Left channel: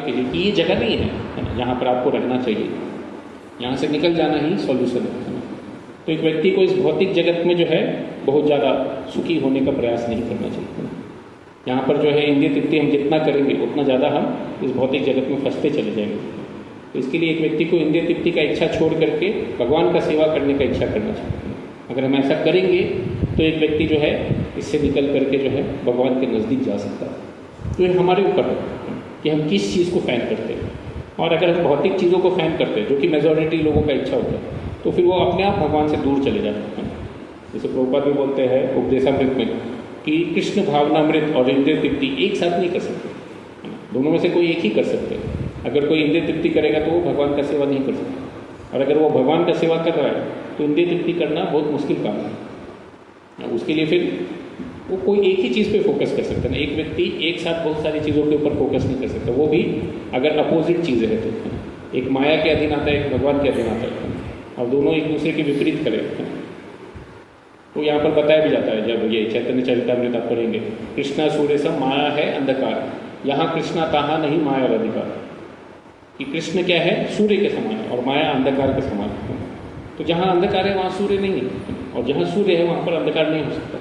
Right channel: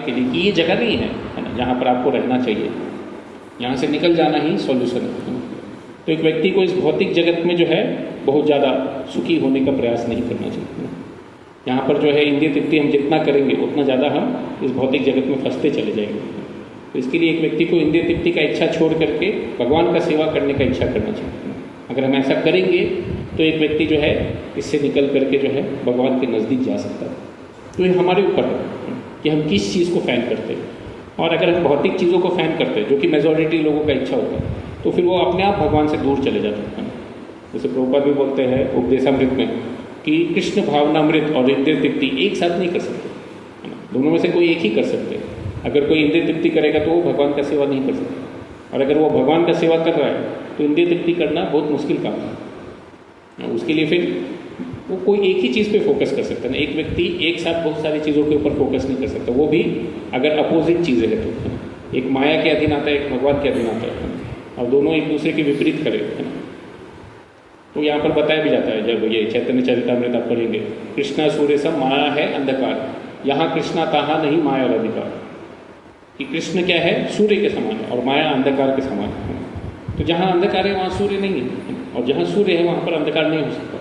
कीजिए कि ये जगह नहीं है जहाँ पर आपको रहना चाहिए, यहाँ से निकल जाना ही सॉल्यूशन है। तो एक व्यक्ति को इस भौतिक जगत में जो है बहुत ज़्यादा सुखी होने का प्रयास नहीं करना चाहिए। यहाँ पर जो है इंद्रिय तृप्ति हम जितना करेंगे उतना ज़्यादा हम इस भौतिक जगत में फंसते चले जाएंगे। तो इसके लिए एक व्यक्ति को इंद्रिय तृप्ति का इच्छा छोड़ करके भगवान का सेवा करने का इच्छा करना चाहिए। अगर हम ऐसा करेंगे तो एक व्यक्ति जो है इससे निकल करके जो है भगवान के नज़दीक जा सकता है। तो ये हमारे ऊपर है कि हम किस चीज़ को फैन करते हैं। और अगर हम भौतिक चीज़ों को फैन करते हैं जो कि मेजॉरिटी लोगों का इच्छा होता है, तो फिर वो अपने आप भगवान से दूर चले जाते हैं। जैसे प्रभुपाद भी बोलते हैं उपदेशामृत में कि कृष्ण भावनामृत और इंद्रिय तृप्ति एक साथ नहीं कर सकते, दोनों में से कोई एक ही कर सकते हैं। अगर कोई इंद्रिय तृप्ति करेगा तो वो भगवान का सेवा नहीं कर सकता, और अगर वो भगवान का सेवा कर रहा है तो इंद्रिय तृप्ति करना बहुत मुश्किल काम है। उसके लिए फिर वो कोई एक ही चीज़ पे फोकस कर सकता है ना। एक व्यक्ति एक साथ बहुत सारी चीज़ों के ऊपर फोकस नहीं कर सकता, वो भी अगर अपोजिट चीज़ें है तो। एक माया के अधीन आता है, एक भगवान के अधीन आता है, और दोनों एक दूसरे के विपरीत करें। तो यहाँ पर बताया भी जाता है, जब ये चैतन्य चरितामृत आप पढ़ेंगे, कृष्णा सूर्य सब माया है अंधकार, यहाँ कृष्णा कहा नहीं माया और अधिकार। कि कृष्ण क्या है, सूर्य के समान है और माया अंधकार के समान है। तो जहाँ अंधकार है वहाँ सूर्य नहीं है, और जहाँ सूर्य है वहाँ पर अंधकार नहीं हो सकता।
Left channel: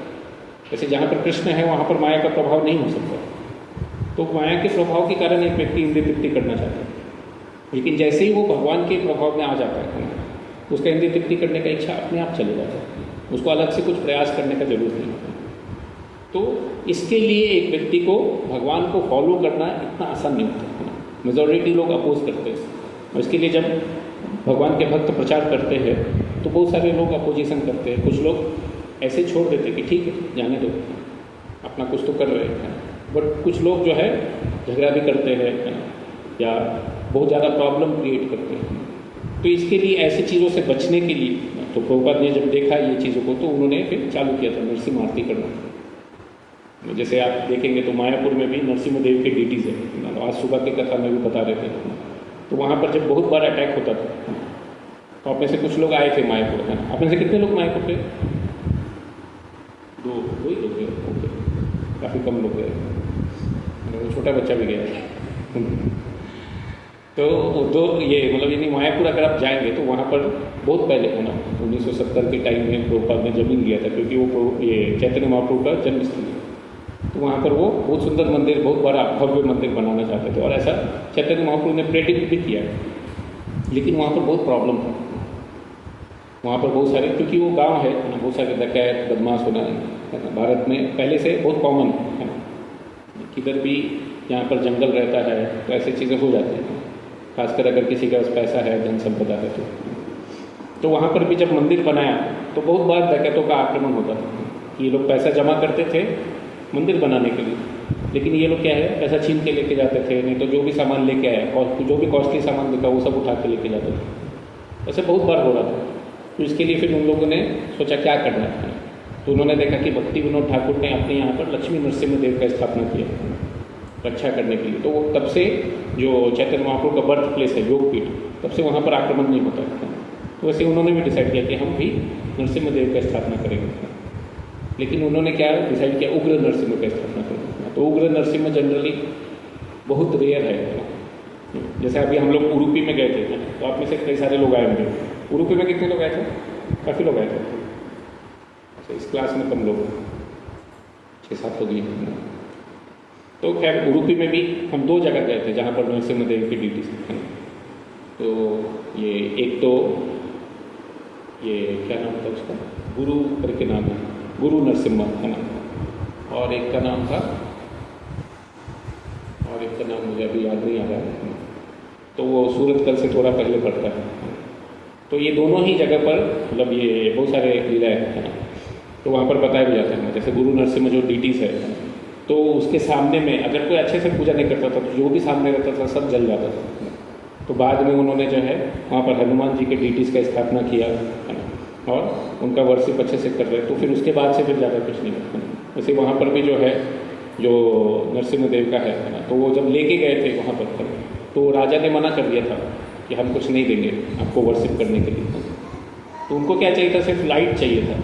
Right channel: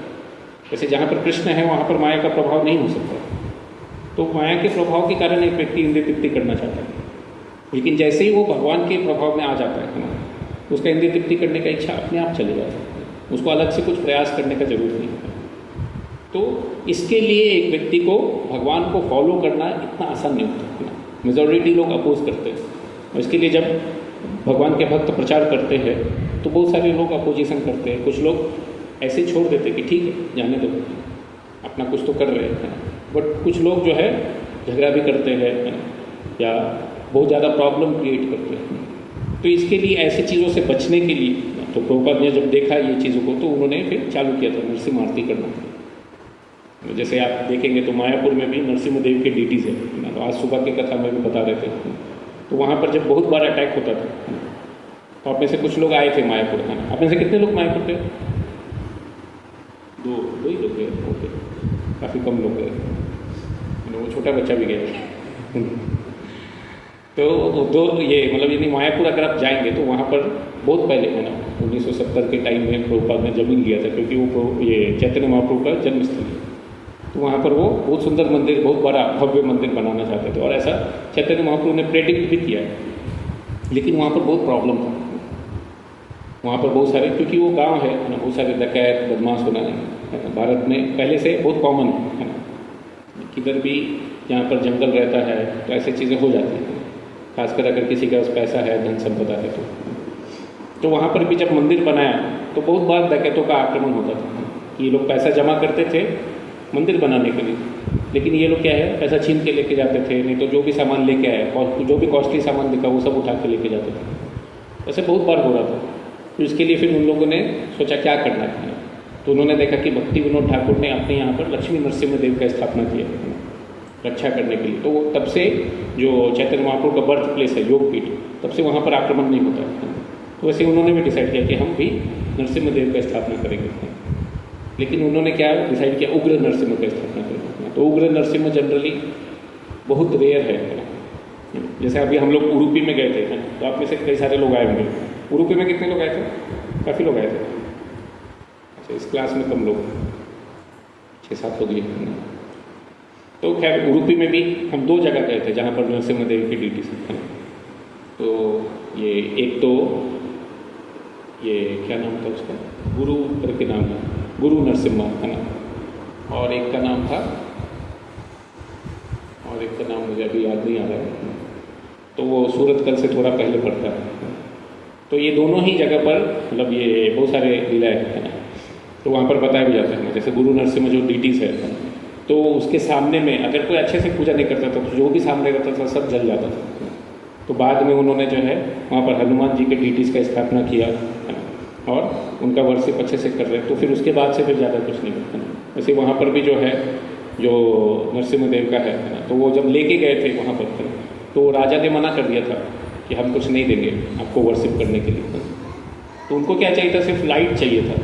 जैसे जहाँ पर कृष्ण है वहाँ पर माया का प्रभाव नहीं हो सकता। तो माया के प्रभाव के कारण एक व्यक्ति इंद्रिय तृप्ति करना चाहता है, लेकिन जैसे ही वो भगवान के प्रभाव में आ जाता है उसका इंद्रिय तृप्ति करने का इच्छा अपने आप चले जाता है, उसको अलग से कुछ प्रयास करने का जरूरत नहीं होता। तो इसके लिए एक व्यक्ति को भगवान को फॉलो करना इतना आसान नहीं होता। मेजॉरिटी लोग अपोज करते हैं, और इसके लिए जब भगवान के भक्त प्रचार करते हैं तो बहुत सारे लोग अपोजिशन करते हैं। कुछ लोग ऐसे छोड़ देते हैं कि ठीक है जाने दो, अपना कुछ तो कर रहे हैं, बट कुछ लोग जो है झगड़ा भी करते हैं या बहुत ज़्यादा प्रॉब्लम क्रिएट करते हैं। तो इसके लिए ऐसी चीज़ों से बचने के लिए तो प्रभुपाद ने जब देखा ये चीज़ों को तो उन्होंने फिर चालू किया था नरसिंह आरती करना। जैसे आप देखेंगे तो मायापुर में भी नरसिंह देव के ड्यूटीज़ है, आज सुबह की कथा में भी बता रहे थे। तो वहाँ पर जब बहुत बार अटैक होता था तो अपने से कुछ लोग आए थे मायापुर में। अपने से कितने लोग मायापुर थे? दो ही लोग गए, काफ़ी कम लोग गए, वो छोटा बच्चा भी गया। तो दो ये मतलब यानी मायापुर अगर आप जाएंगे तो वहाँ पर बहुत पहले है ना 1970 के टाइम में प्रभुपाद ने जमीन लिया था, क्योंकि वो ये चैतन्य महाप्रभु का जन्मस्थल है। तो वहाँ पर वो बहुत सुंदर मंदिर, बहुत बड़ा भव्य मंदिर बनाना चाहते थे, और ऐसा चैतन्य महाप्रभु ने प्रेडिक्ट भी किया। लेकिन वहाँ पर बहुत प्रॉब्लम था, वहाँ पर बहुत सारे, क्योंकि वो गांव है, बहुत सारे डकैत बदमाश होना भारत में पहले से बहुत कॉमन है। किधर भी यहाँ पर जंगल रहता है तो ऐसी चीज़ें हो जाती हैं, खासकर अगर किसी के पास पैसा है, धन संपदा है। तो वहाँ पर भी जब मंदिर बनाया तो बहुत बार डकैतों का आक्रमण होता था। ये लोग पैसा जमा करते थे मंदिर बनाने के लिए, लेकिन ये लोग क्या है पैसा छीन के लेके जाते थे, नहीं तो जो भी सामान लेके आए और जो भी कॉस्टली सामान दिखा वो सब उठा के लेके जाते थे। ऐसे बहुत बार हो रहा था। तो इसके लिए फिर उन लोगों ने सोचा क्या करना है, तो उन्होंने देखा कि भक्ति विनोद ठाकुर ने अपने यहाँ पर लक्ष्मी नरसिम्हा देव का स्थापना किया रक्षा करने के लिए। तो वो तब से जो चैतन्य महाप्रभु का बर्थ प्लेस है योगपीठ, तब से वहाँ पर आक्रमण नहीं होता। तो वैसे उन्होंने भी डिसाइड किया कि हम भी नरसिम्हा देव का स्थापना करेंगे, लेकिन उन्होंने क्या डिसाइड किया उग्र नरसिम्हा का स्थापना करेंगे। तो उग्र नरसिम्हा जनरली बहुत रेयर है। जैसे अभी हम लोग उडुपी में गए थे ना, तो आप में से कई सारे लोग आए होंगे। उडुपी में कितने लोग आए थे? काफ़ी लोग आए थे। अच्छा, इस क्लास में कम लोग, 6-7 लोग गए। तो खैर उडुपी में भी हम 2 जगह गए थे जहाँ पर नरसिम्हा देव की ड्यूटी थी। तो ये एक तो ये क्या नाम था उसका, गुरु करके नाम है, गुरु नरसिम्हा है ना, और एक का नाम था, और एक का नाम मुझे अभी याद नहीं आ रहा। तो वो सूरतकल से थोड़ा पहले पड़ता है। तो ये दोनों ही जगह पर मतलब ये बहुत सारे लीलाएँ हैं ना, तो वहाँ पर बताया भी जाता है। जैसे गुरु नरसिम्हा जो ड्यूटीज़ है तो उसके सामने में अगर कोई अच्छे से पूजा नहीं करता था तो जो भी सामने रहता था सब जल जाता था। तो बाद में उन्होंने जो है वहाँ पर हनुमान जी के ड्यूटीज़ का स्थापना किया और उनका वर्शिप अच्छे से कर रहे। तो फिर उसके बाद से फिर ज़्यादा कुछ नहीं है। वैसे वहाँ पर भी जो है जो नरसिम्हा देव का है, तो वो जब लेके गए थे वहाँ पर तो राजा ने मना कर दिया था कि हम कुछ नहीं देंगे आपको वर्शिप करने के लिए। तो उनको क्या चाहिए था, सिर्फ लाइट चाहिए था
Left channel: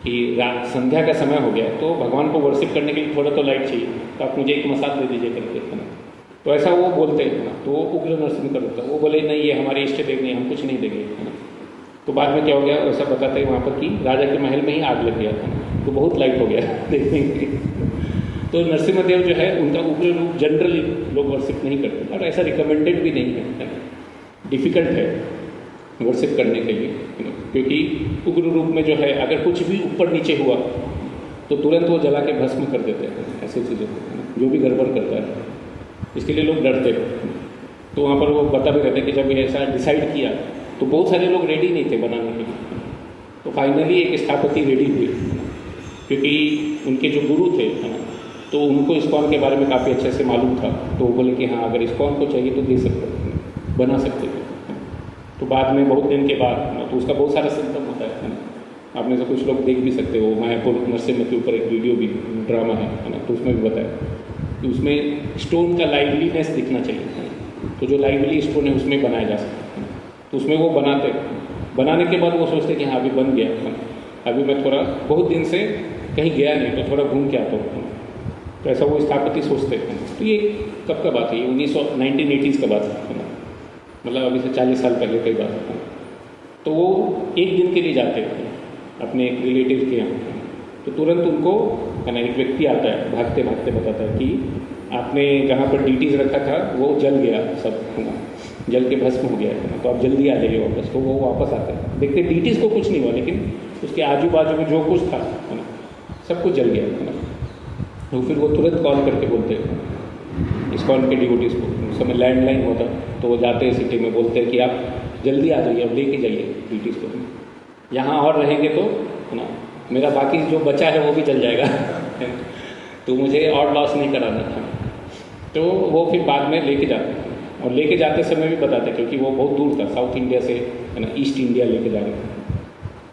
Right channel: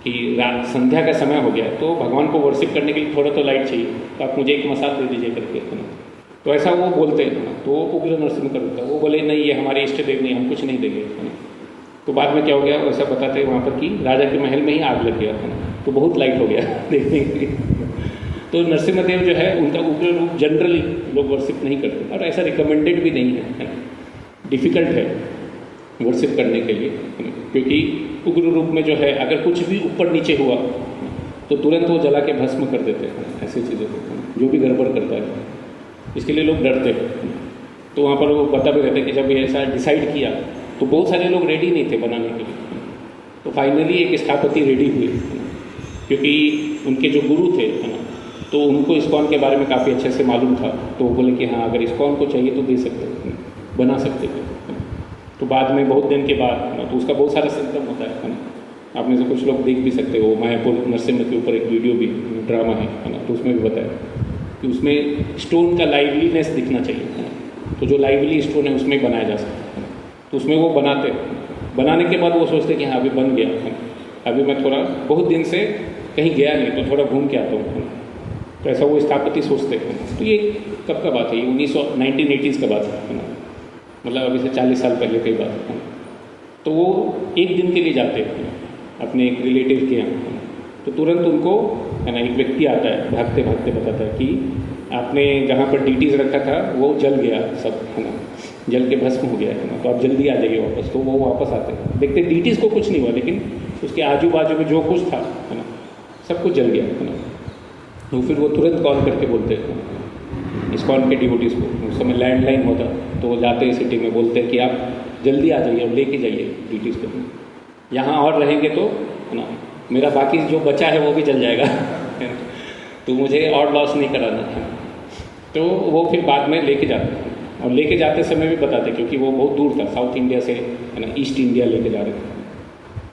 कि रात संध्या का समय हो गया तो भगवान को वर्शिप करने के लिए थोड़ा तो लाइट चाहिए, तो आप मुझे एक मसाल दे दीजिए करके। तो ऐसा वो बोलते हैं, वो उग्र नरसिंह का रूप था। वो बोले नहीं, ये हमारे इष्ट देव नहीं, हम कुछ नहीं देंगे। तो बाद में क्या हो गया, वैसा बताते हैं वहाँ पर कि राजा के महल में ही आग लग गया, तो बहुत लाइट हो गया देखने के लिए। तो नरसिम्हदेव जो है उनका उग्र रूप जनरली लोग वर्शिप नहीं करते, और ऐसा रिकमेंडेड भी नहीं है, डिफ़िकल्ट है वर्शिप करने के लिए, क्योंकि उग्र रूप में जो है अगर कुछ भी ऊपर नीचे हुआ तो तुरंत वो जला के भस्म कर देते हैं, ऐसी चीज़ें जो भी गड़बड़ करता है, इसके लिए लोग डरते हैं। तो वहाँ पर वो बता भी रहते हैं कि जब ये ऐसा डिसाइड किया तो बहुत सारे लोग रेडी नहीं थे बनाने के लिए, तो फाइनली एक स्थापति रेडी हुए, क्योंकि उनके जो गुरु थे तो उनको इस्कॉन के बारे में काफ़ी अच्छे से मालूम था। तो वो बोले कि हाँ, अगर इस्कॉन को चाहिए तो दे सकते, बना सकते हो। तो बाद में बहुत दिन के बाद, तो उसका बहुत सारा सिम्टम होता है, आप में से कुछ लोग देख भी सकते हो, मायापुर नरसिम्हा के ऊपर एक वीडियो भी ड्रामा है ना, तो उसमें भी बताया कि उसमें स्टोन का लाइवलीनेस दिखना चाहिए, तो जो लाइवली स्टोन है उसमें बनाया जा सकता है। तो उसमें वो बनाने के बाद वो सोचते कि हाँ अभी बन गया, अभी मैं थोड़ा बहुत दिन से कहीं गया नहीं तो थोड़ा घूम के आता हूँ, तो ऐसा वो स्थापति सोचते हैं। तो ये कब का बात है, ये 1980s का बात है, मतलब अभी से 40 साल पहले की बात है। तो वो एक दिन के लिए जाते हैं अपने एक रिलेटिव के यहाँ, तो तुरंत उनको है ना एक व्यक्ति आता है, भागते भागते बताता है कि आपने जहाँ पर डीटीज रखा था वो जल गया, सब जल के भस्म हो गया है, तो आप जल्दी आ जाइए वापस। तो वो वापस आते हैं, देखते डीटीज को कुछ नहीं हुआ, लेकिन उसके आजू बाजू में जो कुछ था सब कुछ जल गया। तो फिर वो तुरंत कॉल करके बोलते हैं इस्कॉन के डिवोटीज को, उस समय लैंडलाइन होता, तो वो जाते हैं सिटी में, बोलते हैं कि आप जल्दी आ जाइए और लेके जाइए डिवोटीज को, यहाँ और रहेंगे तो ना मेरा बाकी जो बचा है वो भी जल जाएगा तो मुझे और लॉस नहीं कराना था। तो वो फिर बाद में लेके जाते हैं, और लेके जाते समय भी बताते, क्योंकि वो बहुत दूर था, साउथ इंडिया से है ना ईस्ट इंडिया लेके जा रहे थे,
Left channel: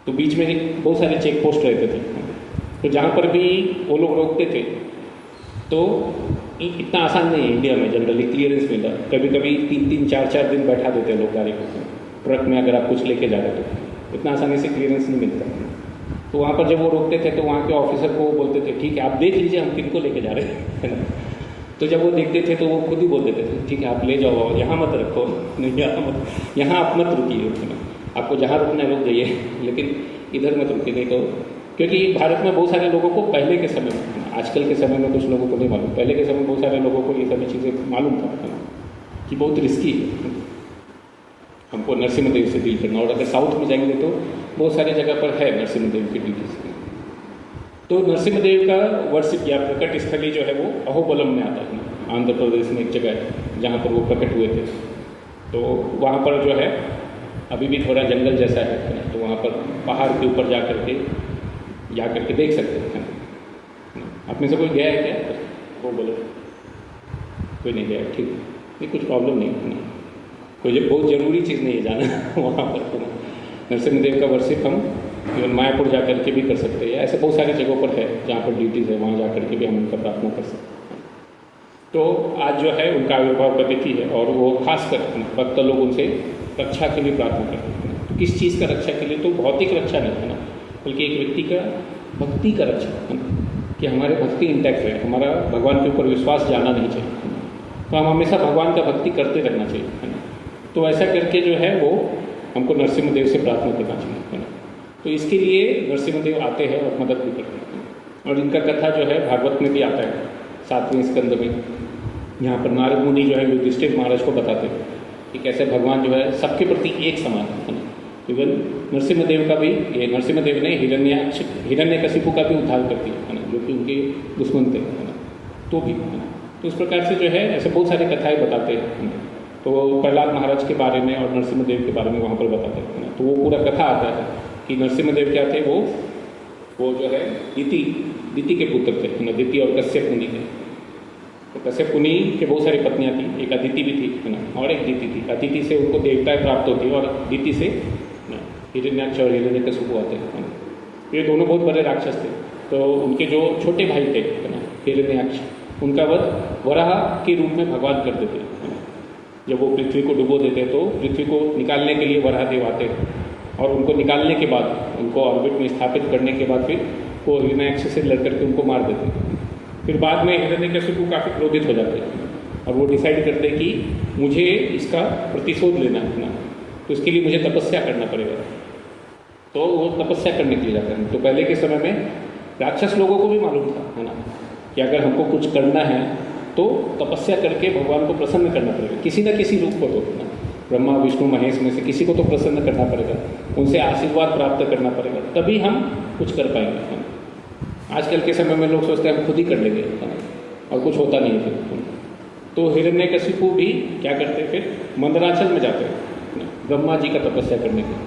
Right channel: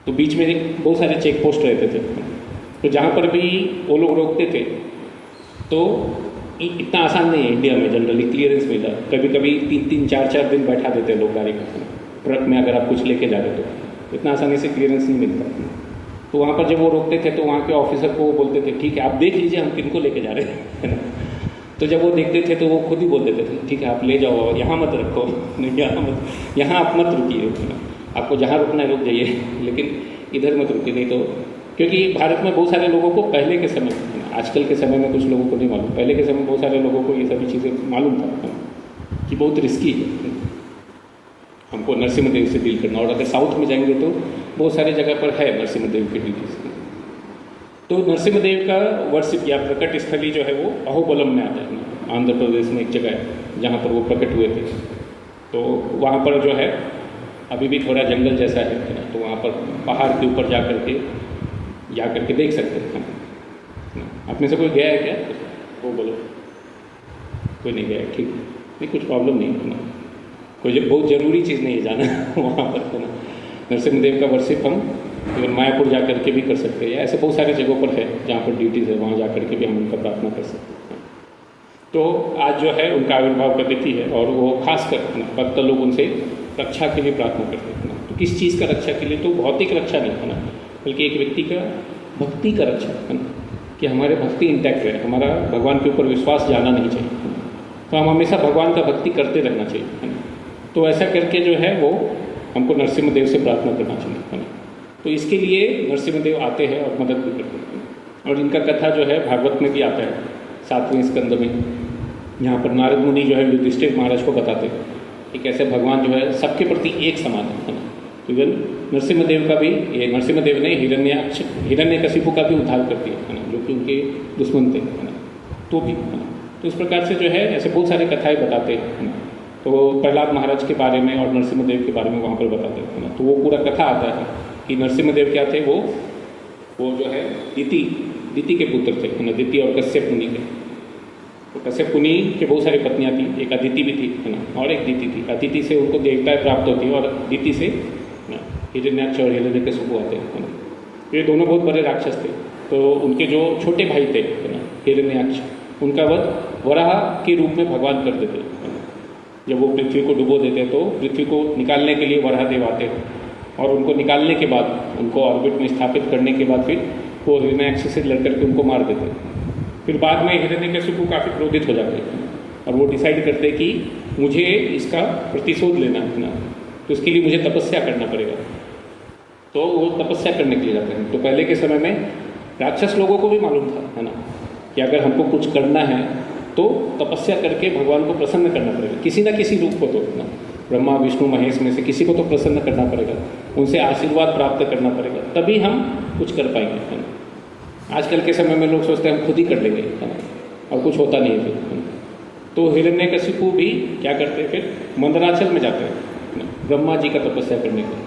तो बीच में बहुत सारे चेक पोस्ट रहते थे, तो जहाँ पर भी वो लोग रोकते थे तो इतना आसान नहीं है इंडिया में जनरली क्लियरेंस मिलता, कभी कभी 3-3, 4-4 दिन बैठा देते हैं लोग गाड़ी ट्रक में, अगर आप कुछ लेके जा रहे तो इतना आसानी से क्लियरेंस नहीं मिलता। तो वहाँ पर जब वो रोकते थे तो वहाँ के ऑफिसर को वो बोलते थे ठीक है आप देख लीजिए हम किनको लेके जा रहे हैं तो जब वो देखते थे तो वो खुद ही बोल देते थे ठीक है आप ले जाओ, यहाँ मत रखो, नहीं यहाँ आप मत रुकिए, आपको जहाँ रुकना है रुक जाइए, लेकिन इधर मत रुकिए, नहीं तो क्योंकि भारत में बहुत सारे लोगों को पहले के समय, आजकल के समय में कुछ लोगों को नहीं मालूम, पहले के समय में बहुत सारे लोगों को ये सभी चीज़ें मालूम था कि बहुत रिस्की है हमको नरसिम्हदेव से डील करना, और अगर साउथ में जाएंगे तो बहुत सारे जगह पर है नरसिम्हदेव की ड्यूटीज। तो नरसिम्हदेव का वर्षिप या प्रकट स्थली जो है वो अहोबलम में आता है, आंध्र प्रदेश में एक जगह है जहाँ पर वो प्रकट हुए थे। तो वहाँ पर जो है अभी भी थोड़ा जंगल जैसा है, तो वहाँ पर पहाड़ के ऊपर जा करके देख सकते हैं। आप में से कोई गया है क्या? वो बोलो, कोई नहीं गया, ठीक नहीं, कुछ प्रॉब्लम नहीं, कोई बहुत ज़रूरी चीज़ नहीं है जाना वहाँ पर। तो नरसिम्हदेव का वर्षिप हम इवन मायापुर जा करके भी कर सकते हैं, या ऐसे बहुत सारे जगहों पर है जहाँ पर ड्यूटीज़ है, वहाँ जा करके भी हम उनका प्रार्थना कर सकते हैं। तो आज जो है उनका आविर्भाव का तिथि है, और वो खासकर भक्त लोग उनसे रक्षा के लिए प्रार्थना करते हैं। तो किस चीज़ का रक्षा के लिए? तो भौतिक रक्षा नहीं है ना, बल्कि एक व्यक्ति का भक्ति का रक्षा है ना, कि हमारे भक्ति इंटैक्ट रहे, हमारा भगवान के ऊपर विश्वास जाना नहीं चाहिए, तो हम हमेशा भगवान का भक्ति करते रहना चाहिए। तो ऐसा करके जो है वो हमको नरसिम्हदेव से प्रार्थना करना चाहिए। तो इसके लिए नरसिम्हदेव आते हैं और मदद भी करते हैं, और इनका कथा जो है भागवत में भी आता है 7वें स्कंद में, यहाँ पर नारद मुनि जो है युधिष्ठिर महाराज को बताते हैं कि कैसे भगवान जो है सबके प्रति एक समान है। इवन नरसिम्हदेव का भी, ये नरसिम्हदेव ने हिरण्यकशिपु का भी उद्धार करती है जो कि उनके दुश्मन थे, तो भी तो इस प्रकार से जो है ऐसे बहुत सारे कथाएं बताते हैं। तो प्रहलाद महाराज के बारे में और नरसिम्हदेव के बारे में वहाँ पर बताते हैं, तो वो पूरा कथा आता है कि नरसिम्हदेव क्या थे, वो जो है दिति के पुत्र थे, दिति और कश्यप मुनि थे। तो कश्यप मुनि के बहुत सारी पत्नियाँ थी, एक अदिति भी थी है ना, और एक दिति थी। अदिति से उनको देवताएं प्राप्त होती है, और दिति से हिरण्याक्ष और हिरण्यकशिपु आते हैं। ये दोनों बहुत बड़े राक्षस थे। तो उनके जो छोटे भाई थे हिरण्याक्ष, उनका वध वराह के रूप में भगवान करते थे। जब वो पृथ्वी को डुबो देते तो पृथ्वी को निकालने के लिए वराह देव आते, और उनको निकालने के बाद, उनको ऑर्बिट में स्थापित करने के बाद फिर वो हिरण्याक्ष से लड़ करके उनको मार देते। फिर बाद में हिरण्यकशिपु काफ़ी क्रोधित हो जाते, और वो डिसाइड करते कि मुझे इसका प्रतिशोध लेना अपना, तो उसके लिए मुझे तपस्या करना पड़ेगा। तो वो तपस्या करने के लिए जाते हैं। तो पहले के समय में राक्षस लोगों को भी मालूम था, है ना, कि अगर हमको कुछ करना है तो तपस्या करके भगवान को प्रसन्न करना पड़ेगा, किसी न किसी रूप को। तो ब्रह्मा विष्णु महेश में से किसी को तो प्रसन्न करना पड़ेगा, उनसे आशीर्वाद प्राप्त करना पड़ेगा, तभी हम कुछ कर पाएंगे। आजकल के समय में लोग सोचते हैं हम खुद ही कर लेंगे, और कुछ होता नहीं है। तो हिरण्यकशिपु भी क्या करते हैं, फिर मंदराचल में जाते हैं ब्रह्मा जी का तपस्या करने के,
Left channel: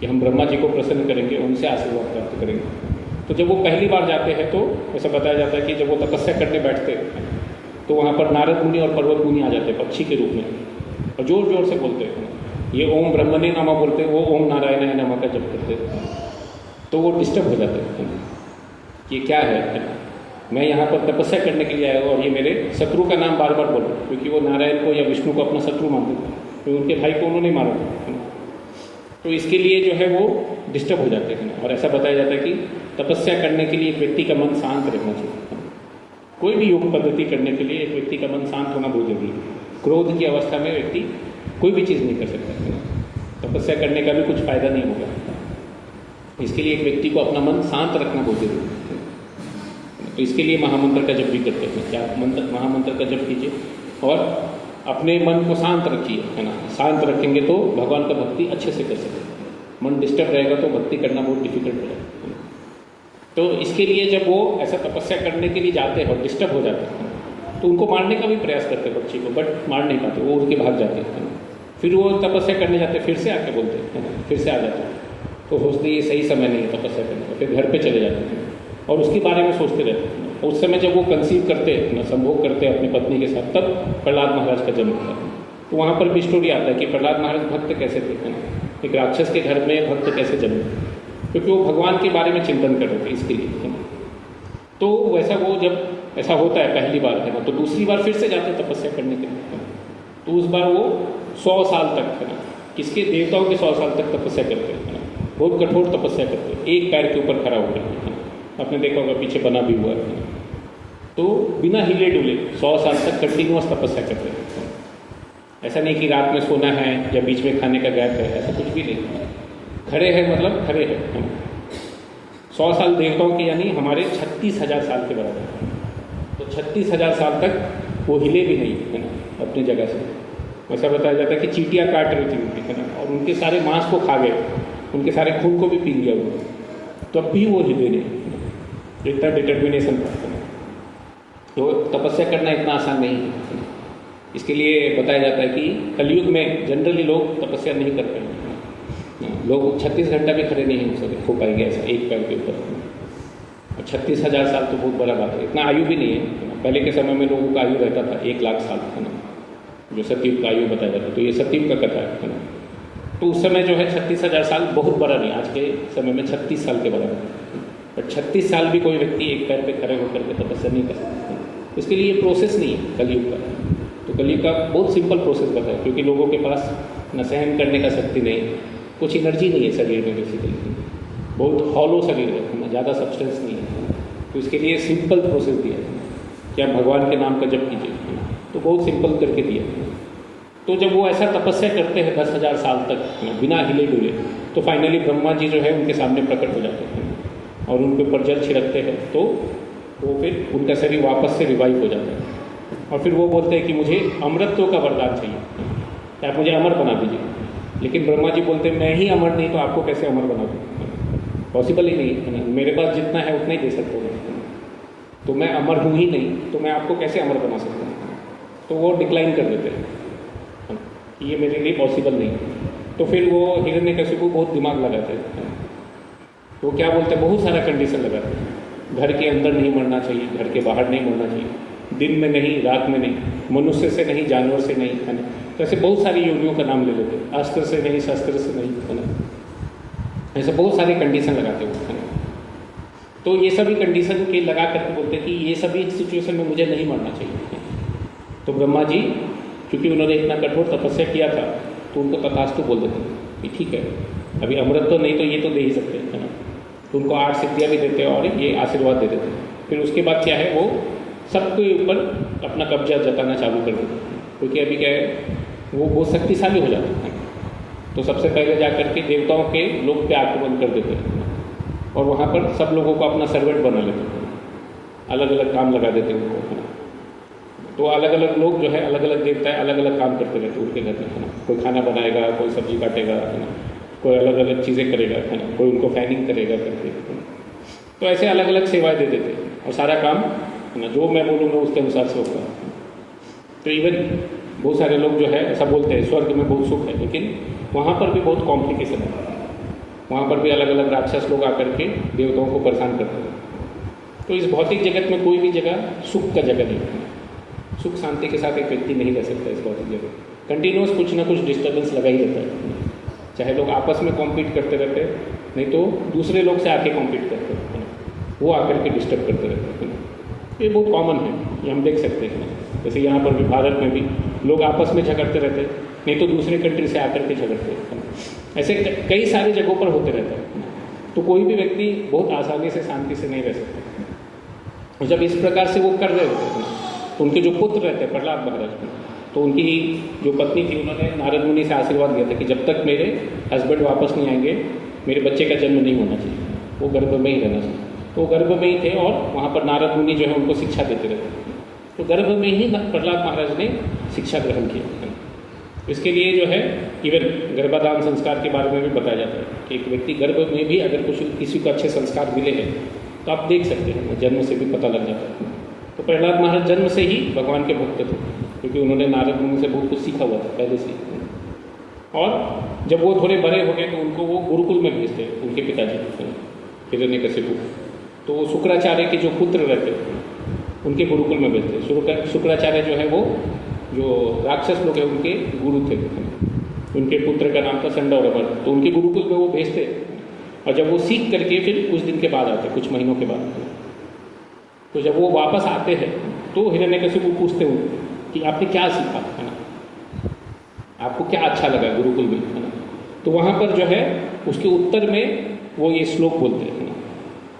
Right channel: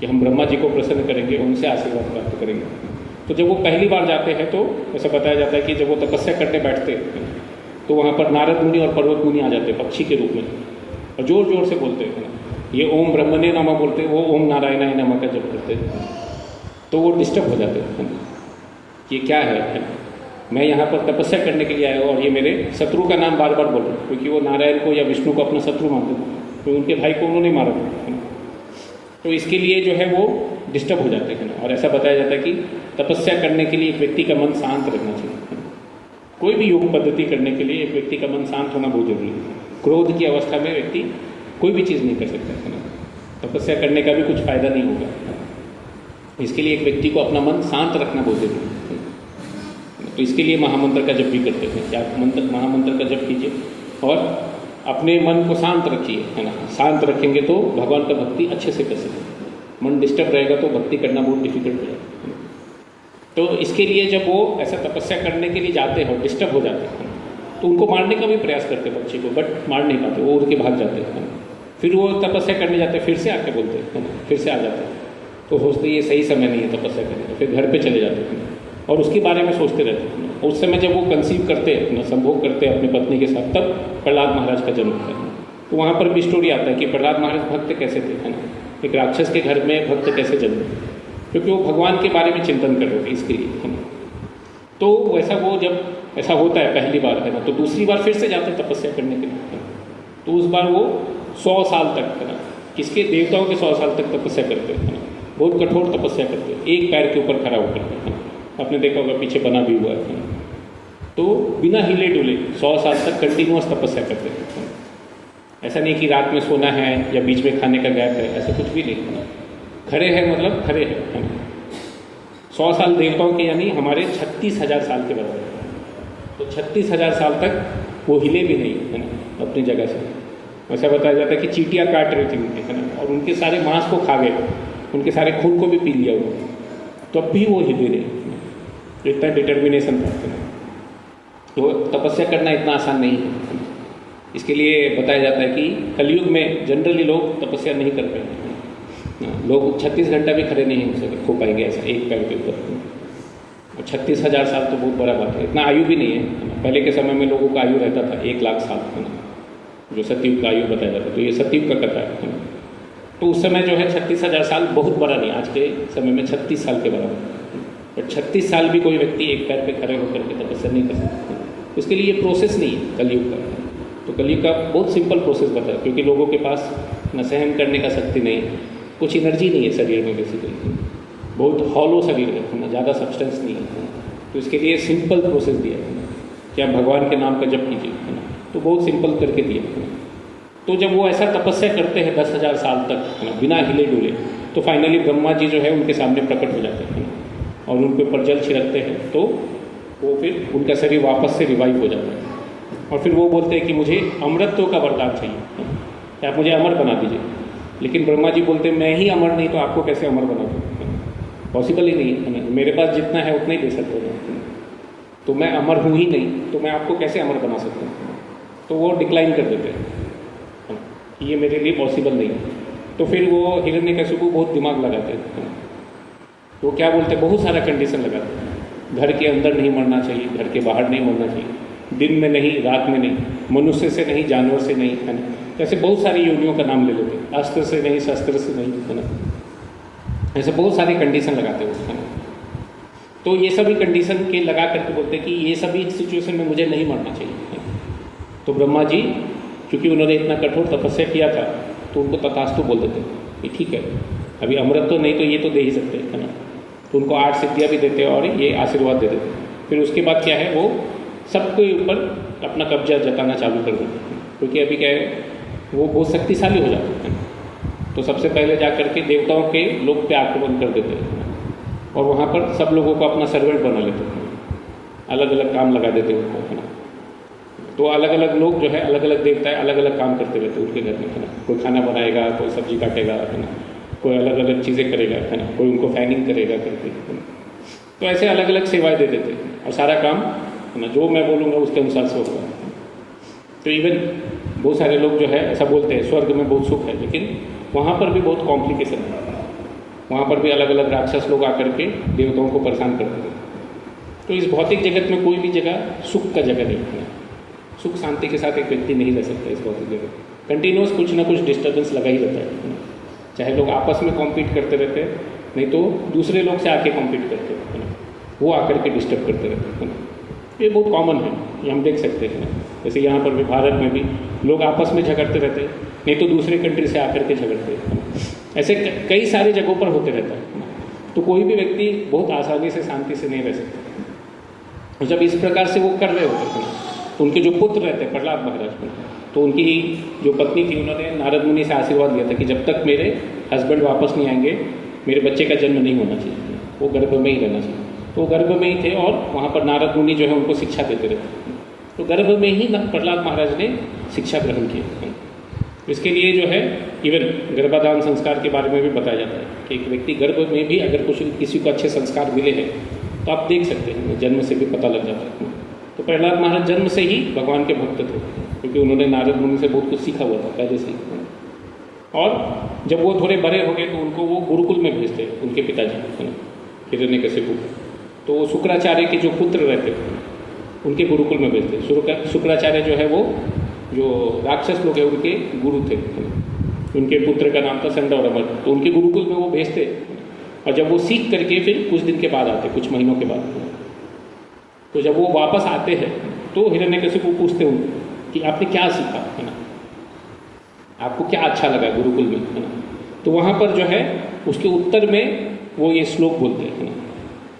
कि हम ब्रह्मा जी को प्रसन्न करेंगे, उनसे आशीर्वाद प्राप्त करेंगे। तो जब वो पहली बार जाते हैं तो ऐसा बताया जाता है कि जब वो तपस्या करने बैठते हैं तो वहाँ पर नारद मुनि और पर्वत मुनि आ जाते हैं पक्षी के रूप में, और जोर जोर से बोलते हैं, ये ओम ब्रह्मणे नमः बोलते हैं, वो ओम नारायणाय नमः का जप करते हैं। तो वो डिस्टर्ब हो जाते हैं, ये क्या है, मैं यहाँ पर तपस्या करने के लिए आया हूँ और ये मेरे शत्रु का नाम बार बार बोल रहे, क्योंकि वो नारायण को या विष्णु को अपना शत्रु मानते, तो उनके भाई को उन्होंने मारा। तो इसके लिए जो है वो डिस्टर्ब हो जाते हैं। और ऐसा बताया जाता है कि तपस्या करने के लिए एक व्यक्ति का मन शांत रखना चाहिए। कोई भी योग पद्धति करने के लिए एक व्यक्ति का मन शांत होना बहुत जरूरी है। क्रोध की अवस्था में व्यक्ति कोई भी चीज़ नहीं कर सकता, तपस्या करने का भी कुछ फायदा नहीं होगा। इसके लिए एक व्यक्ति को अपना मन शांत रखना बहुत जरूरी है। तो इसके लिए महामंत्र का जप भी करते हैं, क्या महामंत्र का जप कीजिए और अपने मन को शांत रखिए, है ना। शांत रखेंगे तो भगवान का भक्ति अच्छे से कर सकते। मन डिस्टर्ब रहेगा तो भक्ति करना बहुत डिफिकल्ट है। तो इसके लिए जब वो ऐसा तपस्या करने के लिए जाते हैं और डिस्टर्ब हो जाते हैं तो उनको मारने का भी प्रयास करते हैं पक्षी को, बट मार नहीं पाते, वो उड़ के भाग जाते हैं। फिर वो तपस्या करने जाते हैं, फिर से आके बोलते हैं, फिर से आ जाते हैं। तो सोचते ये सही समय नहीं है तपस्या करने का, फिर घर पे चले जाते हैं और उसके बारे में सोचते रहते हैं। उस समय जब वो कंसीव करते हैं, अपना संभोग करते हैं अपनी पत्नी के साथ, तब प्रहलाद महाराज का जन्म था। तो वहाँ पर भी स्टोरी आता है कि प्रहलाद महाराज भक्त कैसे थे, एक राक्षस के घर में भक्त कैसे जन्मे, क्योंकि वो भगवान के बारे में चिंतन कर रहे थे इसके लिए। तो वैसा वो जब ऐसा होता है पहली बार है ना, तो दूसरी बार फिर से जाते हैं तपस्या करने के लिए। तो उस बार वो 100 साल तक है ना, किसके देवताओं के 100 साल तक तपस्या करते हैं, बहुत कठोर तपस्या करते हैं, एक पैर के ऊपर खड़ा होकर। आपने देखा होगा पीछे बना भी हुआ है। तो बिना हिले डुले 100 साल तक कंटिन्यूअस तपस्या करते हैं। ऐसा नहीं कि रात में सोना है या बीच में खाने का गैप है, ऐसा कुछ भी नहीं। खड़े हैं मतलब खड़े हैं। 100 साल देवताओं के यानी हमारे 36,000 साल के बराबर। तो 36,000 साल तक वो हिले भी नहीं है ना अपनी जगह से। ऐसा बताया जाता है कि चींटियाँ काट रही थी उनके, है ना, और उनके सारे मांस को खा गए, उनके सारे खून को भी पी लिया हुआ, तो अब भी वो हिले नहीं। इतना डिटर्मिनेशन था। तो तपस्या करना इतना आसान नहीं है। इसके लिए बताया जाता है कि कलयुग में जनरली लोग तपस्या नहीं कर पाएंगे। लोग 36 घंटा भी खड़े नहीं हो पाएंगे ऐसा एक पैर के ऊपर। 36,000 साल तो बहुत बड़ा बात है, इतना आयु भी नहीं है। पहले के समय में लोगों का आयु रहता था 1 लाख साल, है ना, जो सतयुग का आयु बताया जाता है। तो ये सतयुग का कथा है। तो उस समय जो है 36,000 साल बहुत बड़ा नहीं, आज के समय में 36 साल के बराबर। बट 36 साल भी कोई व्यक्ति एक पैर पे खड़े होकर के तपस्या नहीं कर सकता। उसके लिए ये प्रोसेस नहीं है कलयुग का। तो कलयुग का बहुत सिंपल प्रोसेस बताया, क्योंकि लोगों के पास न सहन करने का शक्ति नहीं, कुछ एनर्जी नहीं है शरीर में, बेसिकली बहुत हॉलो शरीर है, ज़्यादा सब्सटेंस नहीं है। तो इसके लिए सिंपल प्रोसेस दिया कि आप भगवान के नाम का जप कीजिए, तो बहुत सिंपल करके दिया। तो जब वो ऐसा तपस्या करते हैं 10,000 साल तक बिना हिले डुले, तो फाइनली ब्रह्मा जी जो है उनके सामने प्रकट हो जाते हैं और उनके ऊपर जल छिड़कते हैं। तो वो फिर उनका शरीर वापस से रिवाइव हो जाता है और फिर वो बोलते हैं कि मुझे अमरत्व का वरदान चाहिए, आप मुझे अमर बना दीजिए। लेकिन ब्रह्मा जी बोलते हैं मैं ही अमर नहीं तो आपको कैसे अमर बना दूँ, पॉसिबल ही नहीं है, मेरे पास जितना है उतना ही दे सकते हो, तो मैं अमर हूँ ही नहीं, तो मैं आपको कैसे अमर बना सकता हूँ। तो वो डिक्लाइन कर देते हैं, ये मेरे लिए पॉसिबल नहीं है। तो फिर वो हिरण्यकशिपु बहुत दिमाग लगाते हैं। वो क्या बोलते हैं, बहुत सारा कंडीशन लगाते हैं। घर के अंदर नहीं मरना चाहिए, घर के बाहर नहीं मरना चाहिए, दिन में नहीं, रात में नहीं, मनुष्य से नहीं, जानवर से नहीं, है ना। तो ऐसे बहुत सारी योनियों का नाम ले लेते हैं, अस्त्र से नहीं, शस्त्र से नहीं, है ना। ऐसे बहुत सारी कंडीशन लगाते हैं। तो ये सभी कंडीशन के लगा करके बोलते हैं कि ये सभी सिचुएशन में मुझे नहीं मरना चाहिए। तो ब्रह्मा जी क्योंकि उन्होंने इतना कठोर तपस्या किया था, तो उनको तथास्तु बोल देते कि ठीक है, अभी अमृत तो नहीं तो ये तो दे ही सकते हैं, है ना। तो उनको 8 सिद्धियाँ भी देते हैं और ये आशीर्वाद दे देते हैं। फिर उसके बाद क्या है, वो सबके ऊपर अपना कब्जा जताना चालू कर देते हैं, क्योंकि अभी क्या है वो बहुत शक्तिशाली हो जाते हैं। तो सबसे पहले जा करके देवताओं के लोक पे आक्रमण कर देते हैं और वहाँ पर सब लोगों को अपना सर्वेंट बना लेते हैं, अलग अलग काम लगा देते हैं उनको अपना। तो अलग अलग लोग जो है अलग अलग देवता है अलग अलग काम करते रहते हैं उनके घर में। कोई खाना बनाएगा, कोई सब्जी काटेगा, कोई अलग अलग चीज़ें करेगा, कोई उनको फैनिंग करेगा करके। तो ऐसे अलग अलग सेवाएं दे देते हैं और सारा काम जो मैं बोलूँगा उसके अनुसार से होता है। तो इवन बहुत सारे लोग जो है ऐसा बोलते हैं स्वर्ग में बहुत सुख है, लेकिन वहाँ पर भी बहुत कॉम्प्लिकेशन है। वहाँ पर भी अलग अलग राक्षस लोग आकर के देवताओं को परेशान करते हैं। तो इस भौतिक जगत में कोई भी जगह सुख का जगह नहीं है। सुख शांति के साथ एक व्यक्ति नहीं रह सकता इस भौतिक जगत। कंटिन्यूस कुछ ना कुछ डिस्टर्बेंस लगा ही रहता है, चाहे लोग आपस में कॉम्पीट करते रहते हैं, नहीं तो दूसरे लोग से आके कॉम्पीट करते हैं, वो आकर के डिस्टर्ब करते रहते हैं। ये बहुत कॉमन है, ये हम देख सकते हैं। जैसे यहाँ पर भी भारत में भी लोग आपस में झगड़ते रहते हैं, नहीं तो दूसरे कंट्री से आकर के झगड़ते हैं। ऐसे कई सारी जगहों पर होते रहते हैं। तो कोई भी व्यक्ति बहुत आसानी से शांति से नहीं रह सकता। जब इस प्रकार से वो कर रहे होते हैं, उनके जो पुत्र रहते हैं प्रहलाद महाराज में, तो उनकी जो पत्नी थी उन्होंने नारद मुनि से आशीर्वाद दिया था कि जब तक मेरे हस्बैंड वापस नहीं आएंगे मेरे बच्चे का जन्म नहीं होना चाहिए, वो गर्भ में ही रहना चाहिए। तो गर्भ में ही थे और वहाँ पर नारद मुनि जो है उनको शिक्षा देते रहते। तो गर्भ में ही प्रहलाद महाराज ने शिक्षा ग्रहण की। इसके लिए जो है इवन गर्भाधान संस्कार के बारे में भी बताया जाता है कि एक व्यक्ति गर्भ में भी अगर कुछ किसी को अच्छे संस्कार मिले हैं तो आप देख सकते हैं, जन्म से भी पता लग जाता है। तो प्रहलाद महाराज जन्म से ही भगवान के भक्त थे, क्योंकि उन्होंने नारद मुनि से बहुत कुछ सीखा हुआ था पहले से। और जब वो थोड़े बड़े हो गए तो उनको वो गुरुकुल में भेजते उनके पिताजी हिरण्यकशिपु। तो शुक्राचार्य के जो पुत्र रहते उनके गुरुकुल में भेजते। शुक्राचार्य जो है वो जो राक्षस लोग हैं उनके गुरु थे, उनके पुत्र का नाम था संडौरवर। तो उनके गुरुकुल में वो भेजते और जब वो सीख करके फिर कुछ दिन के बाद आते, कुछ महीनों के बाद, तो जब वो वापस आते हैं तो हिरण्यकशिपु पूछते उनको कि आपने क्या सीखा, आपको क्या अच्छा लगा गुरुकुल में। तो वहाँ पर जो है उसके उत्तर में वो ये श्लोक बोलते हैं।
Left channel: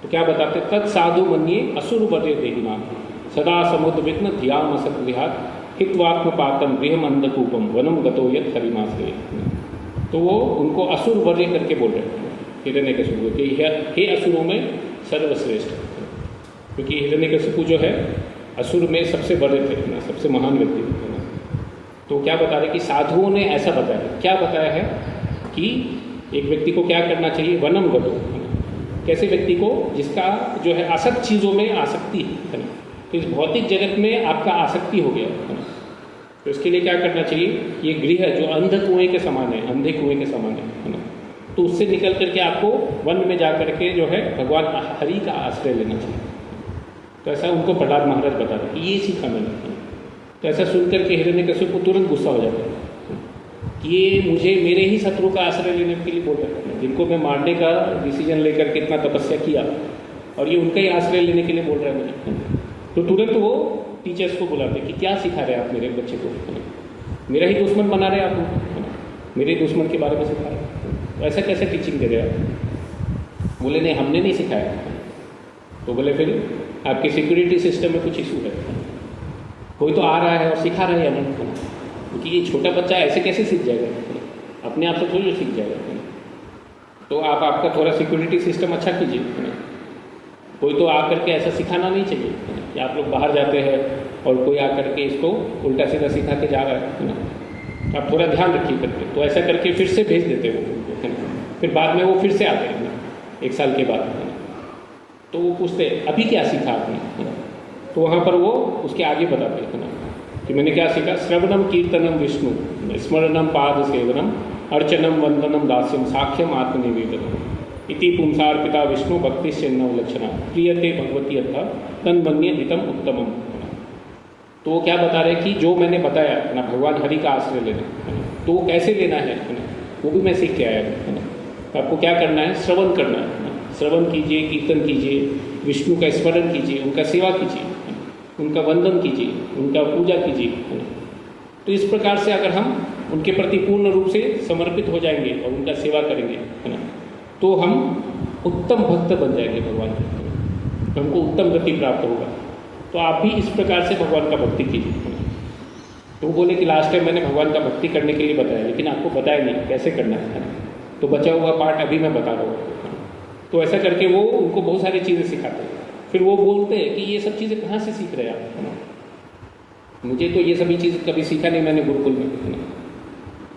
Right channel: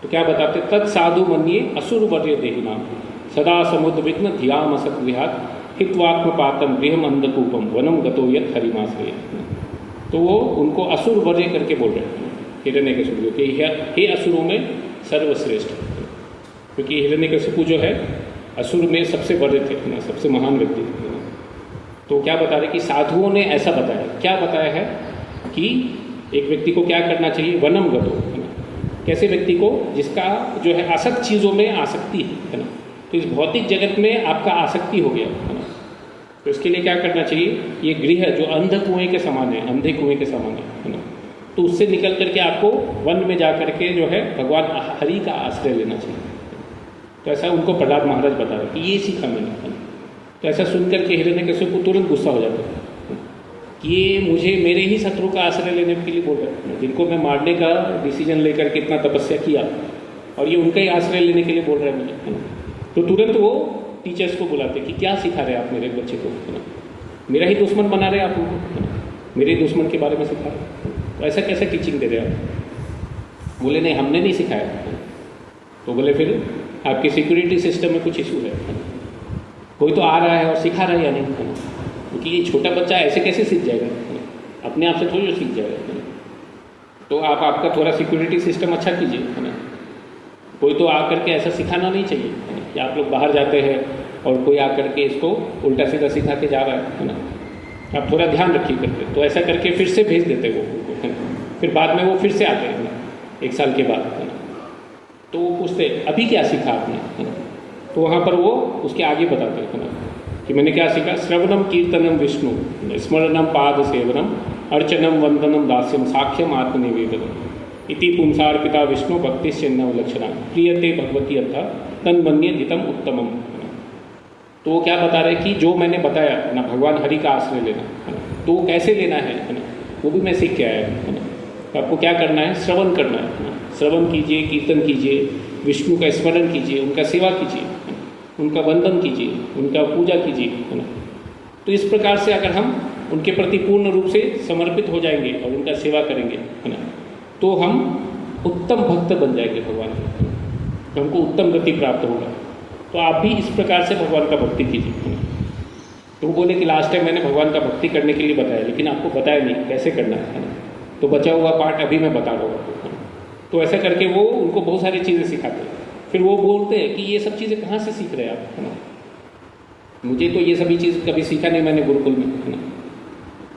तो क्या बताते, तत् साधु मन्ये असुर वर्य देहिना सदा समुद्र विघ्न ध्यान असत विहार हित्वात्मपातम गृहम अंधकूपम वनम गतो यत् हरिमाश्रय। तो वो उनको असुर वर्य करके बोल रहे हैं हिरण्यकशिपु कि हे असुरों में सर्वश्रेष्ठ, क्योंकि हिरण्यकशिपु जो है असुर में सबसे बड़े थे, सबसे महान व्यक्ति थे। तो क्या बता रहे कि साधुओं ने ऐसा बताया, क्या बताया है कि एक व्यक्ति को क्या करना चाहिए, वनम गतो, कैसे व्यक्ति को जिसका जो है असत चीज़ों में आसक्ति है ना, तो इस भौतिक जगत में आपका आसक्ति हो गया, तो इसके लिए क्या करना चाहिए, ये गृह जो अंध कुएं के समान है, अंधे कुएं के समान है ना, तो उससे निकल करके आपको वन में जा करके जो है भगवान हरि का आश्रय लेना चाहिए। तो ऐसा उनको प्रहलाद महाराज बता रहे कि ये सीखा मैंने। तो ऐसा सुनकर के हिरण्यकशिपु तुरंत गुस्सा हो जाता है कि ये मुझे मेरे ही शत्रु का आश्रय लेने के लिए बोल रहे हैं, जिनको मैं मारने का डिसीजन लेकर के इतना तपस्या किया और ये उनका ही आश्रय लेने के लिए बोल रहे हैं मुझे। तो तुरंत वो टीचर्स को बुलाते कि क्या सिखा रहे आप मेरे बच्चे को, मेरा ही दुश्मन बना रहे आप, मेरे दुश्मन के बारे में सिखा रहे, ऐसा कैसे टीचिंग दे रहे आप। बोले नहीं हमने नहीं सिखाया। तो बोले फिर आपके सिक्योरिटी सिस्टम में कुछ इशू है, कोई तो आ रहा है और सिखा रहा है या नहीं, क्योंकि ये छोटा बच्चा ऐसे कैसे सीख जाएगा, अपने आप से थोड़ी सीख जाएगा। तो आप आपका थोड़ा सिक्योरिटी सिस्टम अच्छा कीजिए। कोई तो आकर के ऐसा सिखाना नहीं चाहिए कि आप लोग बाहर जाते हैं और कोई आकर के इसको उल्टा सीधा सिखा के जा रहा है ना, आप थोड़ा ध्यान रखिए करके। तो ऐसा करके फिर से भेज देते वो, फिर बाद में वो फिर से आते हैं 1 साल के बाद। तो वो पूछते अभी क्या सीखा आपने, तो वहाँ पर वो उसके आगे बताते हैं कि मैंने क्या सीखा, श्रवणम कीर्तनम विष्णु स्मरणम पाद सेवनम अर्चनम वंदनम दास्यम साक्ष्यम आत्मनिवेदनम इति पुंसार्पिता विष्णु भक्ति चिन्ह लक्षणा प्रियते भगवती अर्थात तन्मन्ये नितम उत्तमम। तो वो क्या बता रहे कि जो मैंने बताया ना भगवान हरि का आश्रय लेना, तो वो कैसे लेना है वो भी मैं सीख के आया हूँ। आपको क्या करना है, श्रवण करना है, श्रवण कीजिए, कीर्तन कीजिए, विष्णु का स्मरण कीजिए, उनका सेवा कीजिए, उनका वंदन कीजिए, उनका पूजा कीजिए। तो इस प्रकार से अगर हम उनके प्रति पूर्ण रूप से समर्पित हो जाएंगे और उनका सेवा करेंगे है ना, तो हम उत्तम भक्त बन जाएंगे भगवान, हमको उत्तम गति प्राप्त होगा। तो आप भी इस प्रकार से भगवान का भक्ति कीजिए। तो वो बोले कि लास्ट टाइम मैंने भगवान का भक्ति करने के लिए बताया, लेकिन आपको बताया नहीं कैसे करना है, तो बचा हुआ पार्ट अभी मैं बता दूँगा। तो ऐसा करके वो उनको बहुत सारी चीज़ें सिखाते हैं। फिर वो बोलते हैं कि ये सब चीज़ें कहाँ से सीख रहे हैं आप? मुझे तो ये सभी चीज़ कभी सीखा नहीं मैंने गुरुकुल में।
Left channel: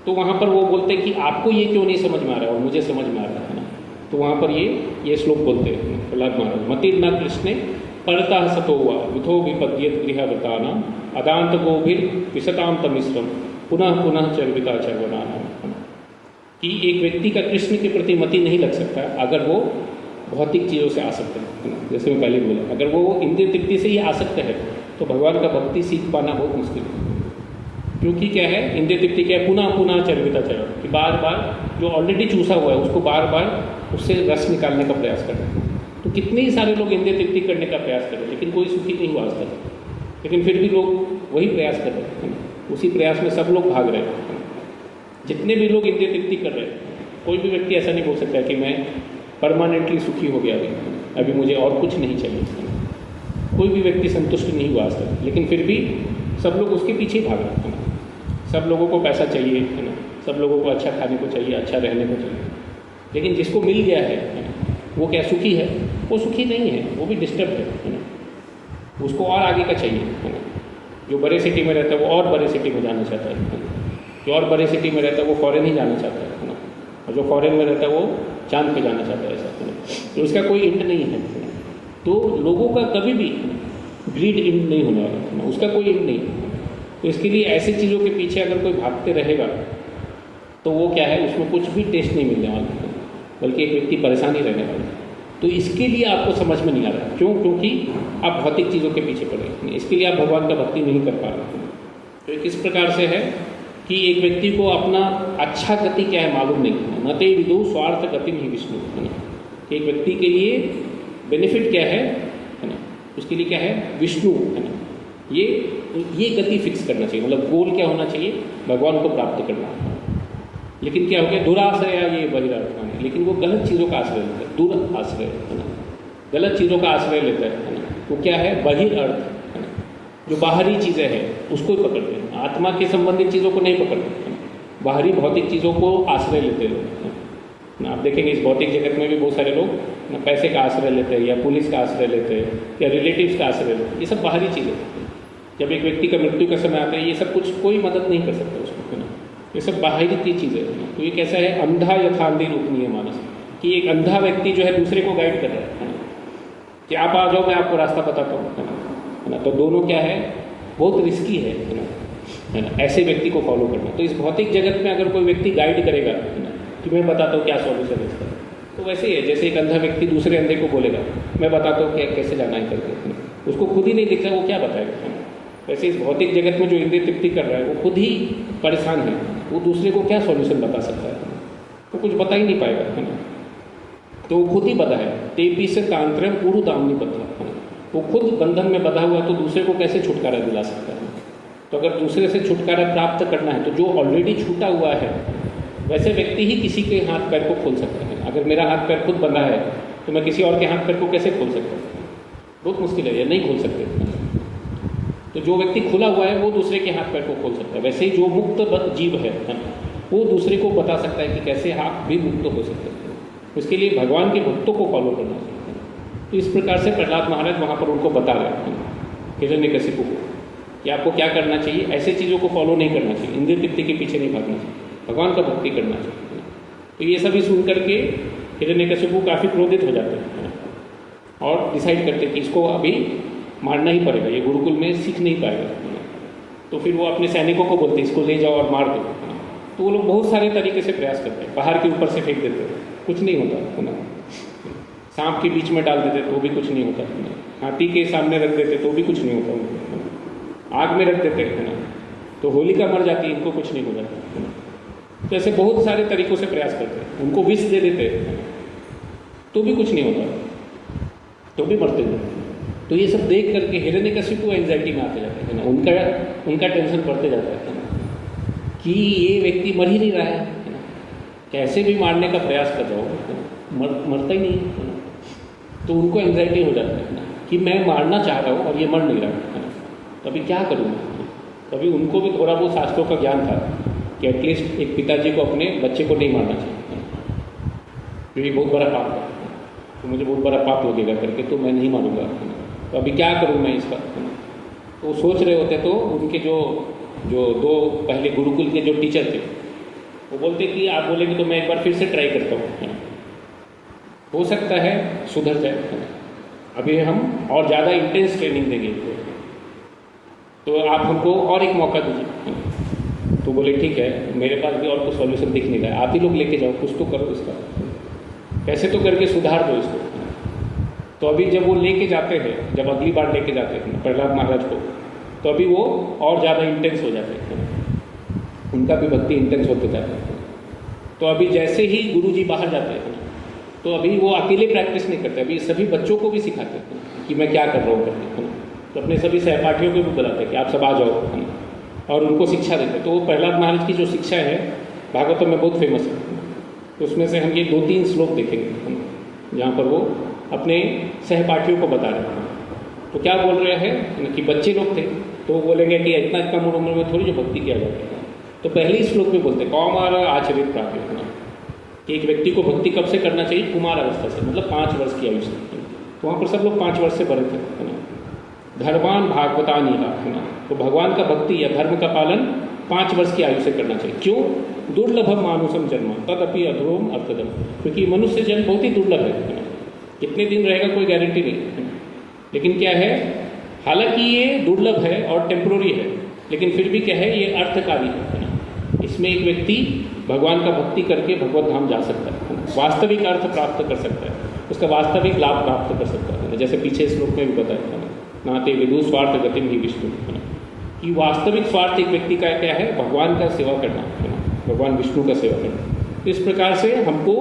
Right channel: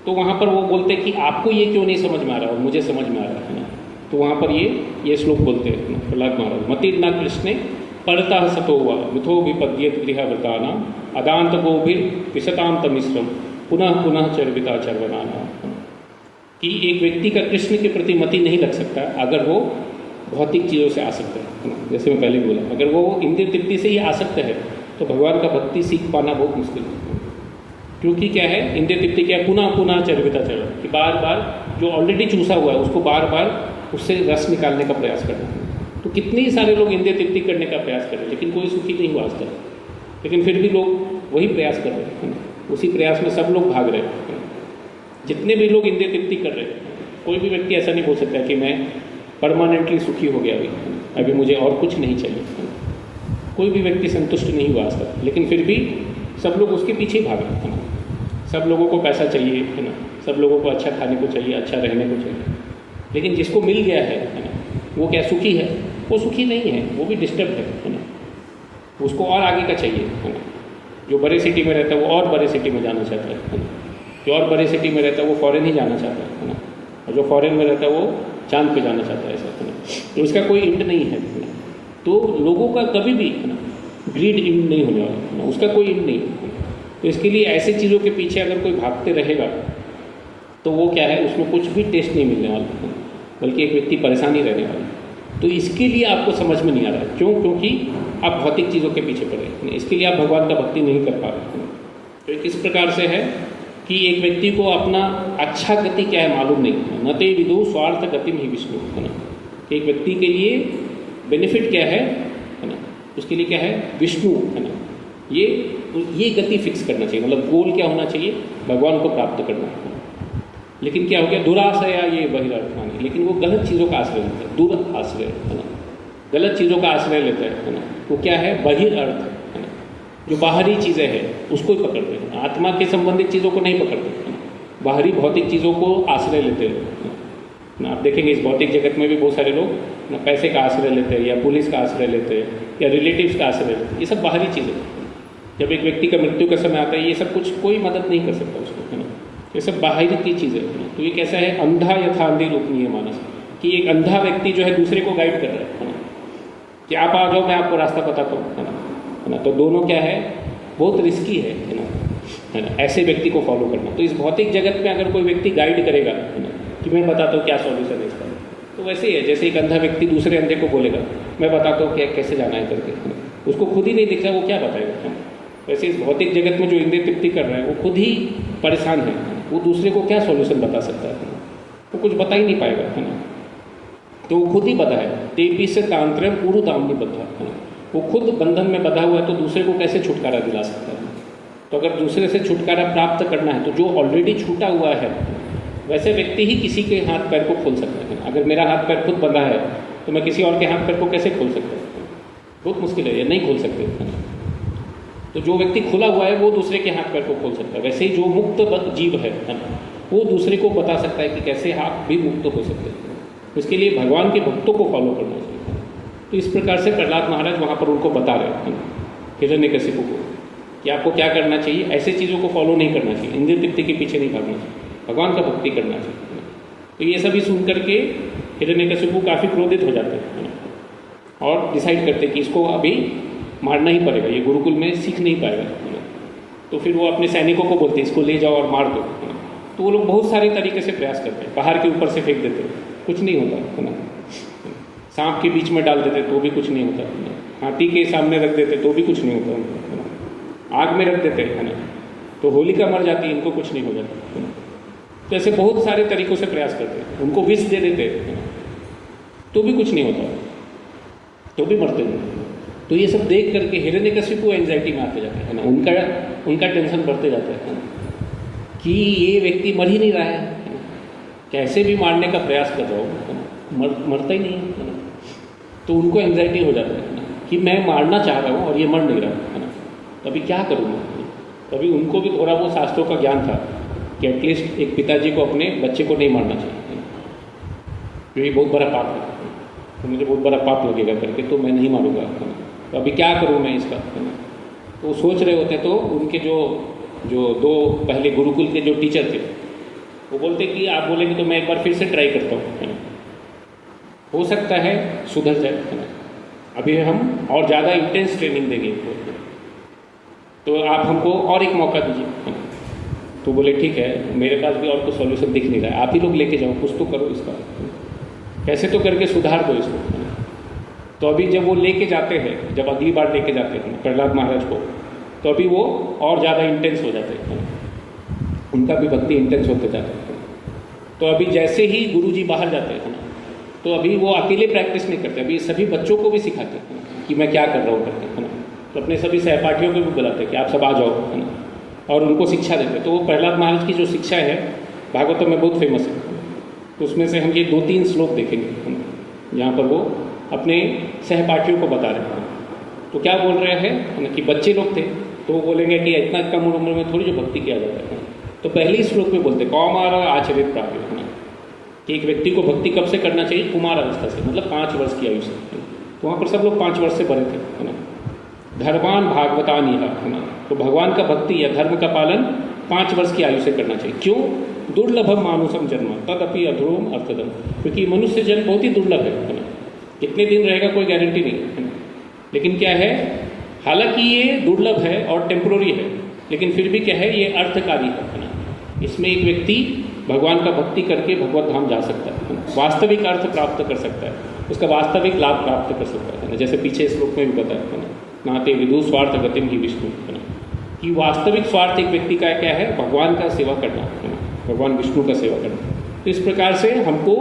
तो वहाँ पर वो बोलते हैं कि आपको ये क्यों नहीं समझ में आ रहा है, मुझे समझ में आ रहा है। तो वहाँ पर ये श्लोक बोलते हैं प्रहलाद महाराज, मति न कृष्णे परतः सतो हुआ मिथो विपद्येत गृहव्रतानाम अदांत गोभिर विशतांत मिश्रम पुनः पुनः चर्विता चर्वनाम। कि एक व्यक्ति का कृष्ण के प्रति मति नहीं लग सकता अगर वो भौतिक चीज़ों से आसक्त है। जैसे मैं पहले बोला, अगर वो इंद्रिय तृप्ति से ही आसक्त है तो भगवान का भक्ति सीख पाना बहुत मुश्किल है। क्योंकि क्या है, इंद्रिय तृप्ति क्या है, पुनः पुनः चर्विता चर्व, कि बार बार जो ऑलरेडी चूसा हुआ है उसको बार बार उससे रस निकालने का प्रयास करना है। तो कितने ही सारे लोग इंद्रिय तृप्ति करने का प्रयास कर रहे हैं, लेकिन कोई सुखी नहीं हुआ आज तक। लेकिन फिर भी लोग वही प्रयास कर रहे हैं, उसी प्रयास में सब लोग भाग रहे हैं। जितने भी लोग इंद्रिय तृप्ति कर रहे हैं, कोई भी व्यक्ति ऐसा नहीं बोल सकता कि मैं परमानेंटली सुखी हो गया, अभी मुझे और कुछ नहीं चाहिए। कोई भी व्यक्ति संतुष्ट नहीं हुआ आज तक, लेकिन फिर भी सब लोग उसके पीछे ही भाग रहे हैं। सब लोगों को पैसा चाहिए, है ना, सब लोगों को अच्छा खाने को चाहिए, अच्छा रहने को चाहिए। लेकिन जिसको मिल गया है ना, वो क्या सुखी है? वो सुखी नहीं है, वो भी डिस्टर्ब है ना। उसको और आगे का चाहिए, है ना। जो बड़े सिटी में रहता है वो और बड़े सिटी में जाना चाहता है, जो और बड़े सिटी में रहता है वो फॉरेन ही जाना चाहता है ना, और जो फॉरेन में रहता है वो चांद पे जाना चाहता है, ऐसा। तो इसका कोई इंड नहीं है। तो लोगों का कभी भी ग्रीड इंड नहीं होगा, उसका कोई इंड नहीं। तो इसके लिए ऐसी चीज़ों के पीछे अगर कोई भागते रहेगा तो वो क्या है, उसमें कुछ भी टेस्ट नहीं मिलने वाला, बल्कि एक व्यक्ति परेशानी रहने वाला। तो इसके लिए आपको समझ में नहीं आ रहा, क्यों? क्योंकि आप भौतिक चीज़ों के पीछे पड़े हैं, इसके लिए आप भगवान का भक्ति नहीं कर पा रहे। तो किस प्रकार से है कि एक व्यक्ति को अपना अच्छा गति क्या है मालूम नहीं, न ते विदु स्वार्थ गति ही विष्णु, है ना। एक व्यक्ति के लिए बेनिफिट क्या है ना, उसके लिए क्या है, विष्णु, है ना। ये गति फिक्स करना चाहिए, मतलब गोल क्या होना चाहिए, भगवान को प्राप्त करना। लेकिन क्या हो गया, दुराश्रया ये बहिर्थ, लेकिन वो गलत चीज़ों का आश्रय लेते हैं, दूर आश्रय, है ना, गलत चीज़ों का आश्रय लेते हैं, है ना। वो क्या है, बहिर्थ, है ना, जो बाहरी चीज़ें हैं उसको ही पकड़ते हैं, आत्मा के संबंधित चीज़ों को नहीं पकड़ते, बाहरी भौतिक चीज़ों को आश्रय लेते लोग ना। आप देखेंगे इस भौतिक जगत में भी बहुत सारे लोग ना पैसे का आश्रय लेते हैं, या पुलिस का आश्रय लेते हैं, या रिलेटिव्स का आश्रय लेते हैं। ये सब बाहरी चीज़ें। जब एक व्यक्ति का मृत्यु का समय आता है, ये सब कुछ कोई मदद नहीं कर सकता उसको, ये सब बाहरी की चीज़ें। तो ये कैसा है, अंधा यथा अंधे रूपनीय मानस, कि एक अंधा व्यक्ति जो है दूसरे को गाइड कर रहा है कि आप आ जाओ, मैं आपको रास्ता पता करूँ, है ना। तो दोनों क्या है, बहुत रिस्की है ना, ऐसे व्यक्ति को फॉलो करना। तो इस भौतिक जगत में अगर कोई व्यक्ति गाइड करेगा कि मैं बताता हूँ क्या सॉल्यूशन है इसका, तो वैसे ही है जैसे एक अंधा व्यक्ति दूसरे अंधे को बोलेगा मैं बताता हूँ क्या कैसे जाना है करके, उसको खुद ही नहीं दिख रहा, वो क्या बताएगा। वैसे इस भौतिक जगत में जो इंद्रिय तृप्ति कर रहा है वो खुद ही परेशान है, वो दूसरे को क्या सॉल्यूशन बता सकता है, वो कुछ बता ही नहीं पाएगा, है ना। तो वो खुद ही बता है, तेपी से तांत्र्य पूर्व दाम नहीं बता, वो खुद बंधन में बधा हुआ है, तो दूसरे को कैसे छुटकारा दिला सकता है। तो अगर दूसरे से छुटकारा प्राप्त करना है तो जो ऑलरेडी छूटा हुआ है वैसे व्यक्ति ही किसी के हाथ पैर को खोल सकता है। अगर मेरा हाथ पैर खुद बंधा है तो मैं किसी और के हाथ पैर को कैसे खोल सकता हूँ, बहुत मुश्किल है, या नहीं खोल सकते। तो जो व्यक्ति खुला हुआ है वो दूसरे के हाथ पैर को खोल सकता है। वैसे ही जो मुक्त जीव है वो दूसरे को बता सकता है कि कैसे आप भी मुक्त हो सकते हैं। उसके लिए भगवान के भक्तों को फॉलो करना चाहिए। तो इस प्रकार से प्रहलाद महाराज वहाँ पर उनको बता रहे हैं हिरण्यकशिपु को कि आपको क्या करना चाहिए, ऐसे चीज़ों को फॉलो नहीं करना चाहिए, इंद्रिय तृप्ति के पीछे नहीं भागना चाहिए, भगवान का भक्ति करना चाहिए। तो ये सभी सुन करके हिरण्यकशिपु काफ़ी क्रोधित हो जाते हैं और डिसाइड करते हैं कि इसको अभी मारना ही पड़ेगा, ये गुरुकुल में सीख नहीं पाएगा। तो फिर वो अपने सैनिकों को बोलते हैं इसको ले जाओ और मार दो। तो वो लोग बहुत सारे तरीके से प्रयास करते हैं, पहाड़ के ऊपर से फेंक देते हैं, कुछ नहीं होता, सांप के बीच में डाल देते तो भी कुछ नहीं होता, हाथी के सामने रख देते तो भी कुछ नहीं होता, आग में रख देते हैं ना तो होलिका मर जाती है, इनको कुछ नहीं हो जाता। तो ऐसे बहुत सारे तरीकों से प्रयास करते हैं, उनको विष दे देते हैं तो भी कुछ नहीं होता, तो भी मरते जाते। तो ये सब देख करके हिरण्यकशिपु एंजाइटी में आते जाते हैं ना, उनका टेंशन बढ़ते जाता है कि ये व्यक्ति मर ही नहीं रहा है, कैसे भी मारने का प्रयास कर रहा हो, मरता ही नहीं है। तो उनको एंजाइटी हो जाता है कि मैं मारना चाहता हूँ और ये मर नहीं रहा, है ना, तो अभी क्या करूँ? तभी उनको भी थोड़ा बहुत शास्त्रों का ज्ञान था कि एटलीस्ट एक पिताजी को अपने बच्चे को नहीं मारना चाहिए, क्योंकि बहुत बड़ा पाप है, तो मुझे बहुत बड़ा पाप लगेगा करके, तो मैं नहीं मारूंगा। तो अभी क्या करूँ मैं इसका? तो सोच रहे होते तो उनके जो जो दो पहले गुरुकुल के जो टीचर थे वो बोलते कि आप बोलेंगे तो मैं एक बार फिर से ट्राई करता हूँ, हो सकता है सुधर जाए, अभी हम और ज़्यादा इंटेंस ट्रेनिंग देंगे, तो आप हमको और एक मौका दीजिए। तो बोले ठीक है, मेरे पास भी और तो सॉल्यूशन दिख नहीं रहा है, आप ही लोग लेके जाओ, कुछ तो करो इसका, कैसे तो करके सुधार दो इसको। तो अभी जब वो लेके जाते हैं, जब अगली बार लेके जाते हैं प्रहलाद महाराज को, तो अभी वो और ज़्यादा इंटेंस हो जाते हैं, उनका भी भक्ति इंटेंस होते जाता है। तो अभी जैसे ही गुरुजी बाहर जाते हैं तो अभी वो अकेले प्रैक्टिस नहीं करते, अभी सभी बच्चों को भी सिखाते हैं कि मैं क्या कर रहा हूँ करके, तो अपने सभी सहपाठियों को भी बुलाते हैं कि आप सब आ जाओ, है ना, और उनको शिक्षा देते हैं। तो वो प्रहलाद महाराज की जो शिक्षा है भागवतम में बहुत फेमस है, तो उसमें से हम ये 2-3 श्लोक देखेंगे जहाँ पर वो अपने सहपाठियों को बता रहे हैं। तो क्या बोल रहे हैं कि बच्चे लोग थे तो वो बोलेंगे कि इतना कम उम्र में थोड़ी जो भक्ति किया जाता है, तो पहले ही श्लोक में बोलते कौमार आचरित प्राप्त, कि एक व्यक्ति को भक्ति कब से करना चाहिए? कुमार अवस्था से, मतलब 5 वर्ष की आयु से। तो वहाँ पर सब लोग 5 वर्ष से भरे थे, है ना। धर्मान भागवतानी, है ना, तो भगवान का भक्ति या धर्म का पालन 5 वर्ष की आयु से करना चाहिए। क्यों? दुर्लभम मानुषम जन्म तदपि अध्रुवम अर्थदम, क्योंकि मनुष्य जन्म बहुत ही दुर्लभ है, कितने दिन रहेगा कोई गारंटी नहीं, लेकिन क्या है, हालांकि ये दुर्लभ है और टेम्प्रोरी है, लेकिन फिर भी क्या है, ये अर्थकारी है। इसमें एक व्यक्ति भगवान का भक्ति करके भगवत धाम जा सकता है, वास्तविक अर्थ प्राप्त कर सकता है, उसका वास्तविक लाभ प्राप्त कर सकता है। जैसे पीछे श्लोक में भी बताया था, नाते विदु स्वार्थ गतिम ही विष्णु, कि वास्तविक स्वार्थ एक व्यक्ति का क्या है? भगवान का सेवा करना, भगवान विष्णु का सेवा करना। तो इस प्रकार से हमको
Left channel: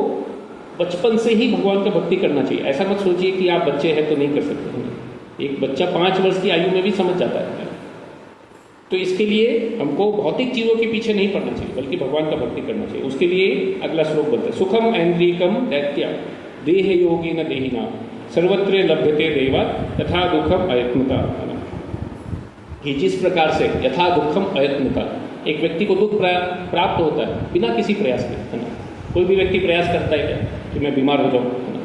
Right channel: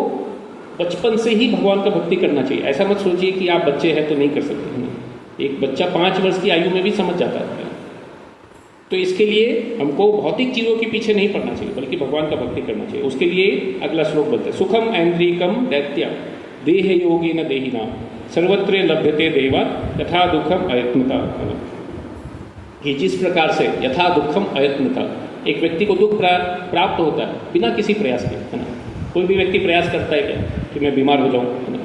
बचपन से ही भगवान का भक्ति करना चाहिए। ऐसा मत सोचिए कि आप बच्चे हैं तो नहीं कर सकते, एक बच्चा 5 वर्ष की आयु में भी समझ जाता है। तो इसके लिए हमको भौतिक चीजों के पीछे नहीं पड़ना चाहिए, बल्कि भगवान का भक्ति करना चाहिए। उसके लिए अगला श्लोक बोलता है, सुखम ऐन्द्रिकम दैत्या देह योगी न देहिना सर्वत्र लभ्यते देवा यथा दुखम अयत्नता, कि जिस प्रकार से यथा दुखम अयत्नता, एक व्यक्ति को दुख प्राप्त होता है बिना किसी प्रयास के, है ना। कोई भी व्यक्ति प्रयास करता है क्या कि मैं बीमार हो जाऊँ, है ना,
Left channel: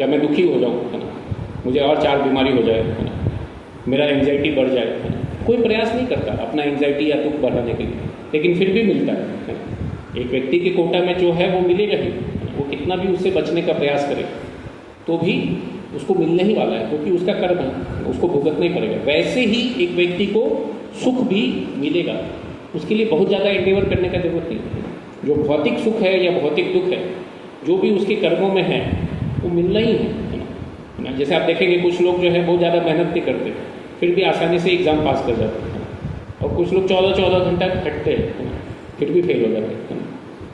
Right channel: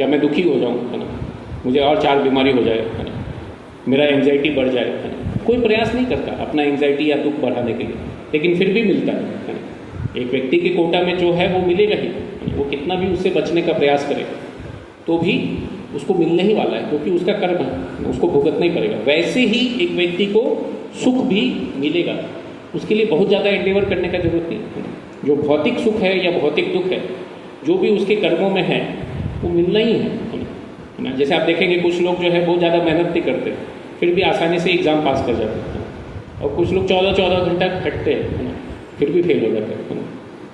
या मैं दुखी हो जाऊँ, है ना, मुझे और 4 बीमारी हो जाए, है ना, मेरा एंजाइटी बढ़ जाए, है ना। कोई प्रयास नहीं करता अपना एंजाइटी या दुख बढ़ाने के लिए, लेकिन फिर भी मिलता है। एक व्यक्ति के कोटा में जो है वो मिलेगा ही, वो कितना भी उससे बचने का प्रयास करे तो भी उसको मिलने ही वाला है, क्योंकि उसका कर्म है, उसको भुगतना ही पड़ेगा। वैसे ही एक व्यक्ति को सुख भी मिलेगा, उसके लिए बहुत ज़्यादा एंडेवर करने का जरूरत नहीं। जो भौतिक सुख है या भौतिक दुख है, जो भी उसके कर्मों में है वो मिलना ही है। जैसे आप देखेंगे कुछ लोग जो है बहुत ज़्यादा मेहनत नहीं करते, फिर भी आसानी से एग्ज़ाम पास कर जाते हैं, और कुछ लोग 14-14 घंटा खटते हैं, फिर भी फेल हो जाते हैं,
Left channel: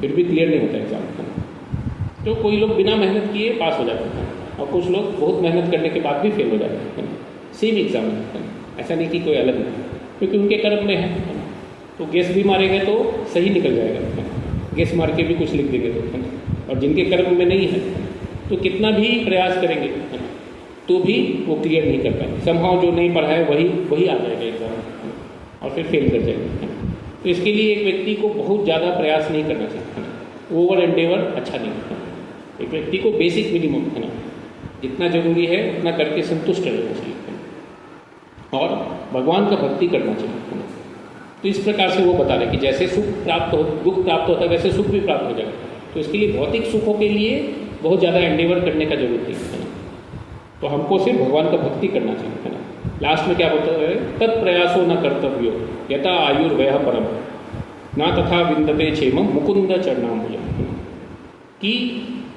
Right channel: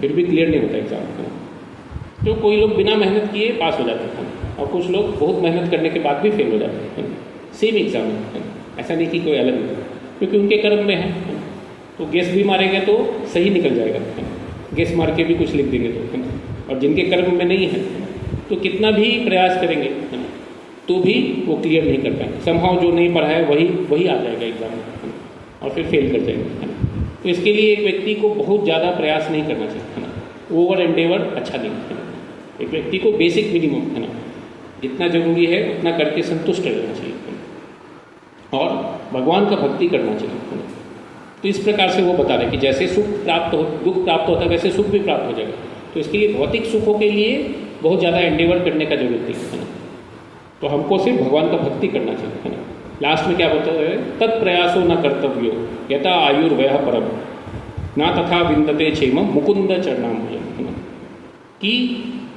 फिर भी क्लियर नहीं होता एग्ज़ाम। तो कोई लोग बिना मेहनत किए पास हो जाते हैं, और कुछ लोग बहुत मेहनत करने के बाद भी फेल हो जाते हैं, सेम एग्ज़ाम में। ऐसा नहीं कि कोई अलग नहीं, क्योंकि उनके कर्म में है। तो गेस भी मारेंगे तो सही निकल जाएगा, गेस मार के भी कुछ लिख देंगे तो, और जिनके कर्म में नहीं है तो कितना भी प्रयास करेंगे तो भी वो क्लियर नहीं कर पाएंगे। समहाउ जो नहीं पढ़ा है वही आ जाएगा एग्जाम और फिर फेल कर जाएंगे। तो इसके लिए एक व्यक्ति को बहुत ज़्यादा प्रयास नहीं करना चाहिए, ओवर एंडेवर अच्छा नहीं है। एक व्यक्ति को बेसिक मिनिमम है ना, जितना जरूरी है उतना करके संतुष्ट रहना चाहिए और भगवान का भक्ति करना चाहिए। तो इस प्रकार से वो बता रहे कि जैसे सुख प्राप्त हो, दुख प्राप्त होता है, वैसे सुख भी प्राप्त हो जाएगा। तो इसके लिए भौतिक सुखों के लिए बहुत ज़्यादा एंडेवर करने का जरूरत नहीं है, तो हमको सिर्फ भगवान का भक्ति करना चाहिए। लास्ट में क्या होता है, तत्प्रयासो न कर्तव्यो यथा आयुर्वय परम ना तथा विंदते क्षेमम मुकुंद चरणाम्बुजम, कि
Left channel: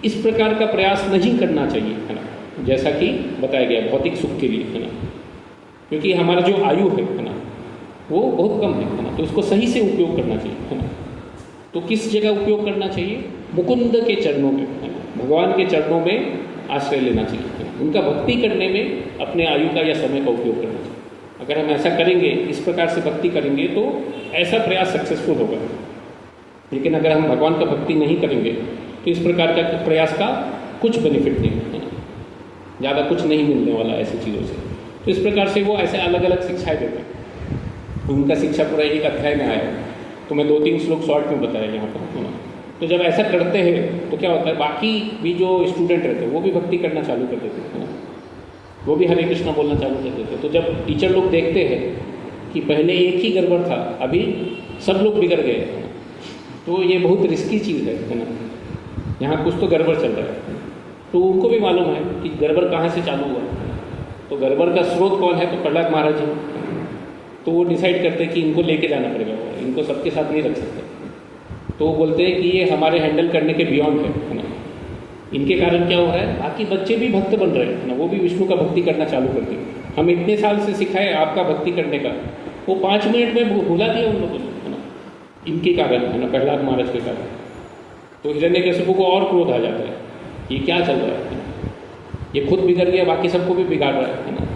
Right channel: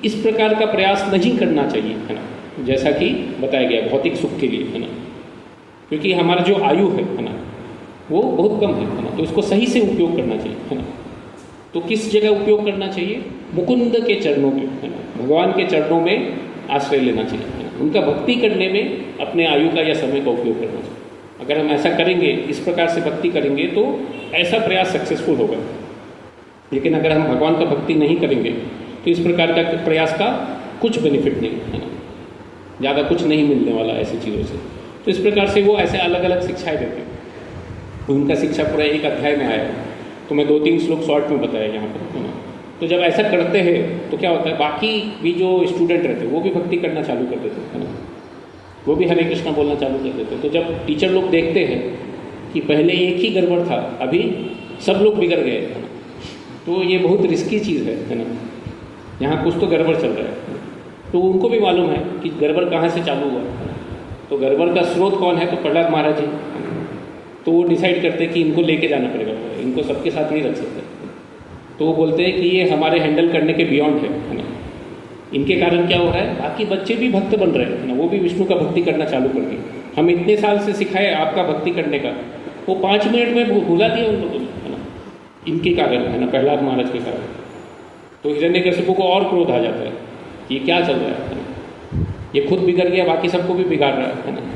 इस प्रकार का प्रयास नहीं करना चाहिए, है ना, जैसा कि बताया गया भौतिक सुख के लिए, है ना, क्योंकि हमारा जो आयु है ना वो बहुत कम है ना, तो इसको सही से उपयोग करना चाहिए, है ना। तो किस जगह उपयोग करना चाहिए? मुकुंद के चरणों में, है ना, भगवान के चरणों में आश्रय लेना चाहिए, उनका भक्ति करने में अपने आयु का या समय का उपयोग करना चाहिए। अगर हम ऐसा करेंगे, इस प्रकार से भक्ति करेंगे तो ऐसा प्रयास सक्सेसफुल होगा। लेकिन अगर हम भगवान का भक्ति नहीं करेंगे तो इस प्रकार का प्रयास का कुछ बेनिफिट नहीं है। ज़्यादा कुछ नहीं मिलने वाला ऐसी चीज़ों से। तो इस प्रकार से वो ऐसे अलग अलग शिक्षाएं देते हैं। उनका शिक्षा पूरा एक अध्याय में आया, तो मैं 2-3 श्लोक शॉर्ट में बताया यहाँ पर। तो जब ऐसा करते हैं तो क्या होता है, बाकी भी जो स्टूडेंट रहते हैं वो भी भक्ति करना चालू कर देते हैं, वो भी हरे कृष्णा बोलना चालू कर देते हैं। तो जब टीचर लोग देखते हैं कि पहले एक ही गड़बड़ था, अभी सब लोग बिगड़ गए, तो ये बहुत रिस्की चीज़ है ना, यहाँ कुछ तो गड़बड़ चल रहा है। तो उनको भी मालूम है कि गड़बड़ कहाँ से चालू हुआ, तो गड़बड़ का स्रोत कौन है, तो प्रहलाद महाराज जी। तो वो डिसाइड करते हैं कि इनको लेके जाना पड़ेगा, इनको सबके साथ नहीं रख सकते। तो वो बोलते हैं कि ये हमारे हैंडल करने के बियॉन्ड है ना। इनके कारण क्या हो रहा है, बाकी बच्चे भी भक्त बन रहे हैं ना, वो भी विष्णु का भक्ति करना चालू कर दिए। हम इतने साल से सिखाए आपका भक्ति करने का, वो 5 मिनट में भुला दिया उन लोगों ने, इनके कारण है ना, प्रहलाद महाराज के कारण। तो हिरण्यकशिपु को और क्रोध आ जाता है, ये क्या चल रहा है, ये खुद बिगड़ गया, बाकी सबको भी बिगाड़ रहा है ना,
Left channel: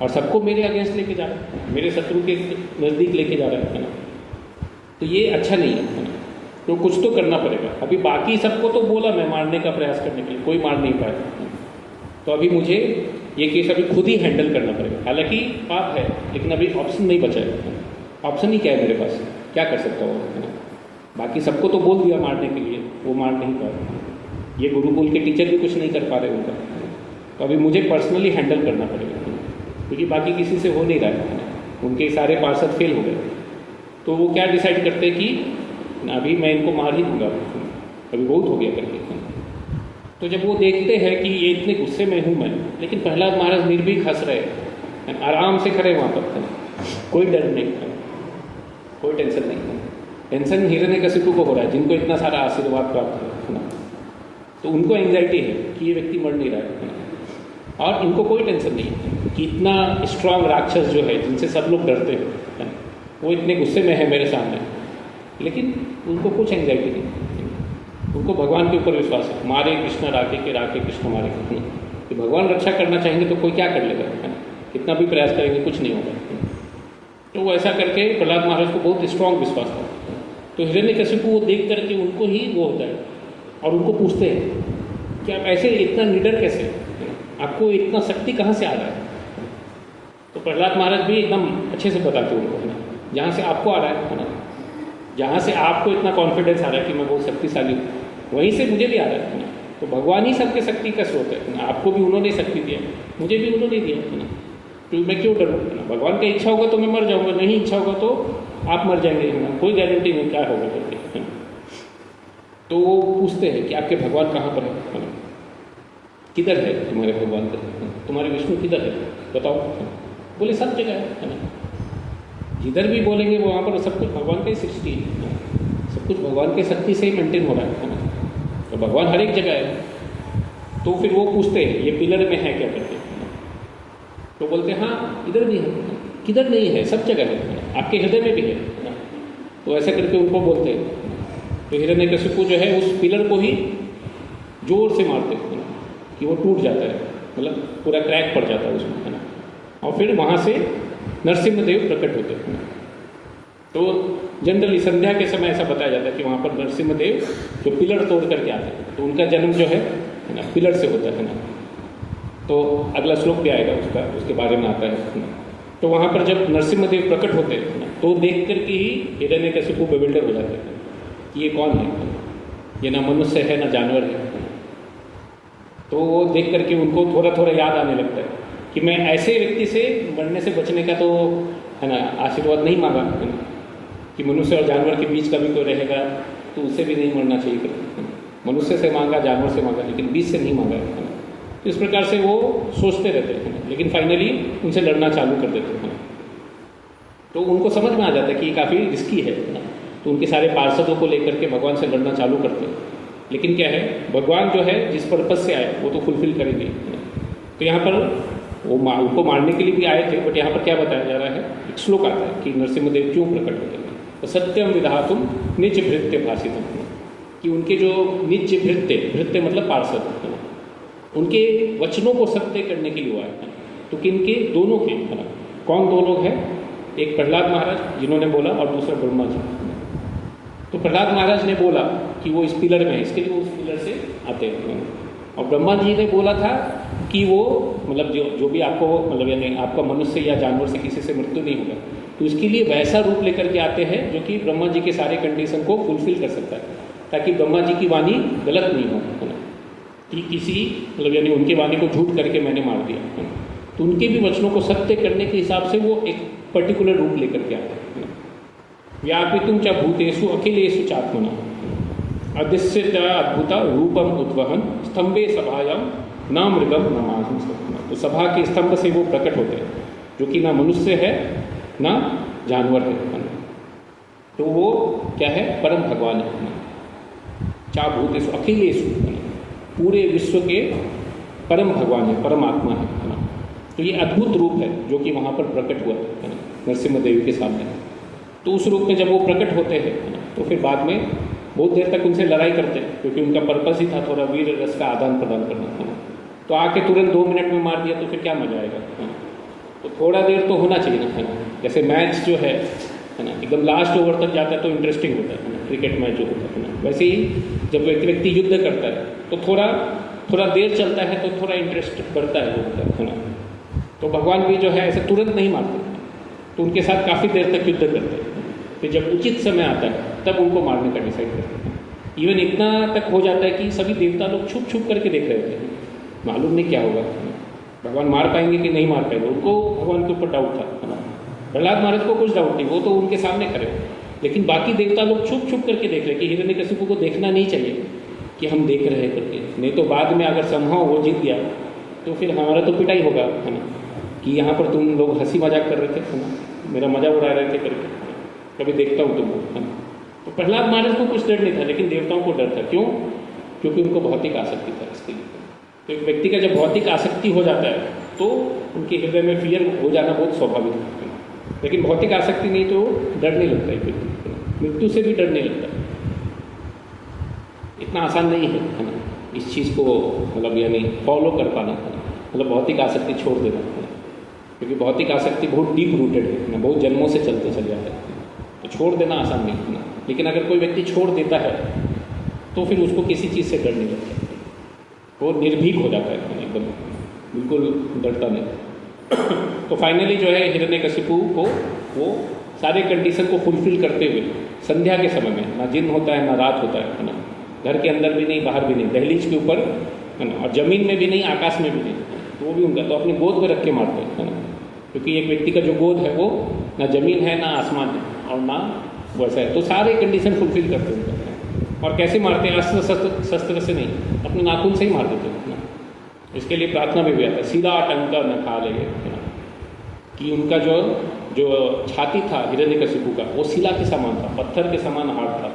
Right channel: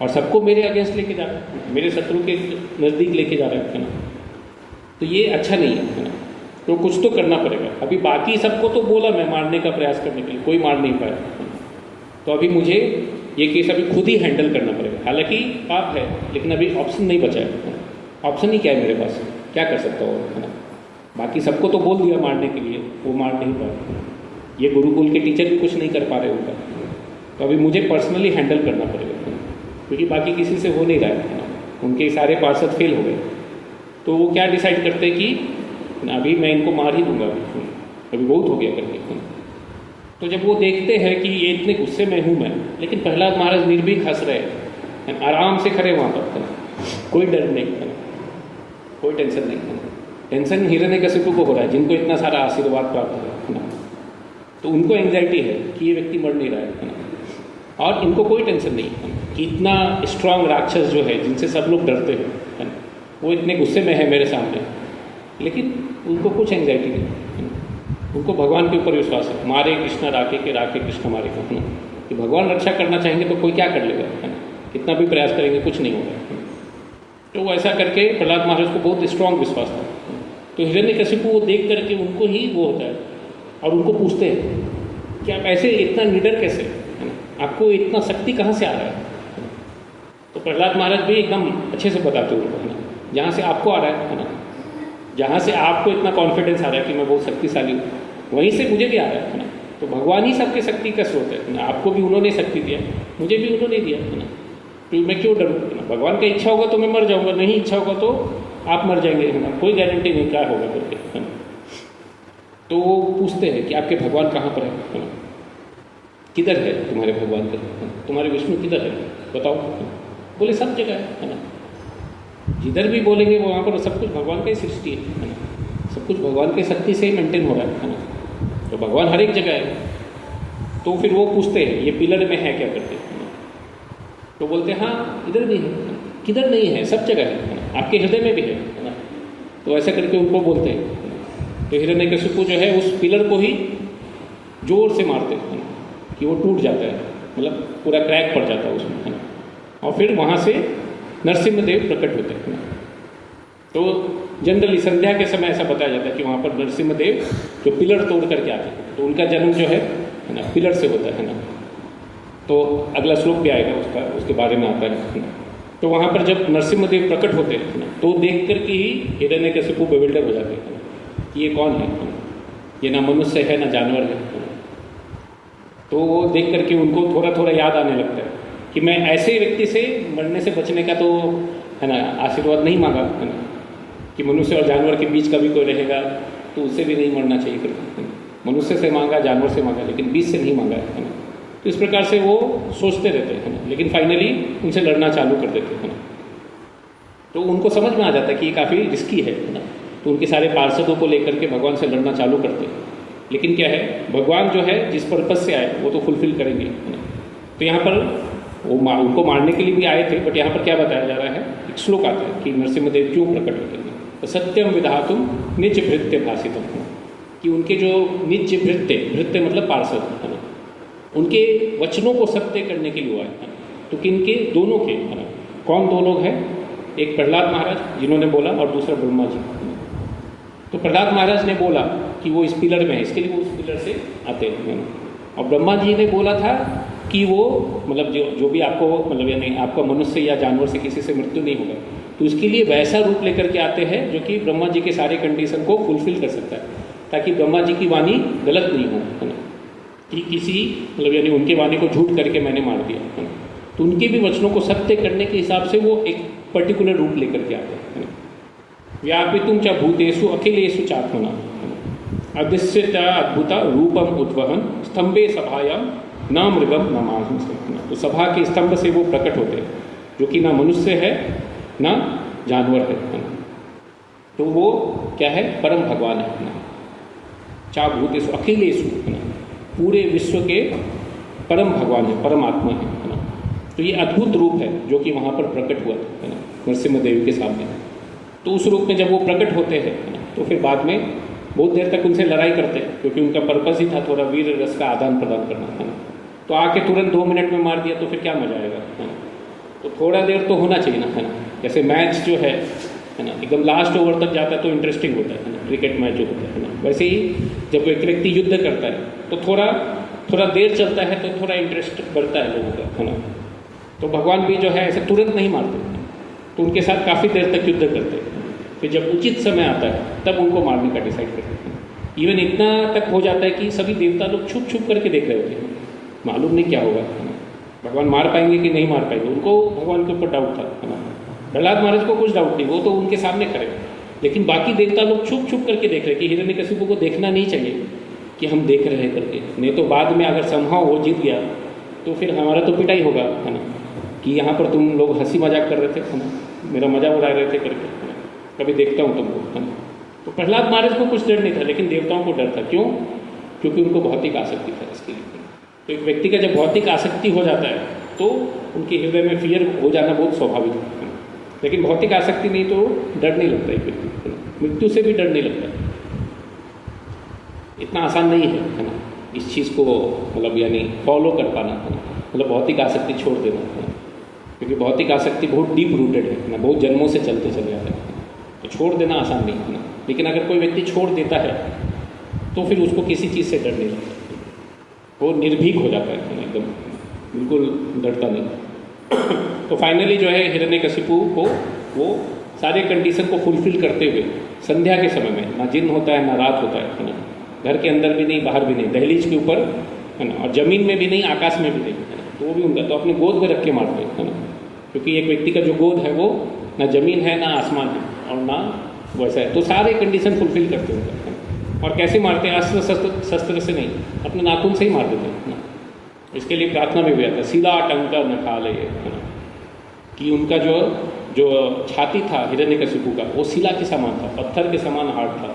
और सबको मेरे अगेंस्ट लेके जा रहा है, मेरे शत्रु के नज़दीक लेके जा रहा है ना। तो ये अच्छा नहीं है, तो कुछ तो करना पड़ेगा। अभी बाकी सबको तो बोला मैं मारने का प्रयास करने के लिए, कोई मार नहीं पाया, तो अभी मुझे ये केस अभी खुद ही हैंडल करना पड़ेगा। हालांकि पाप है, लेकिन अभी ऑप्शन नहीं बचा है। ऑप्शन ही क्या है मेरे पास, क्या कर सकता हूँ। बाकी सबको तो बोल दिया मारने के लिए, वो मार नहीं पाया। ये गुरुकुल के टीचर भी कुछ नहीं कर पा रहे उनका, तो अभी मुझे पर्सनली हैंडल करना पड़ेगा, क्योंकि बाकी किसी से हो नहीं रहा है, उनके सारे पार्षद फेल हो गए। तो वो क्या डिसाइड करते हैं कि अभी मैं इनको मार ही दूंगा, अभी बहुत हो गया करके। तो जब वो देखते हैं कि ये इतने गुस्से में हूँ मैं, लेकिन प्रहलाद महाराज निर्भीक हंस रहे हैं, आराम से खड़े वहाँ पर, कोई डर नहीं, कोई टेंशन नहीं। टेंशन हिरण्यकशिपु को हो रहा है, जिनको इतना सारा आशीर्वाद प्राप्त है, तो उनको एंग्जाइटी है कि ये व्यक्ति मर नहीं रहा है, और इनको कोई टेंशन नहीं कि इतना स्ट्रांग राक्षस जो है, जिनसे सब लोग डरते हैं, वो इतने गुस्से में है मेरे सामने। लेकिन उनको कुछ एंग्जाइटी नहीं, उनको भगवान के ऊपर विश्वास है। मारे कृष्ण राखे के राखे कृष्ण मारे, कि भगवान रक्षा करना चाहेंगे तो कोई क्या कर लेगा, कितना भी प्रयास करेंगे कुछ नहीं होगा। तो वो ऐसा करके प्रहलाद महाराज को बहुत स्ट्रांग विश्वास था। तो हिरण्यकशिपु वो देख करके उनको ही वो होता है, और उनको पूछते हैं कि आप ऐसे इतना निडर कैसे, आपको इतना शक्ति कहाँ से आ रहा है। तो प्रहलाद महाराज भी एकदम अच्छे से बताते हैं, जहाँ से आपको आ रहा है ना, जहाँ से आपको इतना कॉन्फिडेंस आ रहा है कि मैं बहुत शक्तिशाली हूँ, वहीं से मुझे भी आ रहा है ना। तो भगवान ही सबके शक्ति का स्रोत है ना, आपको भी उन्होंने शक्ति दिया, मुझे भी उन्होंने दिया ना, तो मैं क्यों डरूँ। भगवान का इच्छा होगा तो मैं मर जाऊँगा, नहीं इच्छा होगा तो आप मर जाएंगे, कोई गारंटी नहीं क्या होगा करके। तो वो पूछते हैं कि आपके भगवान कहाँ पर है, किधर है तुम्हारे भगवान, तुम्हारे विष्णु किधर है बताओ। बोले सब जगह है ना, जिधर भी बोलेंगे वहाँ पर सब कुछ भगवान की सृष्टि है, सब कुछ भगवान के शक्ति से ही मेंटेन हो रहा है ना, तो भगवान हर एक जगह है। तो फिर वो पूछते हैं ये पिलर में है क्या करते, तो बोलते हैं हाँ इधर भी है, किधर नहीं है, सब जगह है, आपके हृदय में भी है। तो ऐसा करके उनको बोलते हैं। तो हिरण्यकशिपु जो है उस पिलर को ही जोर से मारते हैं कि वो टूट जाता है, मतलब पूरा क्रैक पड़ जाता है उसमें, और फिर वहाँ से नरसिम्हदेव प्रकट होते हैं। तो जनरली संध्या के समय ऐसा बताया जाता है कि वहाँ पर नरसिम्हदेव जो पिलर तोड़ करके आते हैं, तो उनका जन्म जो है ना पिलर से होता है ना। तो अगला श्लोक भी आएगा उसका, उसके बारे में आता है। तो वहाँ पर जब नरसिम्हदेव प्रकट होते हैं तो देख कर के ही हिरण्यकशिपु बेविल्डर हो जाते हैं, ये कौन है, ये ना मनुष्य है ना जानवर है। तो वो देख करके उनको थोड़ा थोड़ा याद आने लगता है कि मैं ऐसे व्यक्ति से मरने से बचने का तो है ना आशीर्वाद नहीं मांगा है ना, कि मनुष्य और जानवर के बीच कभी कोई रहेगा तो उससे भी नहीं मरना चाहिए करके, मनुष्य से मांगा जानवर से मांगा, लेकिन बीच से नहीं मांगा है ना। तो इस प्रकार से वो सोचते रहते हैं, लेकिन फाइनली उनसे लड़ना चालू कर देते हैं। तो उनको समझ में आ जाता है कि ये काफ़ी रिस्की है ना, तो उनके सारे पार्षदों को लेकर के भगवान से लड़ना चालू करते हैं। लेकिन क्या है, भगवान जो है जिस पर्पज से आए वो तो फुलफिल करेंगे। तो यहाँ पर वो उनको मारने के लिए भी आए थे, बट यहाँ पर क्या बताया जा रहा है, एक श्लोक आता है कि नरसिम्हदेव क्यों प्रकट होते हैं। तो सत्यम विधातुम निज भृत्य भाषितम, कि उनके जो निज भृत्य मतलब पार्षद, उनके वचनों को सत्य करने के लिए आए। तो किनके, दोनों के, कौन दो लोग हैं, एक प्रहलाद महाराज जिन्होंने बोला और दूसरा ब्रह्मा जी। तो प्रहलाद महाराज ने बोला कि वो इस पिलर में है, इसके लिए वो उस पिलर से आते हैं, और ब्रह्मा जी ने बोला था आपकी वो मतलब जो भी आपको मतलब यानी आपका मनुष्य या जानवर से किसी से मृत्यु नहीं होगा, तो उसके लिए वैसा रूप लेकर के आते हैं जो कि ब्रह्मा जी के सारे कंडीशन को फुलफिल कर सकता है, ताकि ब्रह्मा जी की वाणी गलत नहीं हो, है ना, कि किसी मतलब यानी उनकी वाणी को झूठ करके मैंने मार दिया, है ना, तो उनके भी वचनों को सत्य करने के हिसाब से वो एक पर्टिकुलर रूप लेकर के आते हैं। व्यापितुम च भूतेषु अखिलेषु चात्मना अदृश्यता अद्भुता रूपम उद्वहन स्तंभे सभायां न मृगम न मानुष। तो सभा के स्तंभ से वो प्रकट होते हैं, जो कि ना मनुष्य है ना जानवर है, तो वो क्या है, परम भगवान है। चा भूतेषु अखिलेषु, पूरे विश्व के परम भगवान है, परमात्मा है। तो ये अद्भुत रूप है जो कि वहाँ पर प्रकट हुआ है ना नरसिम्हा देवी के सामने। तो उस रूप में जब वो प्रकट होते हैं तो फिर बाद में बहुत देर तक उनसे लड़ाई करते हैं, क्योंकि उनका पर्पस ही था थोड़ा वीर रस का आदान प्रदान करना, है ना। तो आके तुरंत 2 मिनट में मार दिया तो फिर क्या मजा आएगा, है ना। तो थोड़ा देर तो होना चाहिए ना, है ना। जैसे मैच जो है ना, एकदम लास्ट ओवर तक जाता है तो इंटरेस्टिंग होता है ना, क्रिकेट मैच जो होता है ना। वैसे ही जब एक व्यक्ति युद्ध करता है तो थोड़ा देर चलता है तो थोड़ा इंटरेस्ट बढ़ता है लोगों का, है ना। तो भगवान भी जो है ऐसे तुरंत नहीं मारते, तो उनके साथ काफ़ी देर तक युद्ध करते हैं, फिर जब उचित समय आता है तब उनको मारने का डिसाइड करते हैं। इवन इतना तक हो जाता है कि सभी देवता लोग छुप छुप करके देख रहे होते हैं, मालूम नहीं क्या होगा, भगवान मार पाएंगे कि नहीं मार पाएंगे। उनको भगवान के ऊपर डाउट था, प्रहलाद महाराज को कुछ डाउट नहीं, वो तो उनके सामने खड़े, लेकिन बाकी देवता लोग छुप छुप करके देख रहे कि हिरण्यकशिपु को देखना नहीं चाहिए कि हम देख रहे करके, नहीं तो बाद में अगर संभव वो जीत गया तो फिर हमारा तो पिटाई होगा, है ना, कि यहाँ पर तुम लोग हंसी मजाक कर रहे थे, है ना, मेरा मजा उड़ा रहे थे करके, कभी देखता हूँ तुम, है ना। तो प्रहलाद महाराज को कुछ डर नहीं था, लेकिन देवताओं को डर था। क्यों? क्योंकि उनको भौतिक आसक्ति था इसके लिए। तो एक व्यक्ति का जब भौतिक आसक्ति हो जाता है तो उनके हृदय में फियर हो जाना बहुत स्वाभाविक है, लेकिन भौतिक आसक्ति नहीं तो डर नहीं लगता है, मृत्यु से भी डर नहीं लगता। इतना आसान नहीं है ना इस चीज़ को मतलब यानी फॉलो कर पाना, मतलब भौतिक आसक्ति छोड़ देना, क्योंकि भौतिक आसक्ति बहुत डीप रूटेड है, बहुत जन्मों से चलते चले जाते हैं, तो छोड़ देना आसान नहीं है ना। लेकिन अगर कोई व्यक्ति छोड़ देता है तो फिर उसको किसी चीज़ से डर नहीं लगता, वो निर्भीक हो जाता है, एकदम बिल्कुल डरता नहीं। तो फाइनली जो है हिरण्यकशिपु को वो सारे कंडीशन को फुलफिल करते हुए संध्या के समय में, ना दिन होता है ना रात होता है ना, घर के अंदर भी नहीं बाहर भी नहीं, दहलीज के ऊपर है ना, और जमीन में भी नहीं आकाश में भी नहीं, तो वो भी उनका तो अपनी गोद में रख के मारते हैं ना, क्योंकि एक व्यक्ति का जो गोद है वो ना जमीन है ना आसमान है और ना वैसा है। तो सारे कंडीशन फुलफिल करते हैं। और कैसे मारते हैं? अस्त्र शस्त्र से नहीं, अपने नाखून से ही मार देते हैं। इसके लिए प्रार्थना में भी आता है सीधा टंका न खा ले, कि उनका जो छाती था हिरण्यकशिपु का वो शिला के समान था, पत्थर के समान हार्ड था,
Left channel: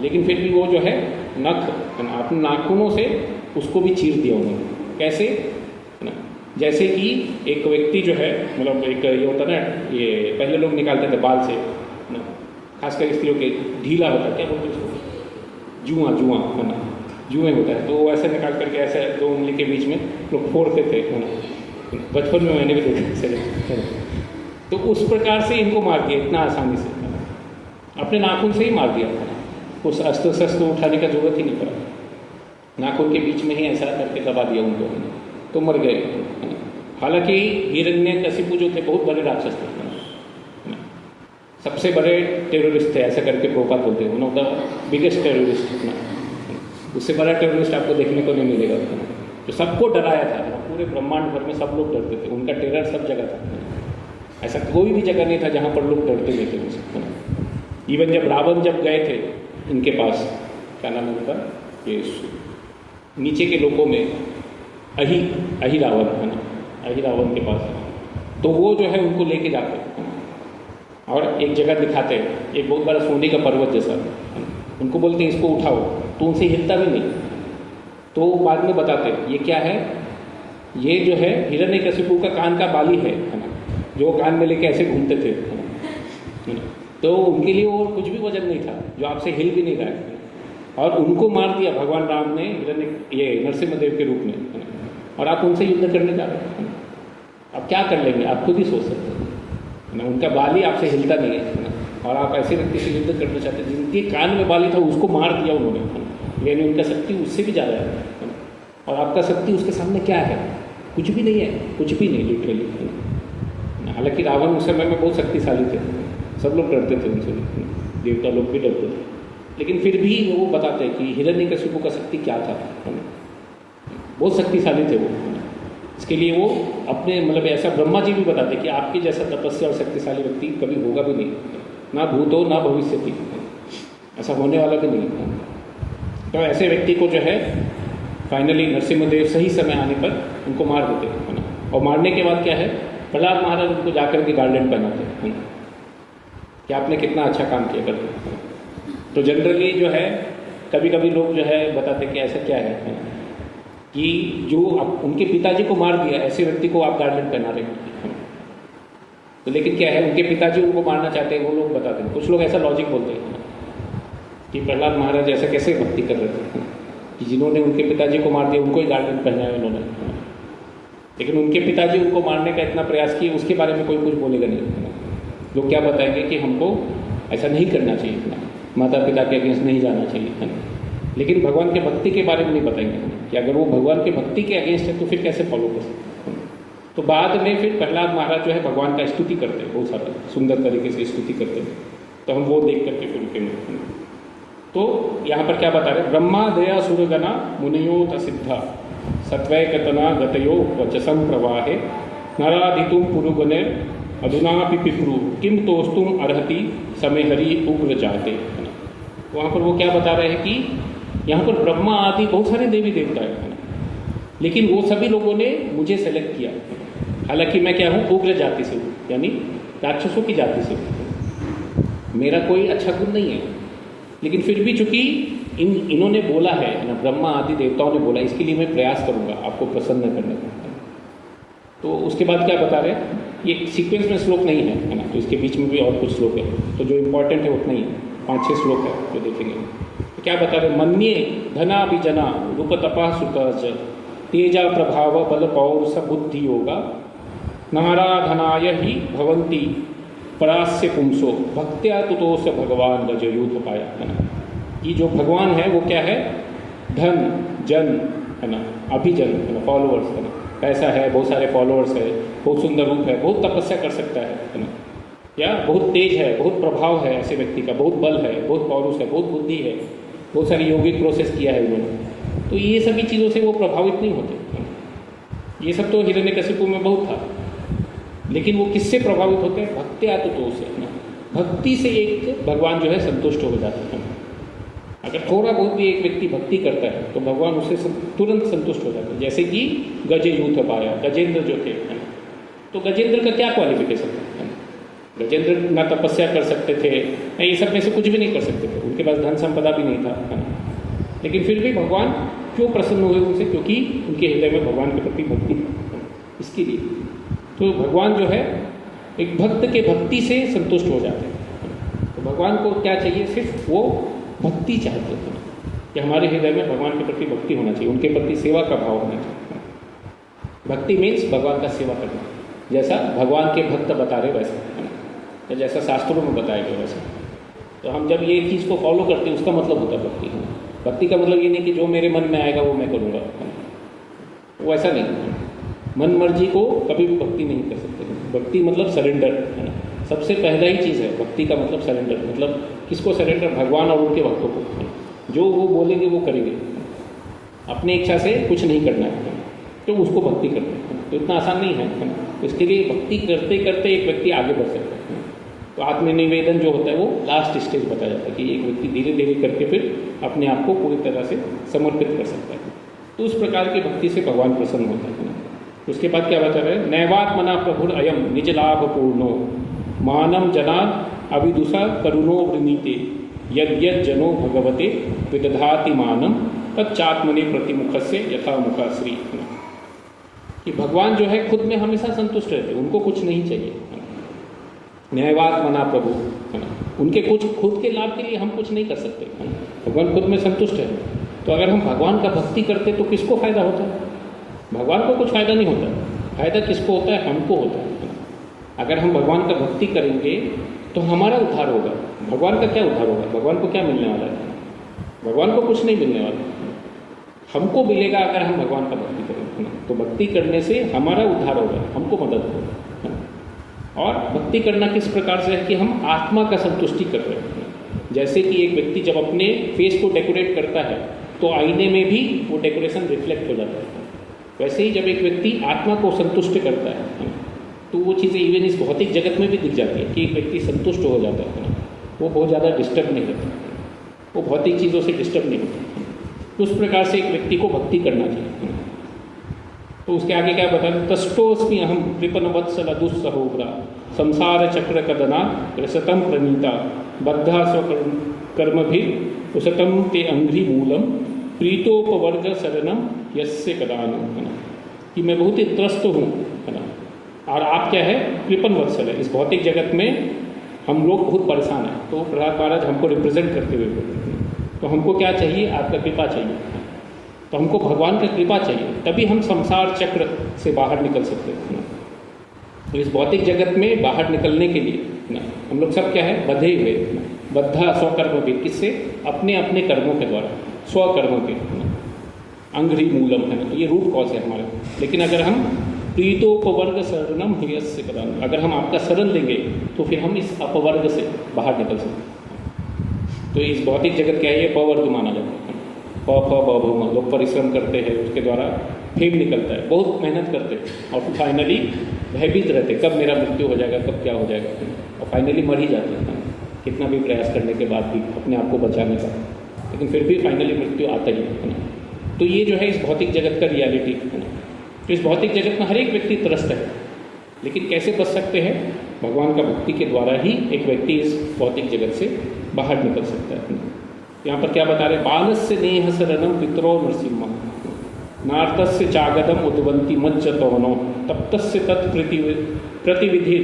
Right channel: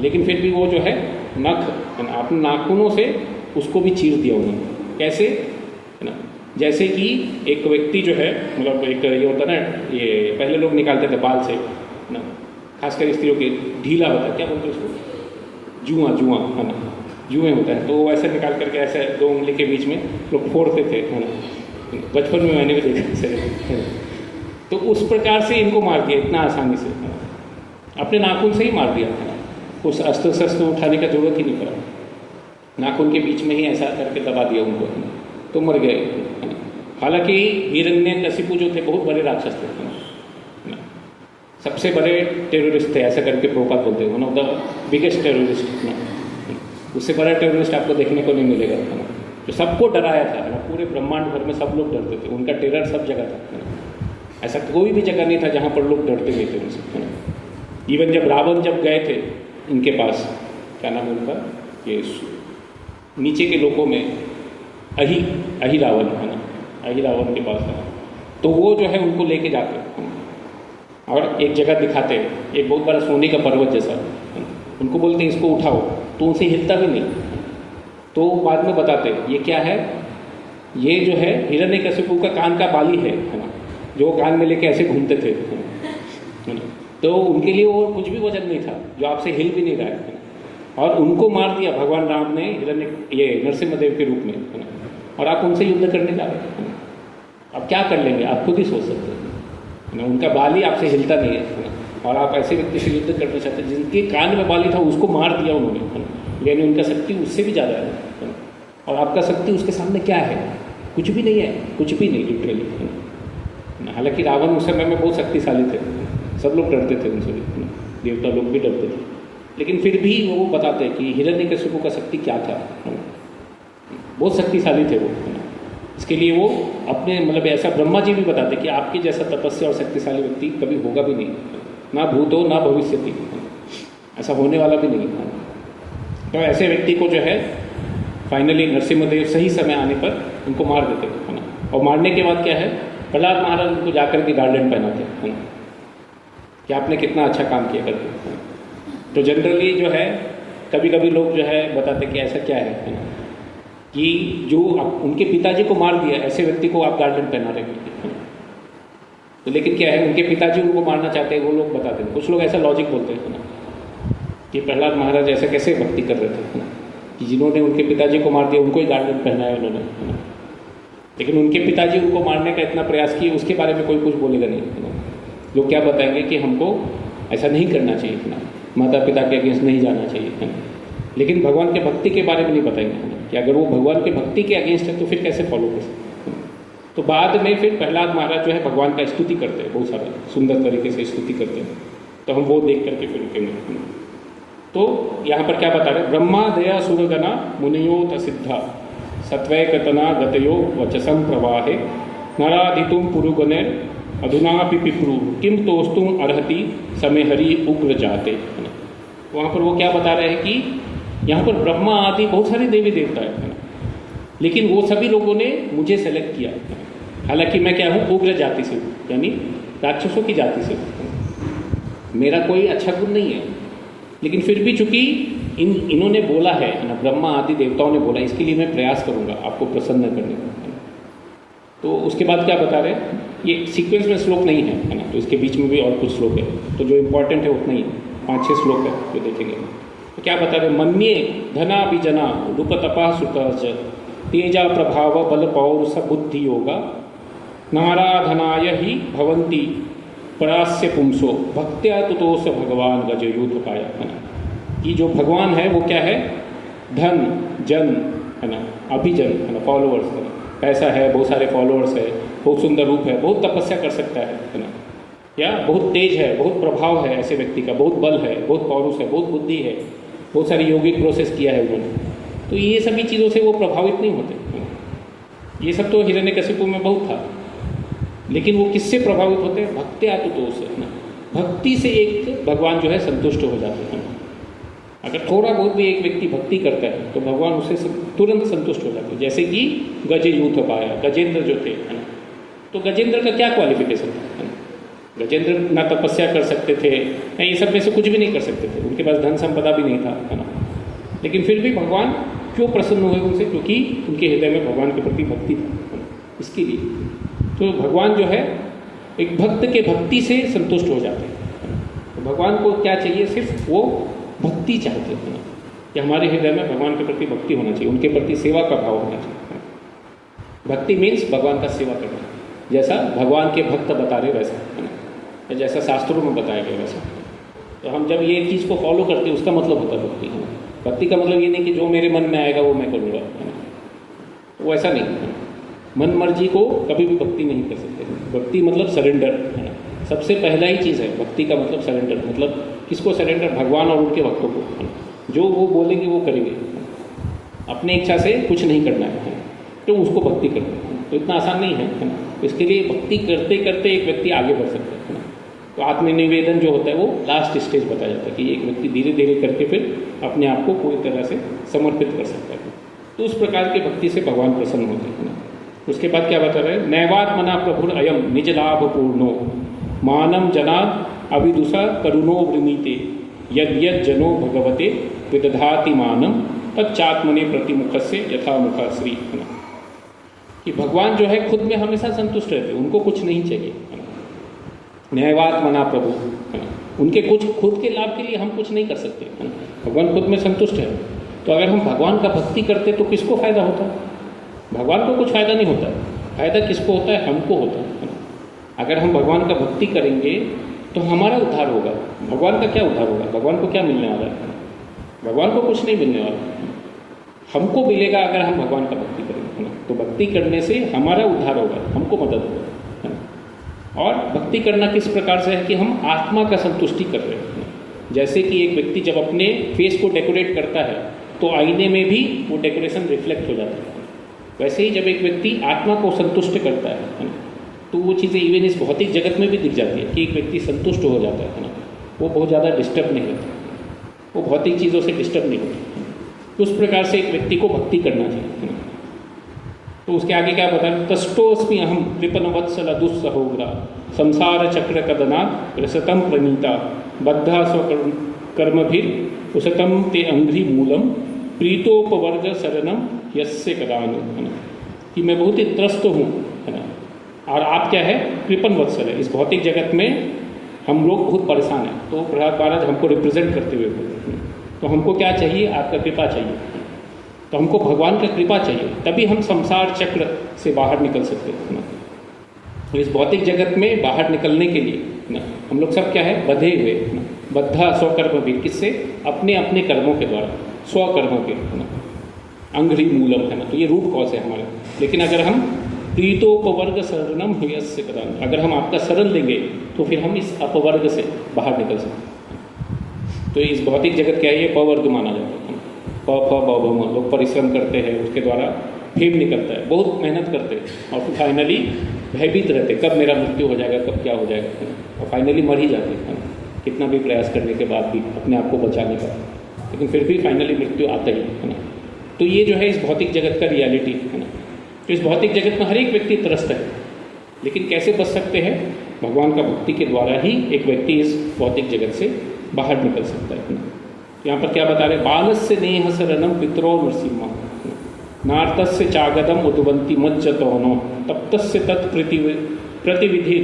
लेकिन फिर भी वो जो है नख अपने नाखूनों से उसको भी चीर दिया उन्होंने। कैसे? ना जैसे कि एक व्यक्ति जो है मतलब एक ये होता है ना, ये पहले लोग निकालते थे बाल से ना, खासकर स्त्रियों के ढीला होता है, क्या बोलते हैं उसको, जुआ है ना, जुए होता है, तो वो ऐसे निकाल करके ऐसे 2 उंगली के बीच में लोग फोड़ते थे, बचपन में मैंने भी देखा है। तो उस प्रकार से इनको मार दिया इतना आसानी से, अपने नाखून से ही मार दिया, उस अस्त्र शस्त्र उठाने का जरूरत ही नहीं पड़ा, नाखून के बीच में ही ऐसा करके दबा दिया उनको, तो मर गए। हालांकि हिरण्यकशिपु जो थे बहुत बड़े राक्षस थे, सबसे बड़े टेररिस्ट थे, ऐसा करके प्रोका बोलते हैं, one of the biggest terrorist. उससे बड़ा टेररिस्ट आपको देखने को नहीं मिलेगा, तो सबको डराया था, पूरे ब्रह्मांड भर में सब लोग डरते थे, उनका टेरर सब जगह था, ऐसा कोई भी जगह नहीं था जहाँ पर लोग डरते नहीं थे। इवन जब रावण जब गए थे इनके पास, क्या नाम है उनका, ये नीचे के लोगों में अही रावण है ना, अही रावण के पास, तो वो जो है उनको लेके जाते और एक जगह दिखाते, एक बहुत बड़ा सोने का पर्वत जैसा, उनको बोलते हैं इसको उठाओ, तो उनसे हिलता भी नहीं, तो बाद में बताते ये क्या है, ये जो है हिरण्यकशिपु का कान का बाली है, जो कान में लेके ऐसे घूमते थे, तो उनके लिए वो कुछ भी वजन नहीं था, जो आपसे हिल भी नहीं रहा है, और उनको मार दिया भगवान राम ने ये नरसिम्हदेव के रूप में, और आप उनसे युद्ध करने जा रहे हैं। अब क्या कर लेंगे, आप खुद ही सोच सकते हैं, उनका बाली आपसे हिलता नहीं है, और आप ऐसे व्यक्ति से युद्ध करना चाहते हैं जिनके कान में बाली था, उसको मार दिया उन्होंने, यानी उनका शक्ति उससे भी ज़्यादा है, और आपका शक्ति उसके सामने क्या है, कुछ भी नहीं है, कुछ भी नहीं लिटरली। हालांकि रावण उस समय में बहुत शक्तिशाली थे, सब लोग डरते थे उनसे, देवता लोग भी डरते थे, लेकिन फिर भी वो बताते हैं कि हिरण्यकशिपु का शक्ति क्या था, बहुत शक्तिशाली थे वो। इसके लिए वो अपने मतलब ऐसा ब्रह्मा जी भी बताते कि आपके जैसा तपस्या और शक्तिशाली व्यक्ति कभी होगा भी नहीं, ना भूतो ना भविष्यति, ऐसा होने वाला भी नहीं। तो ऐसे व्यक्ति को जो है फाइनली नरसिम्हदेव सही समय आने पर उनको मार देते हैं, और मारने के बाद क्या है, प्रहलाद महाराज उनको जाकर के गार्डन पहनाते हैं कि आपने कितना अच्छा काम किया करते। तो जनरली जो है कभी कभी लोग जो है बताते कि ऐसा क्या है कि जो उनके पिताजी को मार दिया ऐसे व्यक्ति को आप गार्डन पहना रहे हैं, तो लेकिन क्या है, उनके पिताजी उनको मारना चाहते हैं, वो लोग बताते हैं। कुछ लोग ऐसा लॉजिक बोलते हैं कि प्रहलाद महाराज ऐसा कैसे भक्ति कर रहे थे कि जिन्होंने उनके पिताजी को मार दिया उनको ही गार्डन पहनाया उन्होंने, लेकिन उनके पिताजी उनको मारने का इतना प्रयास किए उसके बारे में कोई कुछ बोलेगा नहीं। लोग क्या बताएंगे कि हमको ऐसा नहीं करना चाहिए, माता पिता के अगेंस्ट नहीं जाना चाहिए, लेकिन भगवान के भक्ति के बारे में नहीं बताएंगे कि अगर वो भगवान के भक्ति के अगेंस्ट है तो फिर कैसे फॉलो कर सकते हैं। तो बाद में फिर प्रहलाद महाराज जो है भगवान का स्तुति करते हैं, बहुत सारा सुंदर तरीके से स्तुति करते हैं, तो हम वो देख करके फिर उनके। तो यहाँ पर क्या बता रहे, ब्रह्मा दया सुरगना मुनियोत सिद्धा सत्वय कतना गतयो वचसम प्रवाहे नराधितुम पुरुगने अधुनापि पितृ किम तोस्तुम अर्हति समय हरि उग्र जाते। वहाँ पर वो क्या बता रहे हैं कि यहाँ पर ब्रह्मा आदि बहुत सारे देवी देवता हैं, लेकिन वो सभी लोगों ने मुझे सेलेक्ट किया, हालांकि मैं क्या हूँ, उग्र जाति से, यानी राक्षसों की जाति से, मेरा कोई अच्छा गुण नहीं है, लेकिन फिर भी चूंकि इन्होंने बोला है ना, ब्रह्मा आदि देवताओं ने बोला, इसके लिए मैं प्रयास करूंगा आपको प्रसन्न करने का। तो उसके बाद क्या बता रहे हैं, ये सीक्वेंस में श्लोक नहीं है ना, तो इसके बीच में भी और कुछ श्लोक है, तो जो इम्पोर्टेंट है उतना ही 5-6 श्लोक है जो देखेंगे। तो क्या बता रहे, मन्ये धना विजना रूप तपा सुतज तेजा प्रभाव बल पौरुष बुद्धि योगा नाराधनाय ही भवंती परास्य पुंसो भक्त्या तुतोष भगवान गजयूथ पाय। ये जो भगवान है वो क्या है, धन जन है ना, अभिजन फॉलोअर्स, पैसा है, बहुत सारे फॉलोअर्स है, बहुत सुंदर रूप है, बहुत तपस्या कर सकता है ना, या बहुत तेज है, बहुत प्रभाव है ऐसे व्यक्ति का, बहुत बल है, बहुत पौरुष है, बहुत बुद्धि है, बहुत सारी यौगिक प्रोसेस किया है उन्होंने, तो ये सभी चीज़ों से वो प्रभावित नहीं होते। ये सब तो हिरण्यकशिपु में बहुत था, लेकिन वो किससे प्रभावित होते हैं, भक्त्या तुतोष, भक्ति से एक भगवान जो है संतुष्ट हो जाते हैं। अगर थोड़ा बहुत भी एक व्यक्ति भक्ति करता है तो भगवान उसे तुरंत संतुष्ट हो जाते हैं। जैसे कि गजयूथ पाया, गजेंद्र जो थे, तो गजेंद्र का क्या क्वालिफिकेशन है, गजेंद्र ना तपस्या कर सकते थे, ना ये सब में से कुछ भी नहीं कर सकते थे, उनके पास धन संपदा भी नहीं था, लेकिन फिर भी भगवान क्यों प्रसन्न हुए उनसे, क्योंकि उनके हृदय में भगवान के प्रति भक्ति थी। इसके लिए तो भगवान जो है एक भक्त के भक्ति से संतुष्ट हो जाते हैं। तो भगवान को क्या चाहिए, सिर्फ वो भक्ति चाहते हैं कि हमारे हृदय में भगवान के प्रति भक्ति होना चाहिए, उनके प्रति सेवा का भाव होना चाहिए। भक्ति मीन्स भगवान का सेवा करना, जैसा भगवान के भक्त बता रहे वैसा, जैसा शास्त्रों में बताया गया वैसा। तो हम जब ये चीज़ को फॉलो करते हैं उसका मतलब होता है भक्ति। भक्ति का मतलब ये नहीं कि जो मेरे मन में आएगा वो मैं करूँगा, वो ऐसा नहीं। मन मर्जी को कभी भी भक्ति नहीं कर सकते। भक्ति मतलब सरेंडर, सबसे पहला ही चीज़ है भक्ति का मतलब सरेंडर। मतलब किसको सरेंडर, भगवान और उनके भक्तों को। जो वो बोलेंगे वो करेंगे, अपनी इच्छा से कुछ नहीं करना है, तो उसको भक्ति करना है। तो इतना आसान नहीं है। इसके लिए भक्ति करते करते एक व्यक्ति आगे बढ़ सकता है। तो आत्मनिवेदन जो होता है वो लास्ट स्टेज बताया जाता है कि एक व्यक्ति धीरे धीरे करके फिर अपने आप को पूरी तरह से समर्पित कर सकता है। तो उस प्रकार की भक्ति से भगवान प्रसन्न होते हैं। उसके बाद क्या बता रहे हैं, नैवात्मना प्रभुर अयम निज लाभ पूर्णो मानम जनाद अभिदुषा करुणो वृमीते यद यद जनो भगवते विदधाति मानम तच्चात्मने प्रतिमुख से यथामुखा श्री। कि भगवान जो है खुद में हमेशा संतुष्ट रहते, उनको कुछ नहीं चाहिए। न्यायवात्मना प्रभु, उनके कुछ खुद के लाभ के लिए हम कुछ नहीं कर सकते। भगवान खुद में संतुष्ट है। तो अगर हम भगवान का भक्ति करते तो किसको फायदा होता है? भगवान को कुछ फायदा नहीं होता। फायदा किसको होता है? हमको होता है। अगर हम भगवान का भक्ति करेंगे तो हमारा उद्धार होगा। भगवान का क्या उद्धार होगा? भगवान को क्या मिलने वाला है? भगवान को कुछ नहीं मिलने वाला। हमको मिलेगा अगर हम भगवान का भक्ति करेंगे। है ना। तो भक्ति करने से हमारा उद्धार होगा, हमको मदद होगा, है ना। और भक्ति करना किस प्रकार से है कि हम आत्मा का संतुष्टि कर रहे हैं। जैसे कि एक व्यक्ति जब अपने फेस को डेकोरेट करता है तो आईने में भी वो डेकोरेशन रिफ्लेक्ट हो जाता है, वैसे ही जब एक व्यक्ति आत्मा को संतुष्ट करता है तो वो चीज़ें इवन इस भौतिक जगत में भी दिख जाती है कि एक व्यक्ति संतुष्ट हो जाता है ना, वो बहुत ज़्यादा डिस्टर्ब नहीं होता, वो भौतिक चीज़ों से डिस्टर्ब नहीं होता। उस प्रकार से एक व्यक्ति को भक्ति करना चाहिए। तो उसके आगे क्या बताया, तष्टोस्मि अहम कृपणवत्सल दुस्सहोग्रा संसार चक्र कदना कृषतम प्रणीता बद्धा स्वकर्म भी कुशतम ते अंघ्रि मूलम प्रीतोपवर्ग शरणम यस्य कदान, कि मैं बहुत ही त्रस्त हूँ, है ना। और आप क्या है, कृपण वत्सल है। इस भौतिक जगत में हम लोग बहुत परेशान हैं, तो प्रहलाद महाराज हमको रिप्रेजेंट करते हुए बोलते हैं, तो हमको क्या चाहिए, आपका कृपा चाहिए। तो हमको भगवान का कृपा चाहिए, तभी हम संसार चक्र से बाहर निकल सकते हैं। तो इस भौतिक जगत में बाहर निकलने के लिए ना हम लोग सब क्या है, बंधे हुए, बद्धा स्वकर्म भी, किससे, अपने अपने कर्मों के द्वारा, स्वकर्मों के, अंघ्रि मूलम, है ना। तो ये रूट कॉज है हमारा। लेकिन अगर हम प्रीतोपवर्ग शरणम हेयस्य कदाम, अगर हम आपका शरण देंगे तो फिर हम इस अपवर्ग से बाहर निकल सकते हैं। तो इस भौतिक जगत क्या है, ये पवर्ग माना जाता है। लोग परिश्रम करते हैं, उसके द्वारा फेम निकलता है, बहुत मेहनत करते हैं और फाइनली भयभीत रहते, कब मेरा मृत्यु हो जाएगा, कब क्या हो जाएगा, और फाइनली मर ही जाते हैं, कितना भी प्रयास करने के बाद भी अपने आप को बचाने का, लेकिन फिर भी फाइनली मृत्यु आता ही है ना। तो ये जो है इस भौतिक जगत का रियलिटी है ना। तो इस भौतिक जगत में हर एक व्यक्ति त्रस्त है, लेकिन कैसे बच सकते हैं, भगवान का भक्ति के द्वारा ही एक व्यक्ति इस भौतिक जगत से बाहर निकल सकता है। यहाँ पर क्या बता रहे, बालस्य नेह शरणम पितरो नृसिंह नार्तस्य चागदम उद्वंती मज्जतोनो तप्तस्य तत्प्रतिविधि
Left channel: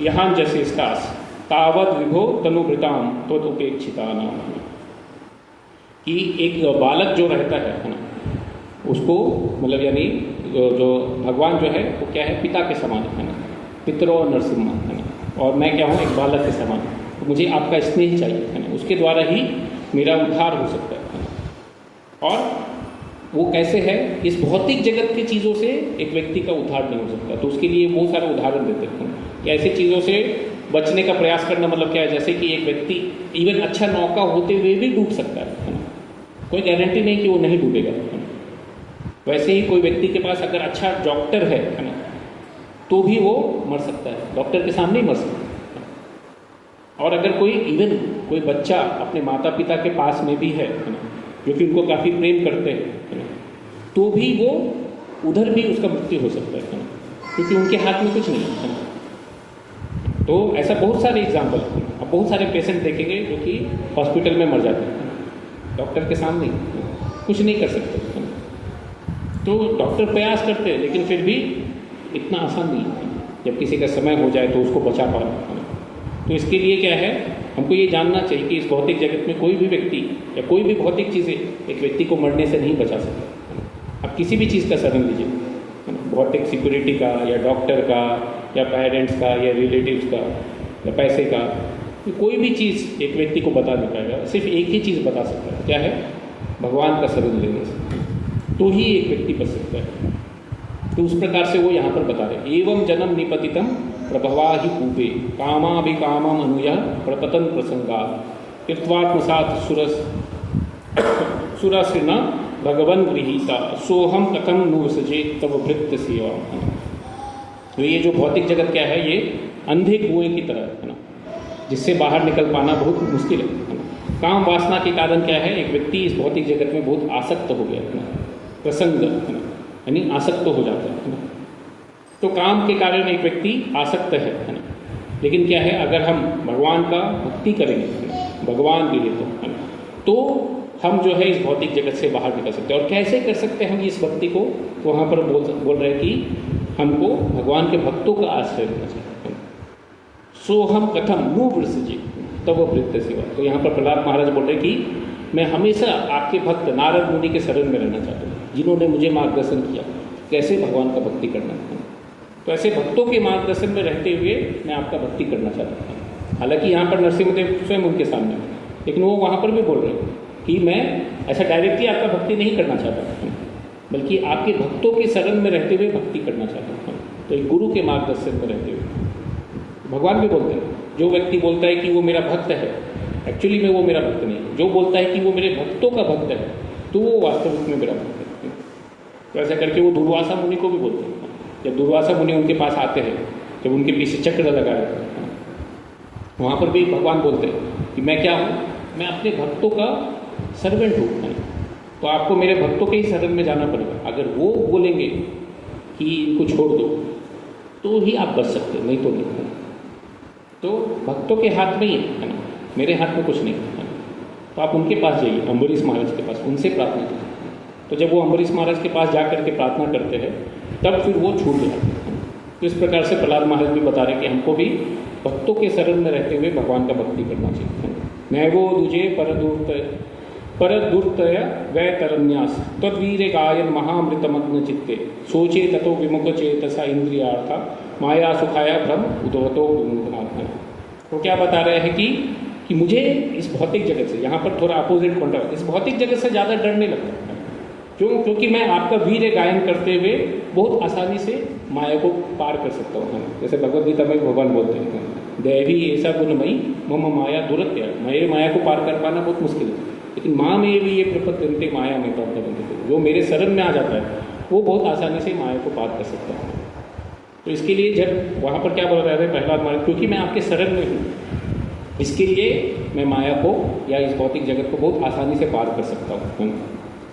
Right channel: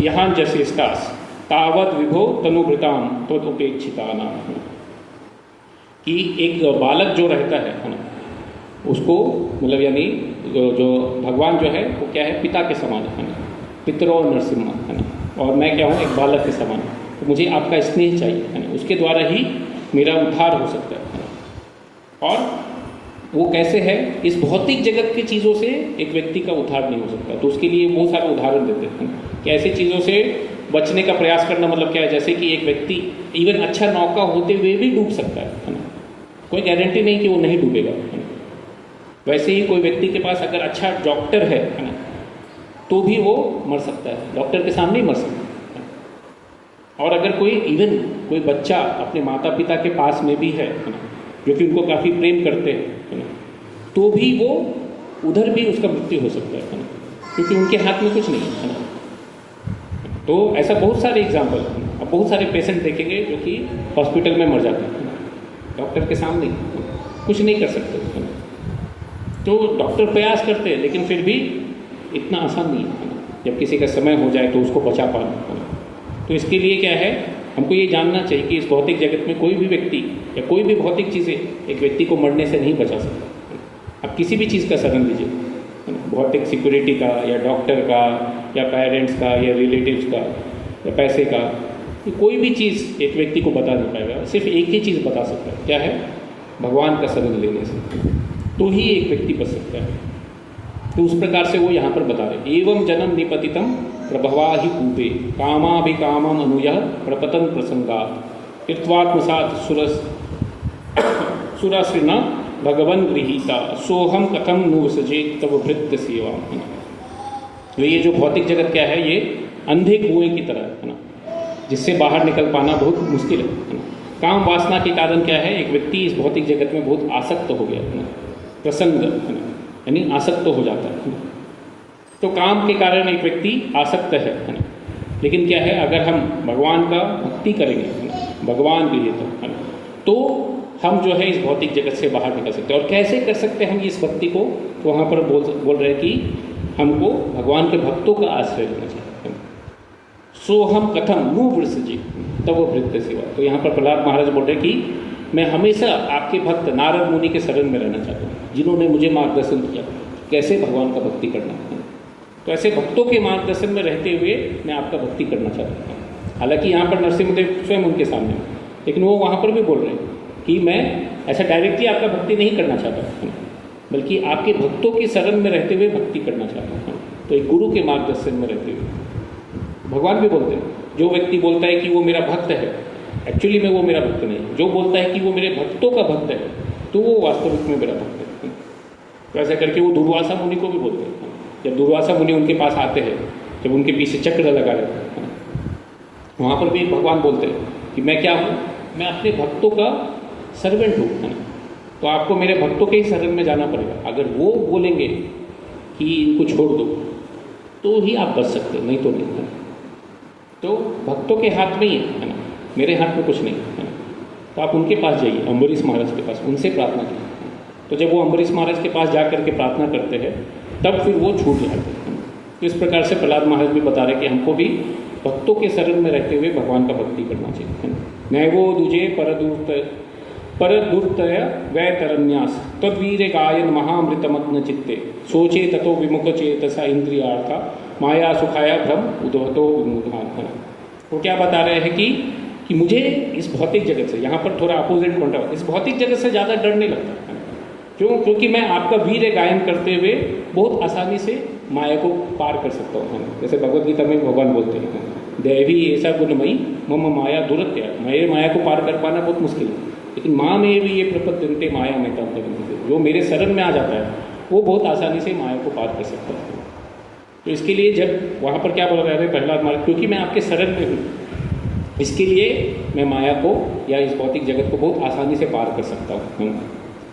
यहांजशेष्टास तावद विभो तनुभृताम त्वदुपेक्षिताना, कि एक बालक जो रहता है ना, उसको मतलब यानी जो भगवान जो है वो क्या है, पिता के समान है ना, पितरो नरसिम्हा, है ना, और मैं क्या हूँ, एक बालक के समान। तो मुझे आपका स्नेह चाहिए, है ना, उसके द्वारा ही मेरा उद्धार हो सकता है। और वो कैसे है, इस भौतिक जगत की चीज़ों से एक व्यक्ति का उद्धार नहीं हो सकता। तो उसके लिए बहुत सारे उदाहरण देते हैं कि ऐसी चीज़ों से बचने का प्रयास करना मतलब क्या है, जैसे कि एक व्यक्ति इवन अच्छा नौका होते हुए भी डूब सकता है, कोई गारंटी नहीं कि वो नहीं डूबेगा। वैसे ही कोई व्यक्ति के पास अगर अच्छा डॉक्टर है ना, तो भी वो मर सकता है, डॉक्टर के सामने ही मर सकता है। और अगर कोई बच्चा अपने माता पिता के पास में भी है, जो कि उनको काफ़ी प्रेम करते हैं, तो भी वो उधर भी उसका मृत्यु हो सकता है, क्योंकि उनके हाथ में कुछ नहीं है। तो ऐसा बहुत सारे एग्जाम्पल, अब बहुत सारे पेशेंट देखेंगे जो कि हॉस्पिटल में मर जाते हैं, डॉक्टर के सामने कुछ नहीं कर सकते। तो डॉक्टर प्रयास करते हैं, लेकिन फिर भी इतना आसान नहीं है। जब किसी का समय हो जाए तो उसको बचा पाना। तो इसके लिए क्या है, हमको ये जानना चाहिए कि इस भौतिक जगत में कोई भी व्यक्ति या कोई भी भौतिक चीज़ें एक व्यक्ति को मरने से नहीं बचा सकती। आप किसी भी चीज़ का शरण लीजिए, भौतिक सिक्योरिटी का या डॉक्टर का या पेरेंट्स का या रिलेटिव्स का या पैसे का, कोई भी चीज़ एक व्यक्ति को बता नहीं पाएगा। सिर्फ एक ही चीज़ बता सकता है, क्या है, भगवान का शरण लेने से तो ही एक व्यक्ति बच सकता है। तो उस प्रकार से वो यहाँ पर बता रहे, एवं जन्म निपतितम प्रभवा ही पूपे कामाभिकामम अनुया प्रपतन प्रसंगा कृत्वात्मसात सुरश्रिना भगवन गृहीता सोहम कथम नुसजे तव भृत्य सेवा। तो ये जो भौतिक जगत क्या है, ये अंधे कुएं की तरह है ना, जिससे बाहर निकल पाना बहुत मुश्किल है। काम वासना के कारण क्या है, एक व्यक्ति इस भौतिक जगत में बहुत आसक्त हो गया है, प्रसंग यानी आसक्त हो जाता है। तो काम के कारण एक व्यक्ति आसक्त है ना, लेकिन क्या है, अगर हम भगवान का भक्ति करेंगे, भगवान भी है तो हम जो है इस भौतिक जगत से बाहर निकल सकते हैं। और कैसे कर सकते हैं हम इस भक्ति को, तो वहाँ पर बोल रहे हैं कि हमको भगवान के भक्तों का आश्रय लेना चाहिए। सो हम कथम नु वृषजी तब वो वृत्त सेवा। तो यहाँ पर प्रहलाद महाराज बोल रहे कि मैं हमेशा आपके भक्त नारद मुनि के शरण में रहना चाहता हूँ, जिन्होंने मुझे मार्गदर्शन किया कैसे भगवान का भक्ति करना है। तो ऐसे भक्तों के मार्गदर्शन में रहते हुए मैं आपका भक्ति करना चाहता हूँ। हालांकि यहाँ पर नरसिंहदेव स्वयं उनके सामने, लेकिन वो वहाँ पर भी बोल रहे हैं कि मैं ऐसा डायरेक्टली आपका भक्ति नहीं करना चाहता, बल्कि आपके भक्तों के शरण में रहते हुए भक्ति करना चाहता हूँ। तो एक गुरु के मार्गदर्शन में रहते हुए भगवान भी बोलते हैं, जो व्यक्ति बोलता है कि वो मेरा भक्त है, एक्चुअली में वो मेरा भक्त नहीं है। जो बोलता है कि वो मेरे भक्तों का भक्त है, तो वो वास्तविक में मेरा भक्त है। तो ऐसा करके वो दुर्वासा मुनि को भी बोलते हैं। जब दुर्वासा मुनि उनके पास आते हैं, जब उनके पीछे चक्र लगा रहता है, वहाँ पर भी भगवान बोलते हैं कि मैं क्या हूँ, मैं अपने भक्तों का सर्वेंट हूँ। तो आपको मेरे भक्तों के ही शरण में जाना पड़ेगा। अगर वो बोलेंगे कि इनको छोड़ दो, तो ही आप बच सकते हो, नहीं तो नहीं। तो भक्तों के हाथ में ही है ना, मेरे हाथ में कुछ नहीं है। तो आप उनके पास जाइए, अम्बरीश महाराज के पास, उनसे प्रार्थना कीजिए। तो जब वो अम्बरीश महाराज के पास जा करके प्रार्थना करते हैं, तब फिर वो छूट जाते हैं। तो इस प्रकार से प्रहलाद महाराज भी बता रहे हैं कि हमको भी भक्तों के शरण में रहते हुए भगवान का भक्ति करना चाहिए। नैवो दुजे परदूर्तय वै तरन्यास तद्वीर गायन महामृतमग्न चित्ते सोचे ततो विमुख चेतसा इंद्रियार्था माया सुखाया भ्रम उदवतो विमुखनाथ। तो क्या बता रहे हैं कि मुझे इस भौतिक जगत से, यहाँ पर थोड़ा अपोजिट पॉइंट ऑफ, इस भौतिक जगत से ज़्यादा डर नहीं लगता। क्यों? क्योंकि मैं आपका वीर गायन करते हुए बहुत आसानी से माया को पार कर सकता हूँ। जैसे भगवद गीता में भगवान बोलते हैं, दैवी ऐसा गुणमयी मम माया दुरत्य, मेरे माया को पार कर पाना बहुत मुश्किल है, लेकिन माँ में भी ये प्रपत्ति माया में का, जो मेरे शरण में आ जाता है वो बहुत आसानी से माया को पार कर सकता है। तो इसके लिए जब वहाँ पर क्या बोल रहे हैं प्रहलाद महाराज, क्योंकि मैं आपके शरण में हूँ, इसके लिए मैं माया को या इस भौतिक जगत को बहुत आसानी से पार कर सकता हूँ।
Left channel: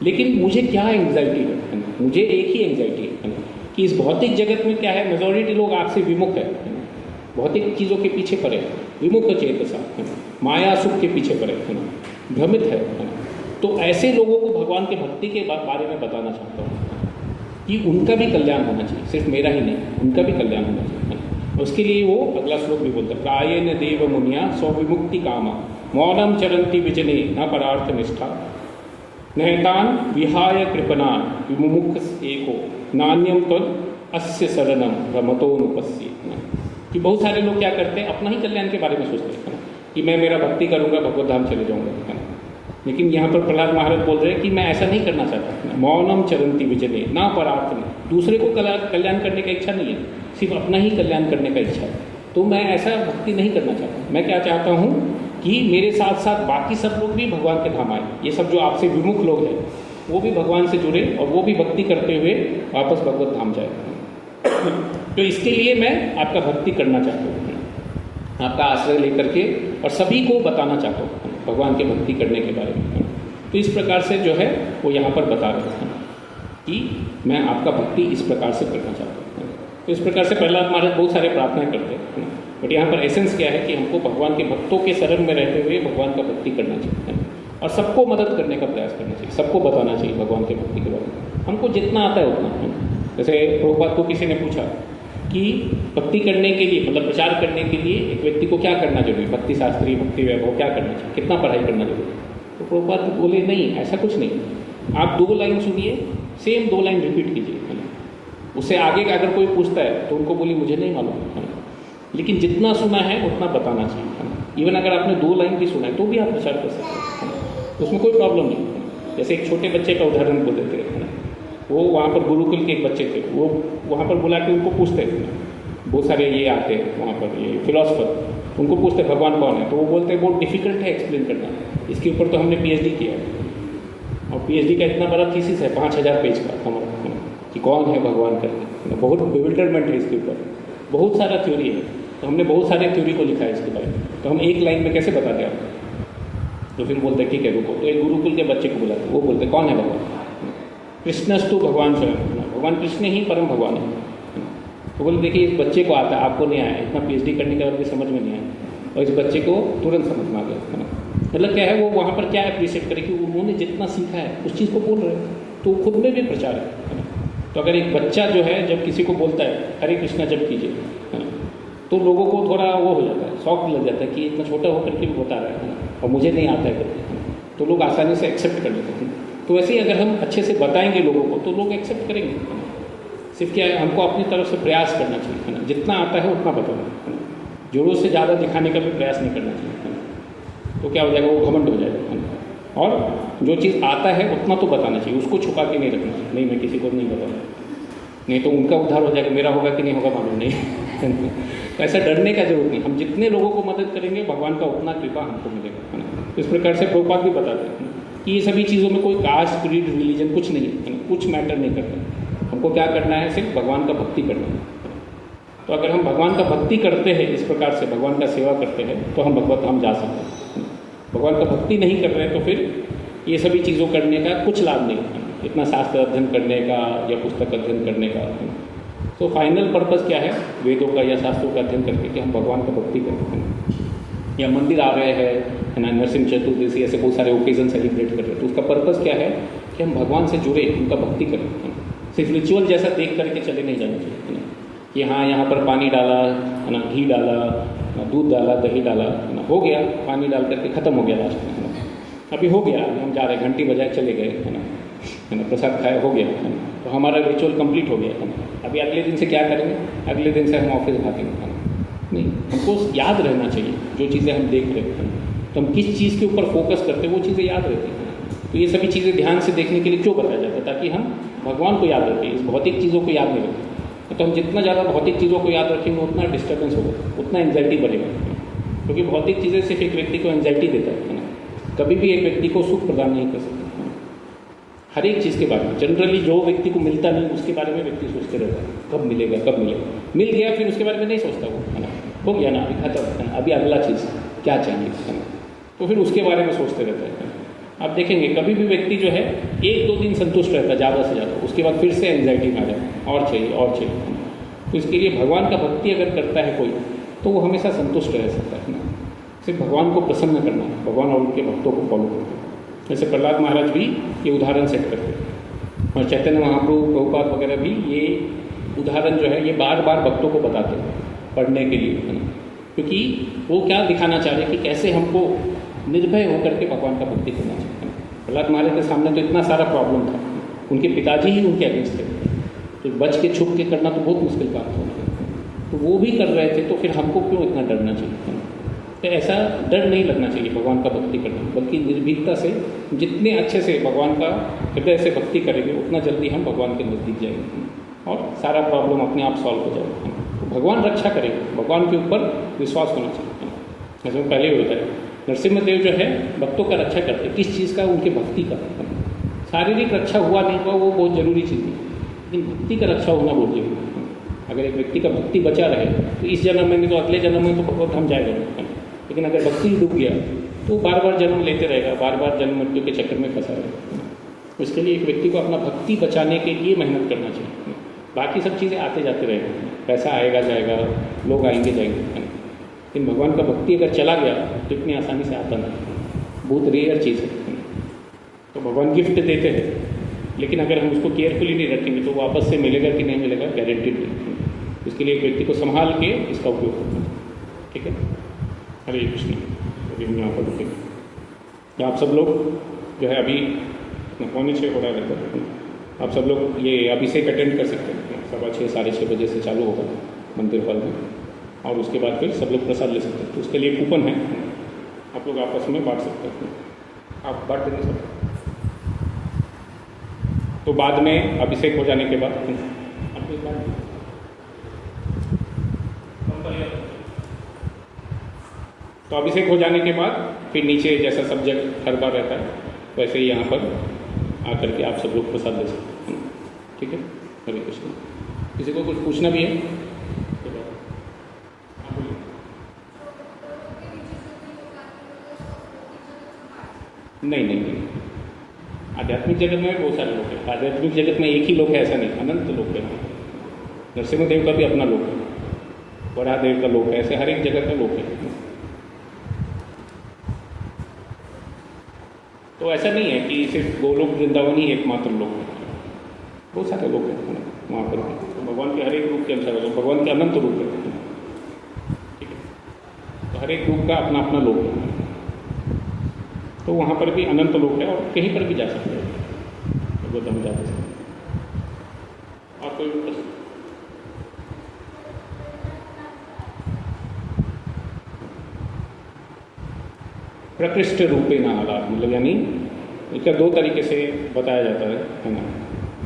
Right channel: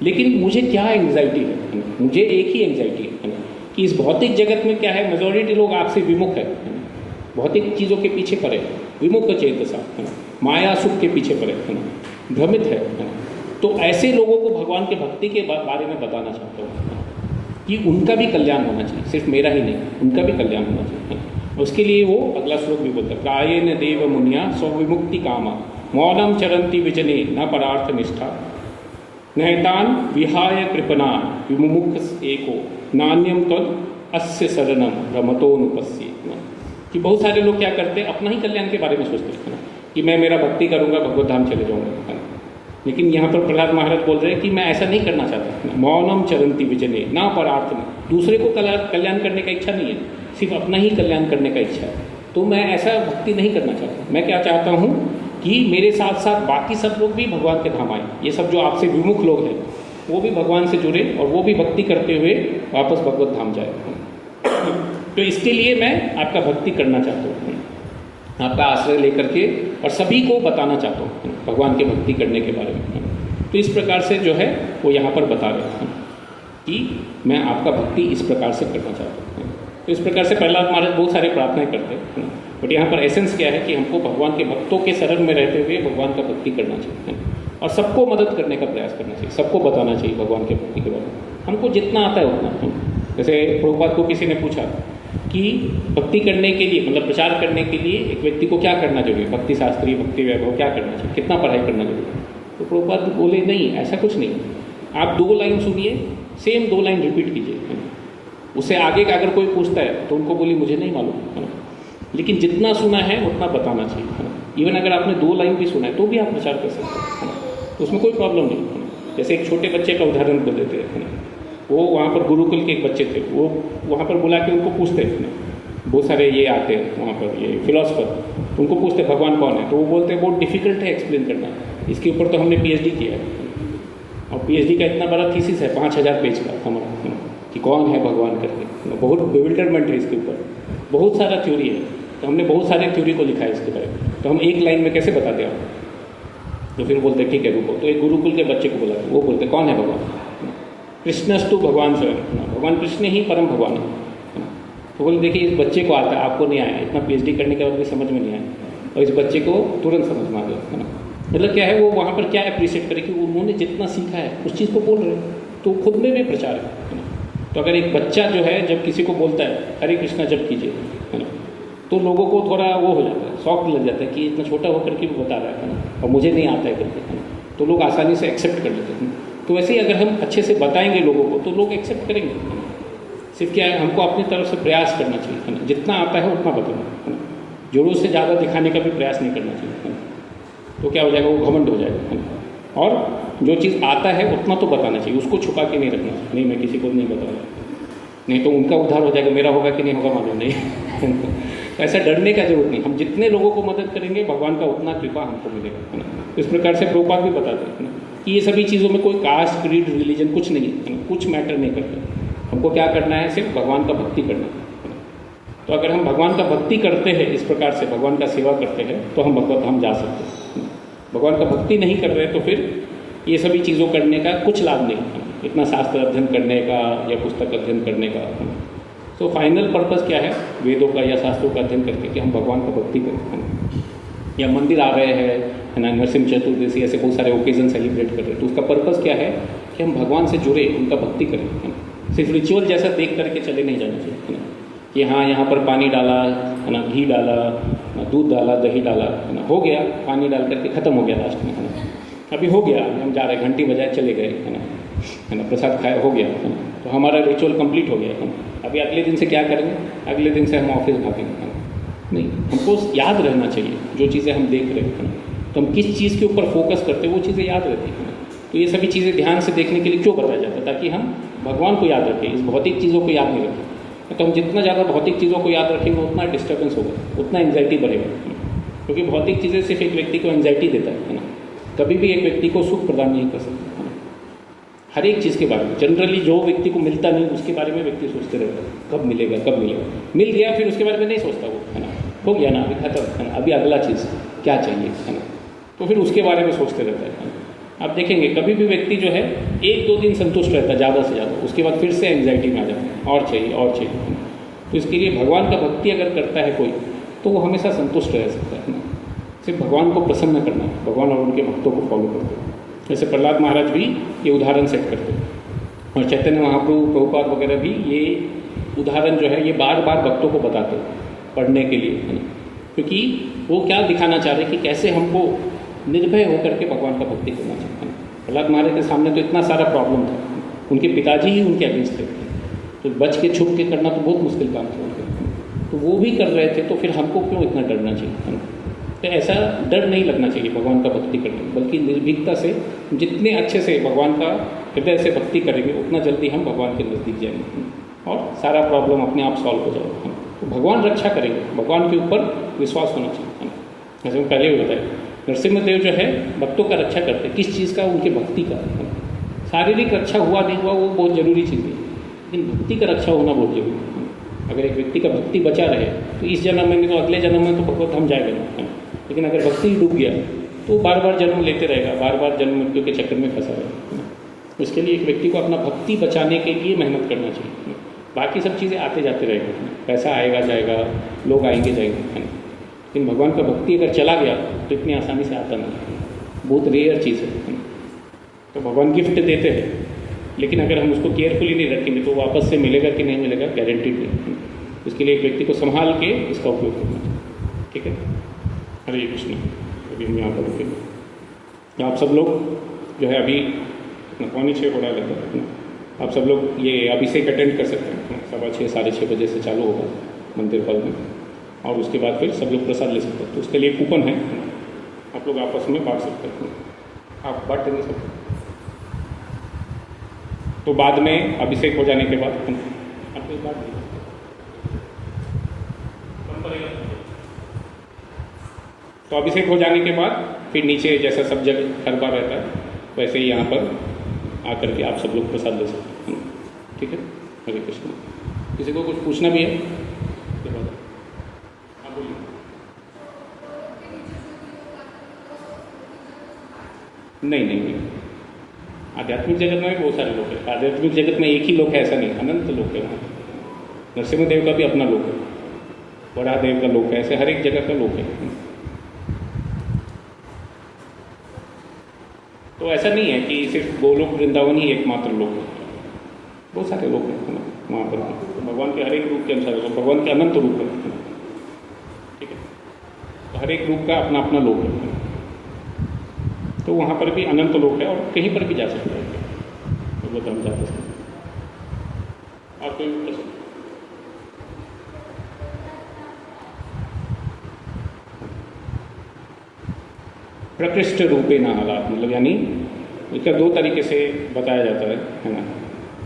लेकिन मुझे क्या एंग्जाइटी है, मुझे एक ही एंग्जाइटी है कि इस भौतिक जगत में क्या है, मेजॉरिटी लोग आपसे विमुख है, भौतिक चीज़ों के पीछे पड़े, विमुख चेतसा, माया सुख के पीछे पड़े, भ्रमित है। तो ऐसे लोगों को भगवान के भक्ति के बारे में बताना चाहता हूँ कि उनका भी कल्याण होना चाहिए, सिर्फ मेरा ही नहीं, उनका भी कल्याण होना चाहिए। उसके लिए वो अगला श्लोक भी बोलता है, प्रायेन देव मुनिया स्वविमुक्ति कामा मौनम चरंती विजने न परार्थ निष्ठा नैतान विहाय कृपना विमुख एको नान्यम तो अस्य शरणम भ्रमतोनुपस्ये। कि बहुत सारे लोग क्या करते हैं, अपना ही कल्याण के बारे में सोचते हैं कि मैं मेरा भक्ति करूँगा, भगवत धाम चले जाऊँगा। लेकिन यहाँ पर प्रहलाद महाराज बोल रहे हैं कि मैं ऐसा नहीं करना चाहता। मौनम चरंती विजने ना परार्थ में, दूसरे को कल्याण करने का इच्छा नहीं है, सिर्फ अपना ही कल्याण करने का इच्छा है। तो मैं ऐसा भक्ति नहीं करना चाहता। मैं क्या चाहता हूँ कि मेरे साथ साथ बाकी सब लोग भी भगवान के धाम आए। ये सब जो आपसे विमुख लोग हैं वो भी भगवान से जुड़े और वो भी भक्ति करते हुए वापस भगवत धाम जाए। तो इसके लिए मैं आपका भक्ति करना चाहता हूँ, आपका आश्रय लेकर के, और सभी को बताना चाहता हूँ भगवान के भक्ति करने के बारे में। तो इस प्रकार से जो है वो यहाँ पर बता रहे हैं कि मैं आपका भक्ति इस प्रकार से करना चाहता हूँ। तो इस प्रकार से प्रहलाद महाराज बहुत सारे प्रार्थनाएं करते हैं, बट यहाँ पर एसेंस क्या है कि हमको भगवान के भक्तों के शरण में रहते हुए भगवान का भक्ति करना चाहिए और सबको मदद करने का प्रयास करना चाहिए, सबको बताना चाहिए भगवान के भक्ति के बारे में, हमको जितना आता है उतना। जैसे प्रभुपाद को किसी ने पूछा कि भक्ति करने के लिए, मतलब प्रचार करने के लिए एक व्यक्ति को क्या करना चाहिए, भक्ति शास्त्री, भक्ति वैभव क्या करना चाहिए, कितना पढ़ाई करना चाहिए। तो प्रभुपाद बोले नहीं, ऐसा कुछ नहीं, आप 2 लाइन सुनिए, सेम 2 लाइन रिपीट कीजिए। उससे आगे का अगर कोई पूछता है तो उनको बोली मुझे नहीं मालूम, लेकिन जितना सुना है उतना बताना चाहिए। इवन अगर आपने 2 लाइन भी सुना है तो भी आप प्रचार कर सकते हैं, उसमें कोई प्रॉब्लम नहीं। जैसे एक छोटे बच्चे का उदाहरण बोल देते हैं, वो वहाँ पर गुरुकुल के एक बच्चे थे, वो वहाँ पर बुला के उनको पूछते थे, बहुत सारे ये आते हैं वहाँ पर ये फिलोसफर, उनको पूछते भगवान कौन है, तो वो बोलते हैं बहुत डिफिकल्ट है एक्सप्लेन करना, इसके ऊपर तो हमने PhD किया है, और PhD का इतना बड़ा थीसिस है 5000 पेज का हमारा, कि कौन है भगवान करके, बहुत बिविल्डरमेंट है इसके ऊपर, बहुत सारा थ्योरी है, तो हमने बहुत सारे थ्योरी को लिखा है इसके बारे में, तो हम 1 लाइन में कैसे बताते हैं। तो फिर बोलते ठीक है रुको, तो एक गुरुकुल के बच्चे को बोला, वो बोलते कौन है भगवान, कृष्णस्तु भगवान से, भगवान कृष्ण ही परम भगवान है। तो बोले देखिए इस बच्चे को आता है, आपको नहीं आया, इतना PhD करने के बाद भी समझ में नहीं आया, और इस बच्चे को तुरंत समझ में आ गया। मतलब क्या है, वो वहाँ पर क्या अप्रिशिएट करे कि उन्होंने जितना सीखा है उस चीज़ को बोल रहे हैं, तो खुद में भी प्रचार है। तो अगर एक बच्चा जो है जब किसी को बोलता है हरे कृष्णा जप कीजिए, तो लोगों को थोड़ा वो हो जाता है, शौक लग जाता है कि इतना छोटा होकर के भी बता रहा है और मुझे नहीं आता है करके, तो लोग आसानी से एक्सेप्ट कर लेते हैं। तो वैसे ही अगर हम अच्छे से बताएंगे लोगों को तो लोग एक्सेप्ट करेंगे। सिर्फ क्या है, हमको अपनी तरफ से प्रयास करना चाहिए, जितना आता है उतना बताना, जरूरत से ज़्यादा दिखाने का भी प्रयास नहीं करना चाहिए, तो क्या हो जाएगा, वो घमंड हो जाएगा। और जो चीज़ आता है उतना तो बताना चाहिए, उसको छुपा के नहीं रखना चाहिए। नहीं मैं किसी को नहीं बताऊँ, नहीं तो उनका उद्धार हो जाएगा, मेरा होगा कि नहीं होगा मालूम नहीं। ऐसा डरने का जरूरत नहीं, हम जितने लोगों को मदद करेंगे भगवान का उतना कृपा हमको मिलेगा। इस प्रकार से प्रभुपाद भी बताते हैं कि ये सभी चीज़ों में कोई कास्ट, क्रीड, रिलीजन कुछ नहीं है, कुछ मैटर नहीं करता। हमको क्या करना है, सिर्फ भगवान का भक्ति करना है। तो अगर हम भगवान का भक्ति करते हैं, इस प्रकार से भगवान का सेवा करते हैं, तो हम भगवत धाम जा सकते हैं। भगवान का भक्ति नहीं कर रहे तो फिर ये सभी चीज़ों करने का कुछ लाभ नहीं है, इतना शास्त्र अध्ययन करने का या पुस्तक अध्ययन करने का। तो फाइनल पर्पस क्या है वेदों का या शास्त्रों का अध्ययन करके कि हम भगवान का भक्ति करते हैं। या मंदिर आ रहे हैं, है ना, नरसिंह चतुर्दशी, ऐसे बहुत सारे ओकेजन सेलिब्रेट कर रहे हैं, तो उसका पर्पस क्या है कि हम भगवान से जुड़े, उनका भक्ति करें। सिर्फ रिचुअल जैसा देख करके चले नहीं जाना चाहिए, है ना, कि हाँ यहाँ पर पानी डाला, है ना, घी डाला, दूध डाला, दही डाला, है ना, हो गया, पानी डाल करके खत्म हो गया लास्ट में, है ना, अभी हो गया, हम जा रहे, घंटी बजाए चले गए, है ना, प्रसाद खाए, हो गया, तो हमारा रिचुअल कंप्लीट हो गया, है ना। अभी अगले दिन से क्या करेंगे, अगले दिन से हम ऑफिस भागेंगे, नहीं, हमको याद रहना चाहिए जो चीज़ें हम देख रहे हैं, तो हम किस चीज़ के ऊपर फोकस करते हैं वो चीज़ें याद रहती हैं। तो ये सभी चीज़ें ध्यान से देखने के लिए क्यों बताया जाता है, ताकि हम भगवान को याद रखें, इस भौतिक चीज़ों को याद नहीं रखें। तो हम जितना ज़्यादा भौतिक चीज़ों को याद रखेंगे उतना डिस्टर्बेंस होगा, उतना एंजाइटी बढ़ेगा, क्योंकि भौतिक चीज़ें सिर्फ एक व्यक्ति को एंजाइटी देता है ना, कभी भी एक व्यक्ति को सुख प्रदान नहीं कर सकता। हर एक चीज़ के बारे में जनरली जो व्यक्ति को मिलता नहीं उसके बारे में व्यक्ति सोचते रहता है, कब मिलेगा कब मिलेगा, मिल गया फिर उसके बारे में नहीं सोचता वो, है ना, हो गया ना, अभी खत्म, है ना, अभी अगला चीज़ क्या चाहिए, है ना, तो फिर उसके बारे में सोचते रहता है। आप देखेंगे कभी भी व्यक्ति जो है 1-2 दिन संतुष्ट रहता है ज़्यादा से ज़्यादा, उसके बाद फिर से एंग्जाइटी में आ जाता है, और चाहिए और चाहिए। तो इसके लिए भगवान का भक्ति अगर करता है कोई तो वो हमेशा संतुष्ट रह सकता है ना, सिर्फ भगवान को प्रसन्न करना है, भगवान और उनके भक्तों को फॉलो करते हैं। जैसे प्रहलाद महाराज भी ये उदाहरण सेट करते हैं, और चैतन्य महाप्रभु, प्रभुपाद वगैरह भी ये उदाहरण जो है ये बार बार भक्तों को बताते हैं पढ़ने के लिए, क्योंकि वो क्या दिखाना चाह रहे हैं कि कैसे हमको निर्भय होकर के भगवान का भक्ति करना चाहिए। प्रहलाद महाराज के सामने तो इतना सारा प्रॉब्लम था, उनके पिताजी ही उनके अगेंस्ट थे, तो बच के छुप के करना तो बहुत मुश्किल काम था, तो वो भी कर रहे थे, तो फिर हमको क्यों इतना डरना चाहिए। तो ऐसा डर नहीं लगना चाहिए भगवान का भक्ति करने, बल्कि निर्भीकता से जितने अच्छे से भगवान का हृदय से भक्ति करेंगे उतना जल्दी हम भगवान के नज़दीक जाएंगे और सारा प्रॉब्लम अपने आप सॉल्व हो जाएगा। तो भगवान रक्षा करेंगे, भगवान के ऊपर विश्वास होना चाहिए। जैसे पहले होता है नरसिम्हदेव जो है भक्तों का रक्षा करते हैं, किस चीज़ का, उनकी भक्ति का। शारीरिक रक्षा हुआ नहीं हुआ वो बहुत जरूरी चीज़ है, लेकिन भक्ति का रक्षा होना बहुत जरूरी है। अगर एक व्यक्ति का भक्ति बचा रहे तो इस जन्म में तो अगले जन्म में तो भगवत हम जाएगा, लेकिन अगर भक्ति डूब गया तो बार बार जन्म लेते रहेगा, बार बार जन्म मृत्यु के चक्कर में फंसा रहेगा। तो इसके लिए एक व्यक्ति को अपना भक्ति बचाने के लिए मेहनत करना चाहिए। बाकी सब चीज़ें आते जाते रहेगा, पैसा आएगा जाएगा, लोग आएंगे जाएंगे, लेकिन भगवान का भक्ति अगर चला गया तो इतनी आसानी से आता नहीं, बहुत रेयर चीज़ है। तो भगवान गिफ्ट देते हैं, लेकिन अगर हम उसको केयरफुली नहीं रखेंगे तो वापस से मिलेगा कि नहीं मिलेगा गारंटीड नहीं। इसके लिए एक व्यक्ति को संभाल के इसका उपयोग करना चाहिए। ठीक है, हरे कृष्ण। अभी यहाँ पर रुकेंगे, तो आप सब लोग जो है अभी 5:45 हो रहा है, आप सब लोग ये अभिषेक अटेंड कर सकते हैं। 6:15 साढ़े 6 बजे से चालू होगा मंदिर पर में, और उसके बाद फिर सब लोग प्रसाद ले सकते हैं। तो उसके लिए कूपन है, आप लोग आपस में बांट सकते हैं, आप बांट नहीं सकते। तो बाद में अभिषेक हो जाने के बाद तो अभिषेक हो जाने के बाद फिर नीचे जैसा सब जगह हर बार रहता है वैसे ही यहाँ पर आकर के आप सब लोग प्रसाद ले सकते हैं। ठीक है, हरे कृष्ण। किसी को कुछ पूछना भी है? नहीं नहीं नहीं, आध्यात्मिक जगत में बहुत सारे लोग हैं। आध्यात्मिक जगत में एक ही लोग है ऐसा नहीं, अनंत लोग हैं। नरसिम्हदेव का भी अपना लोक है, बड़ा देव का लोक है, ऐसे हर एक जगह का लोक है। तो ऐसा नहीं है कि सिर्फ गोलोक वृंदावन ही एकमात्र लोक है, बहुत सारे लोग हैं वहाँ पर। भगवान के हर एक रूप के अनुसार भगवान के अनंत रूप है। ठीक है, तो हर एक रूप का अपना अपना लोक है, तो वहाँ पर भी अनंत लोक है और कहीं पर भी जा सकते हैं, तो बताना चाहते हैं। और कोई प्रश्न? प्रकृष्ट रूपेण आलाप, मतलब यानी इसका दो तरीके से बताया जाता है ना,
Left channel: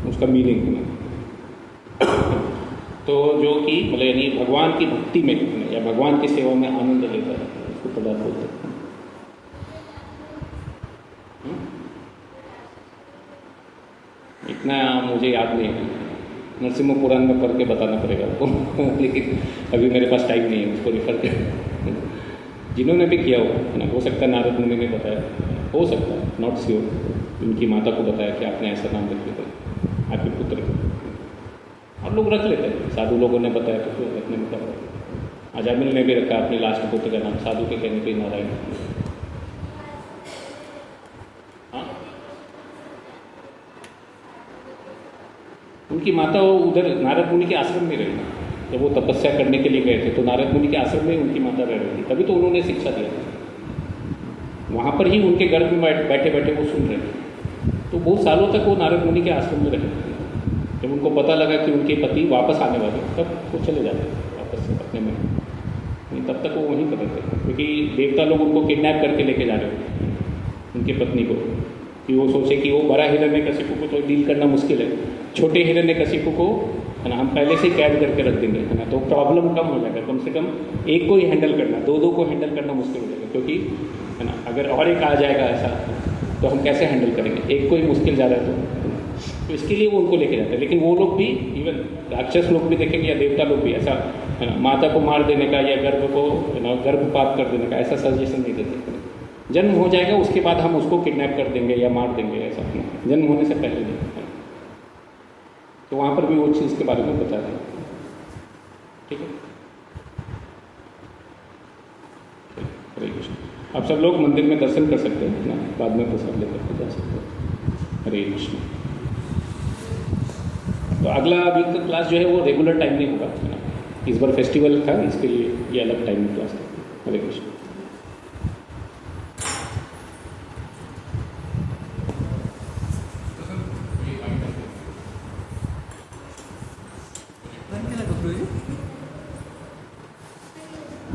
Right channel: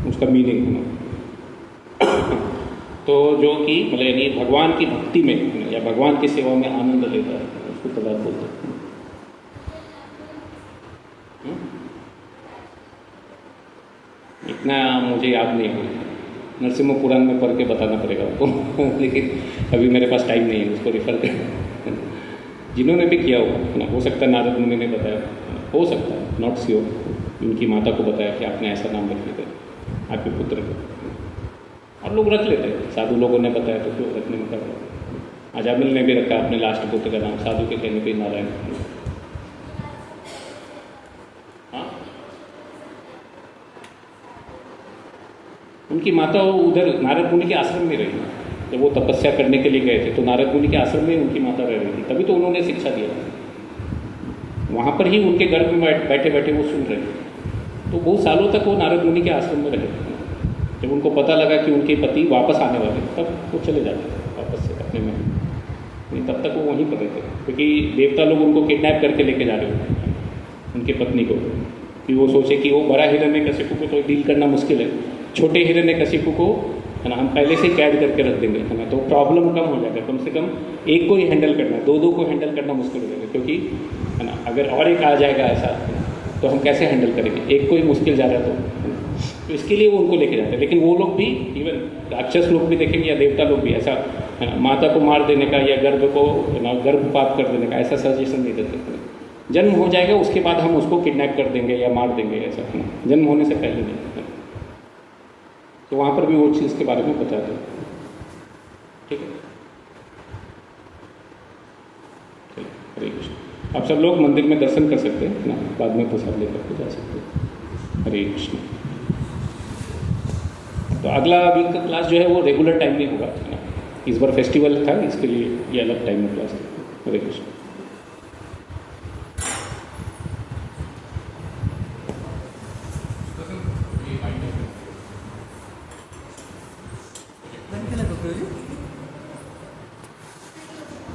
उसका मीनिंग। तो जो कि मतलब यानी भगवान की भक्ति में या भगवान की सेवा में आनंद लेता है, उसको पदार्थ बोलते हैं। इतना मुझे याद नहीं है, नरसिम्हा पुराण में पढ़ के बताना पड़ेगा आपको लेकिन अभी मेरे पास टाइम नहीं है उसको रिफर कर। जिन्होंने भी किया हो सकता है नारद मुनि ने बताया, हो सकता है, नॉट श्योर, उनकी माता को बताया कि आपने ऐसा नाम रखने का आपके पुत्र को। आप लोग रख लेते हैं, साधु लोगों ने बताया तो फिर रखने में क्या। अजामिल ने भी रखा अपने लास्ट पुत्र का नाम, साधु के कहने पर नारायण। उनकी माता वो उधर नारद मुनि के आश्रम में रही, जब वो तपस्या करने के लिए गए थे तो नारद मुनि के आश्रम में उनकी माता रह रही थी, तभी तो उन्होंने शिक्षा दिया। वहाँ पर ही उनके गर्भ में बैठे बैठे वो सुन रहे थे। तो बहुत सालों तक वो नारद मुनि के आश्रम में रहे। जब उनको पता लगा कि उनके पति वापस आने वाले, तब वो चले जाते वापस से अपने में, तब तक वो वहीं पर रहते, क्योंकि देवता लोग उनको किडनैप करके लेके जा रहे थे उनके पत्नी को, कि वो सोचे कि वो बड़ा हिरण्यकशिपु को तो डील करना मुश्किल है, छोटे हिरण्यकशिपु को है ना हम पहले से कैद करके रख देंगे, है ना, तो प्रॉब्लम कम हो जाएगा। कम से कम एक को ही हैंडल करना, दो को हैंडल करना मुश्किल हो जाएगा, क्योंकि है ना अगर और एक आ जाएगा ऐसा तो हम कैसे हैंडल करेंगे, एक को ही मुश्किल जा रहा है। तो इसके लिए वो उनको लेके जाते हैं। लेकिन वो लोग भी, इवन राक्षस लोग भी देखेंगे या देवता लोग भी, ऐसा है ना माता को मार देने का या गर्भ को गर्भपात कर देने का ऐसा सजेशन नहीं देते। जन्म हो जाएगा उसके बाद हम उसको किडनैप कर देंगे या मार देंगे, ऐसा जन्म होने से पहले नहीं। तो वहाँ पर भी वो चीज़ के बारे में बताया है। ठीक है, हरे कृष्ण। आप सब लोग मंदिर में दर्शन कर सकते हैं ना, बाद में प्रसाद लेकर के जा सकते हैं। हरे कृष्ण। तो अगला वीक का क्लास जो है वो रेगुलर टाइम नहीं होगा, इस बार फेस्टिवल था इसके लिए ये अलग टाइम में क्लास है। हरे Krishna. When can I go through you?